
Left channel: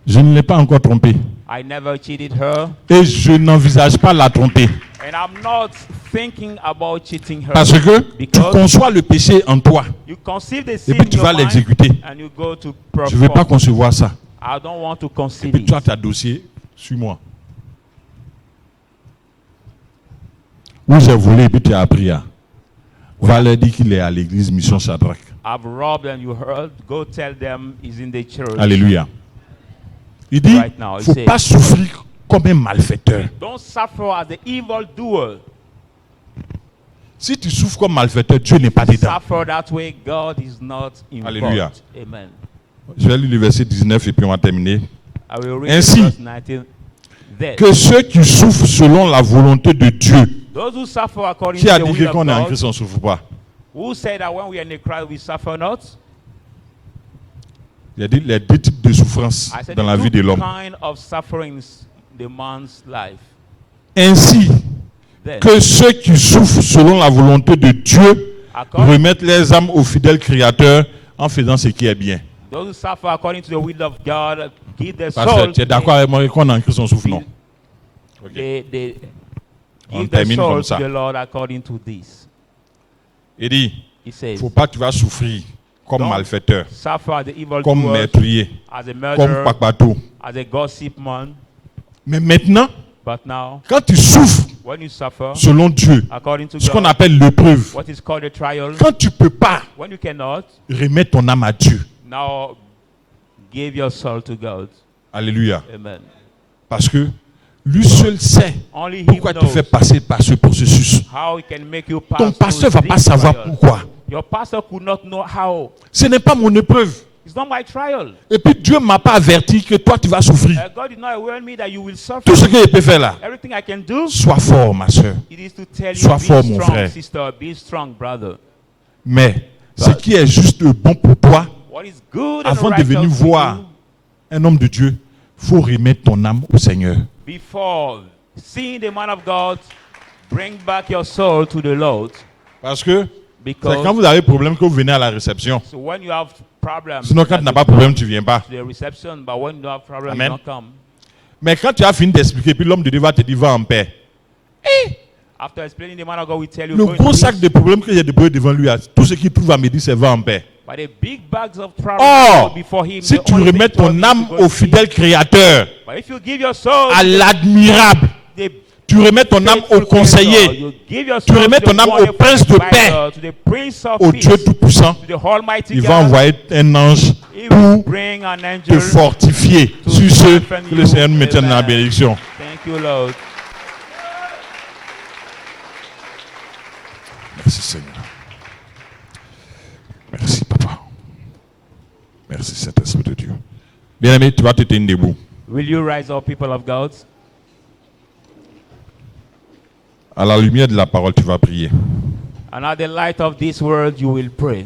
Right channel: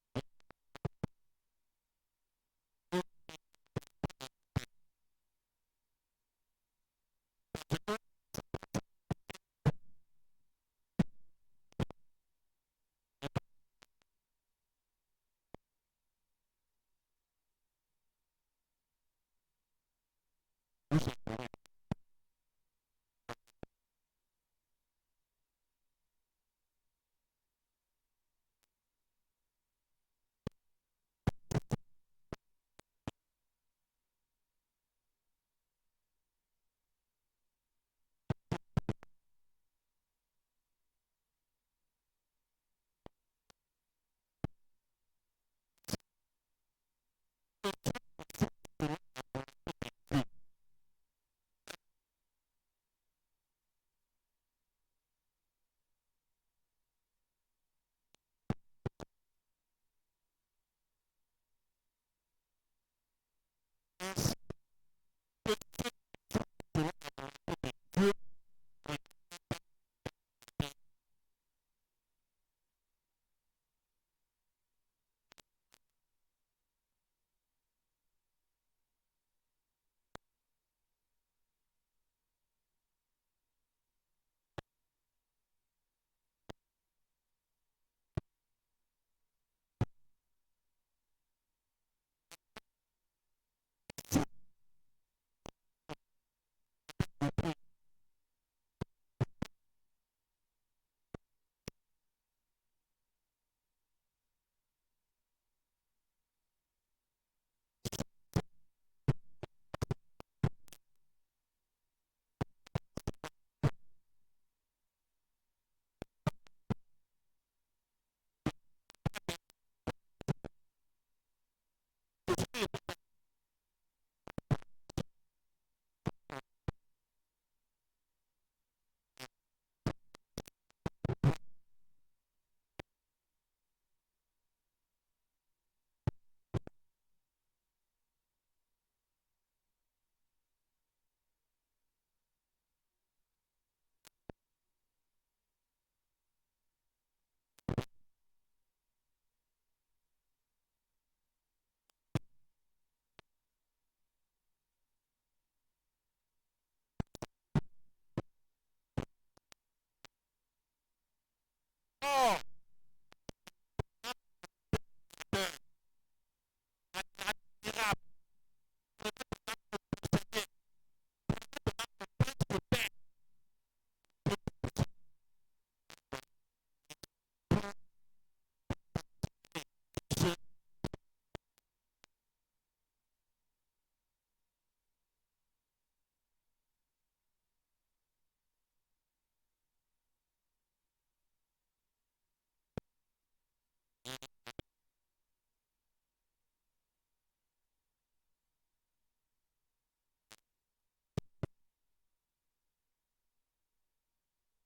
Je ne l'ai pas encore trompée. I never cheated her, Et je n'envisage pas la tromper. and I'm not thinking about cheating her. Parce que tu Because conçois le péché en toi. you conceive the Et sin puis in tu your vas mind, l'exécuter. and you go to Je ne veux pas perform. concevoir ça. I don't want to Et conceive puis it. tu as ta dossier sur moi. où j'ai volé et puis tu as appris. Va leur dire qu'il est à l'église Mission Shadrach. I've robbed and you heard. Go tell them he's in the church. Alléluia. Il dit, Right now, il ne faut pas souffrir comme un malfaiteur. Don't suffer as the evildoer. Si tu souffres comme malfaiteur, Dieu n'est pas dedans. Suffer that way, God is not involved. Alléluia. Amen. Je vais lire le verset 19 et puis on va terminer. I will read Ainsi, verse 19. Then, que ceux qui souffrent selon la volonté de Dieu. those who suffer according Qui to a the dit will que of quand on est en God, Christ, on ne souffre pas? who say that when we are in the Christ we suffer not? Il a dit les deux types de souffrances I said dans la the vie de two l'homme. kind of sufferings in the man's life. Ainsi, Then, que ceux qui souffrent selon la volonté de Dieu according, remettent les âmes au fidèle Créateur en faisant ce qui est bien. those who suffer according to the will of God give their Parce que soul. tu es d'accord avec moi qu'on est en Christ, on souffre, non? They On give their termine soul comme to ça. the Lord according to this. Il dit, He il says, ne faut pas que tu vas souffrir comme Don't malfaiteur, suffer as the evil comme doer, meurtrier, as a comme murderer, papato. as a gossip man. Mais maintenant, But now, quand tu souffres when you suffer selon Dieu, according to ce qu'on God, appelle l'épreuve, what is called a trial, quand tu ne peux pas when you cannot, remettre ton âme à Dieu. now give your soul to God. Alléluia. Amen. Parce que lui seul sait Only Him pourquoi tu knows fais passer par ce processus. how He can make you pass Ton pasteur ne through va pas this savoir trial. pourquoi. Your pastor could not know how. Ce n'est pas mon épreuve. It's not my trial. Et puis Dieu ne m'a pas averti que toi tu vas souffrir. God did not warn me that you will suffer. Tout ce que je peux faire là, Everything I can do, sois fort ma soeur. it is to tell you, Sois be fort, mon strong, frère. sister, be strong, brother. Mais ce qui est juste bon pour toi, What is good avant and de right venir to voir you, un homme de Dieu, il faut remettre ton âme au Seigneur. before seeing the man of God, bring back your soul to the Lord. Parce que c'est quand Because vous avez problème que vous venez à la réception. so when you have problems, Sinon quand tu n'as pas de problème, tu ne viens pas. to the reception, but when you have problems, Amen. you don't come. Mais quand tu as fini d'expliquer, puis l'homme de Dieu va te dire va en paix. After explaining, the man of God will tell you, Le go in gros peace. sac de problèmes que j'ai déposé devant lui, tout ce qu'il trouve à me dire, c'est va en paix. But the big bags of problems Or, before him, si the tu only remets thing told ton him âme to go au in fidèle peace. Créateur, But if you give your soul à l'admirable, the tu remets ton âme au conseiller, you give your tu soul remets to the ton âme au wonderful prince de paix, advisor, to the Prince of au Peace, Dieu Tout-Puissant, to the Almighty il va God, envoyer un ange He will pour bring an te angel. fortifier. to Sur ce, strengthen que le you. Seigneur nous maintienne dans la Amen. bénédiction. Thank you, Lord. Merci Seigneur. Merci Papa. Merci Saint-Esprit de Dieu. Bien-aimé, tu vas te tenir debout. Will you rise up, people of God? À la lumière de la parole, tu vas prier. And at the light of this world, you will pray.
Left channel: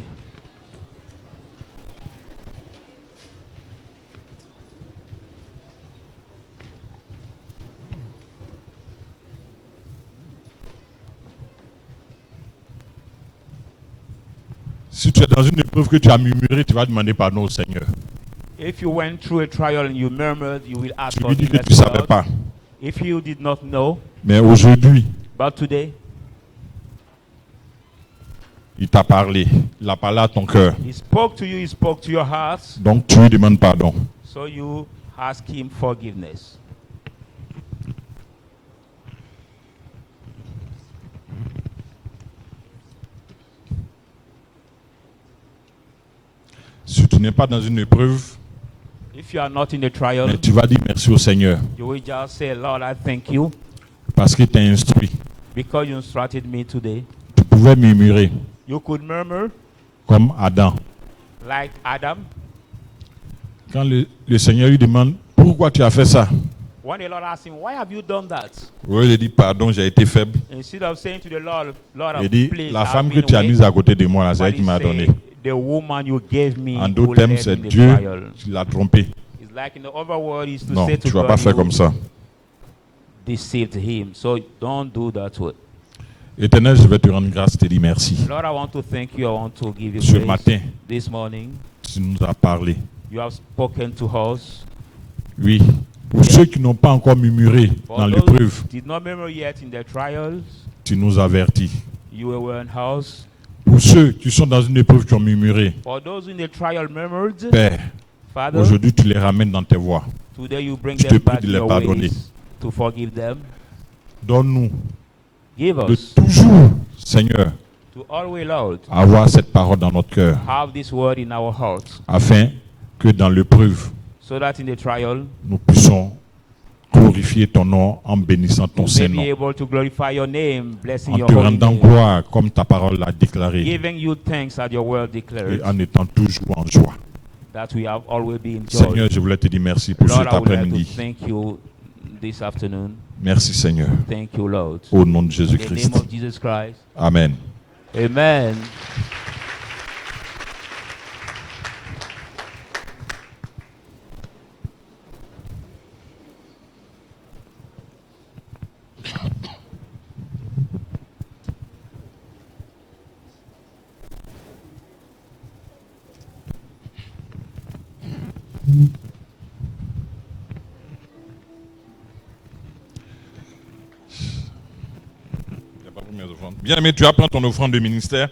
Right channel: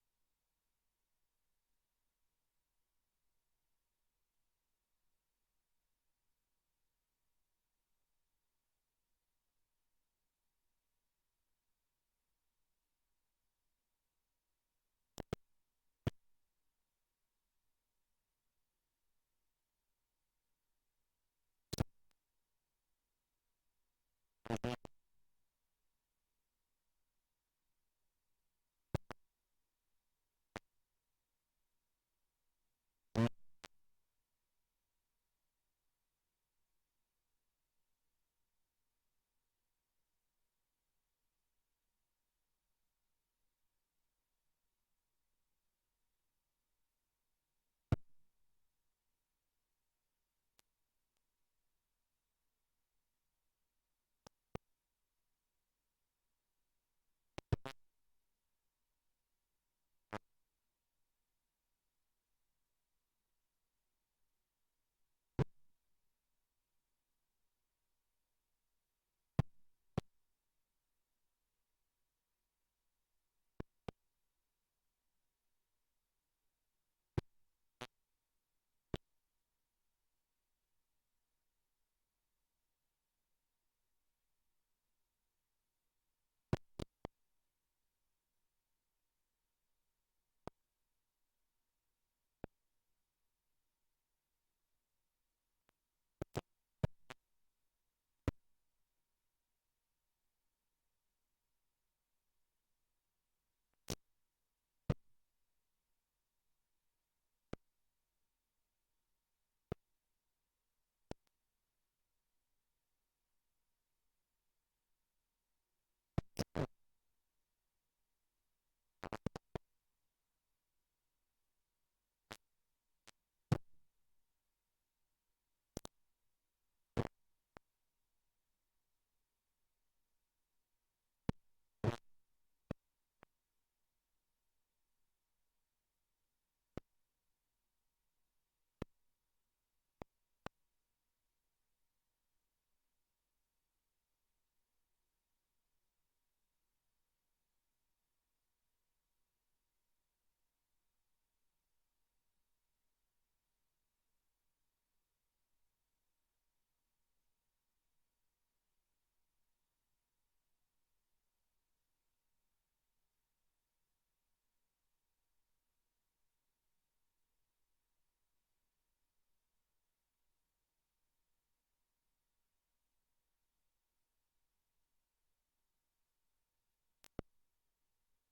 Si tu es dans une épreuve que tu as murmuré, tu vas demander pardon au Seigneur. If you went through a trial and you murmured, you will ask Tu lui dis que forgiveness tu ne to savais God. pas. If you did not know, Mais aujourd'hui, but today, il t'a parlé. Il a parlé à ton cœur. He spoke to you, He spoke to your heart, Donc tu lui demandes pardon. so you ask Him forgiveness. Si tu n'es pas dans une épreuve, If you are not in a trial, mais tu vas dire merci au Seigneur you will just say, Lord, I thank you parce qu'il t'a instruit. because you instructed me today. Tu pouvais murmurer You could murmur comme Adam. like Adam. Quand le Seigneur lui demande pourquoi tu as fait ça, When the Lord asked him, why have you done that? oui, il dit pardon, j'ai été faible. Instead of saying to the Lord, Lord, Il dit please, la I've femme que been tu as weak, mise à côté de moi, là, c'est but elle qui he m'a said, donné. the woman you gave me En who d'autres termes, led c'est in the Dieu trial. qui l'a trompé. It's like in the other word is to Non, say to tu ne vas God, pas faire you comme ça. deceived him. So don't do that way. Éternel, je vais te rendre grâce, te dire merci. Lord, I want to thank you. I want to give you Ce praise. matin, This morning, tu nous as parlé. you have spoken to us. Oui. Pour ceux qui n'ont pas encore murmuré For dans those l'épreuve, who did not remember yet in their trials, tu nous avertis. you were in house. Pour ceux qui sont dans une épreuve qui ont murmuré, For those in the trial murmured, Père, Father, aujourd'hui tu les ramènes dans tes voies. today you bring je te them prie back de to les your pardonner. ways to forgive them. Donne-nous Give de us toujours, Seigneur, to always, Lord, avoir cette parole dans notre cœur, have this word in our hearts, afin que dans l'épreuve, so that in the trial, nous puissions glorifier ton nom en bénissant ton we may Saint-Nom, be able to glorify your name, blessing en your te holy rendant name, gloire comme ta parole l'a déclaré, giving you thanks as your word et declares, en étant toujours en joie. that we have always been joy. Seigneur, je voulais te dire merci pour Lord, cet I would like to après-midi. thank you this afternoon. Merci Seigneur. Thank you, Lord. Au nom de In the Jésus-Christ. name of Jesus Christ. Amen. Amen. Bien aimé, tu apprends ton offrande de ministère.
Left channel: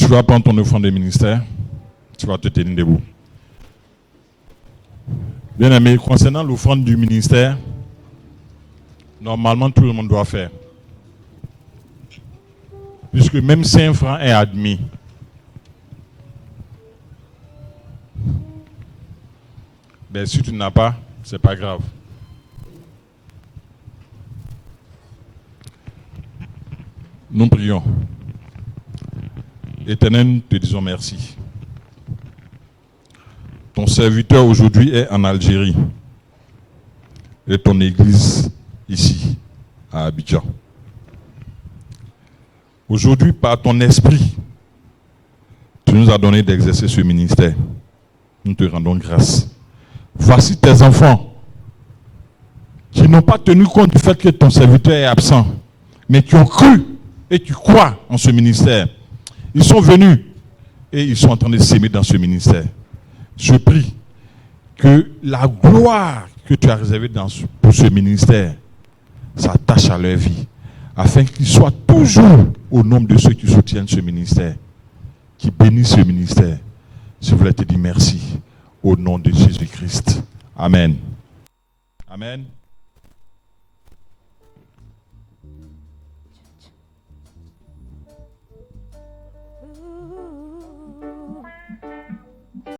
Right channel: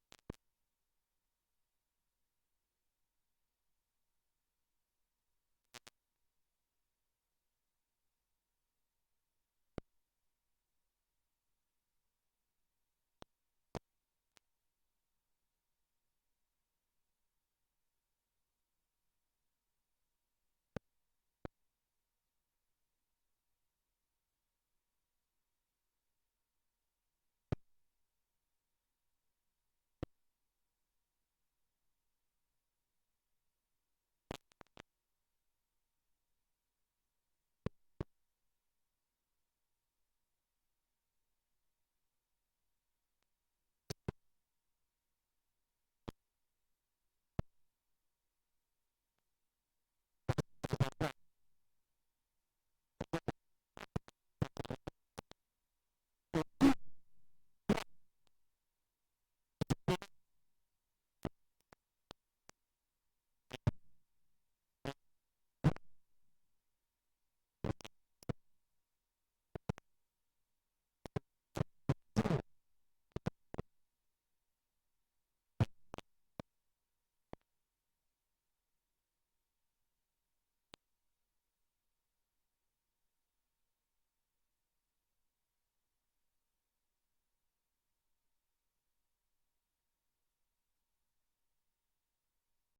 Tu vas prendre ton offrande de ministère. Tu vas te tenir debout. Bien aimé, concernant l'offrande du ministère, normalement tout le monde doit faire. Puisque même 5 francs est admis. Ben, si tu n'as pas, c'est pas grave. Nous prions. Éternel, nous te disons merci. Ton serviteur aujourd'hui est en Algérie et ton église ici, à Abidjan. Aujourd'hui, par ton esprit, tu nous as donné d'exercer ce ministère. Nous te rendons grâce. Voici tes enfants qui n'ont pas tenu compte du fait que ton serviteur est absent, mais qui ont cru et qui croient en ce ministère. Ils sont venus et ils sont en train de s'aimer dans ce ministère. Je prie que la gloire que tu as réservée pour ce ministère s'attache à leur vie, afin qu'ils soient toujours au nombre de ceux qui soutiennent ce ministère, qui bénissent ce ministère. Je voulais te dire merci au nom de Jésus-Christ. Amen. Amen.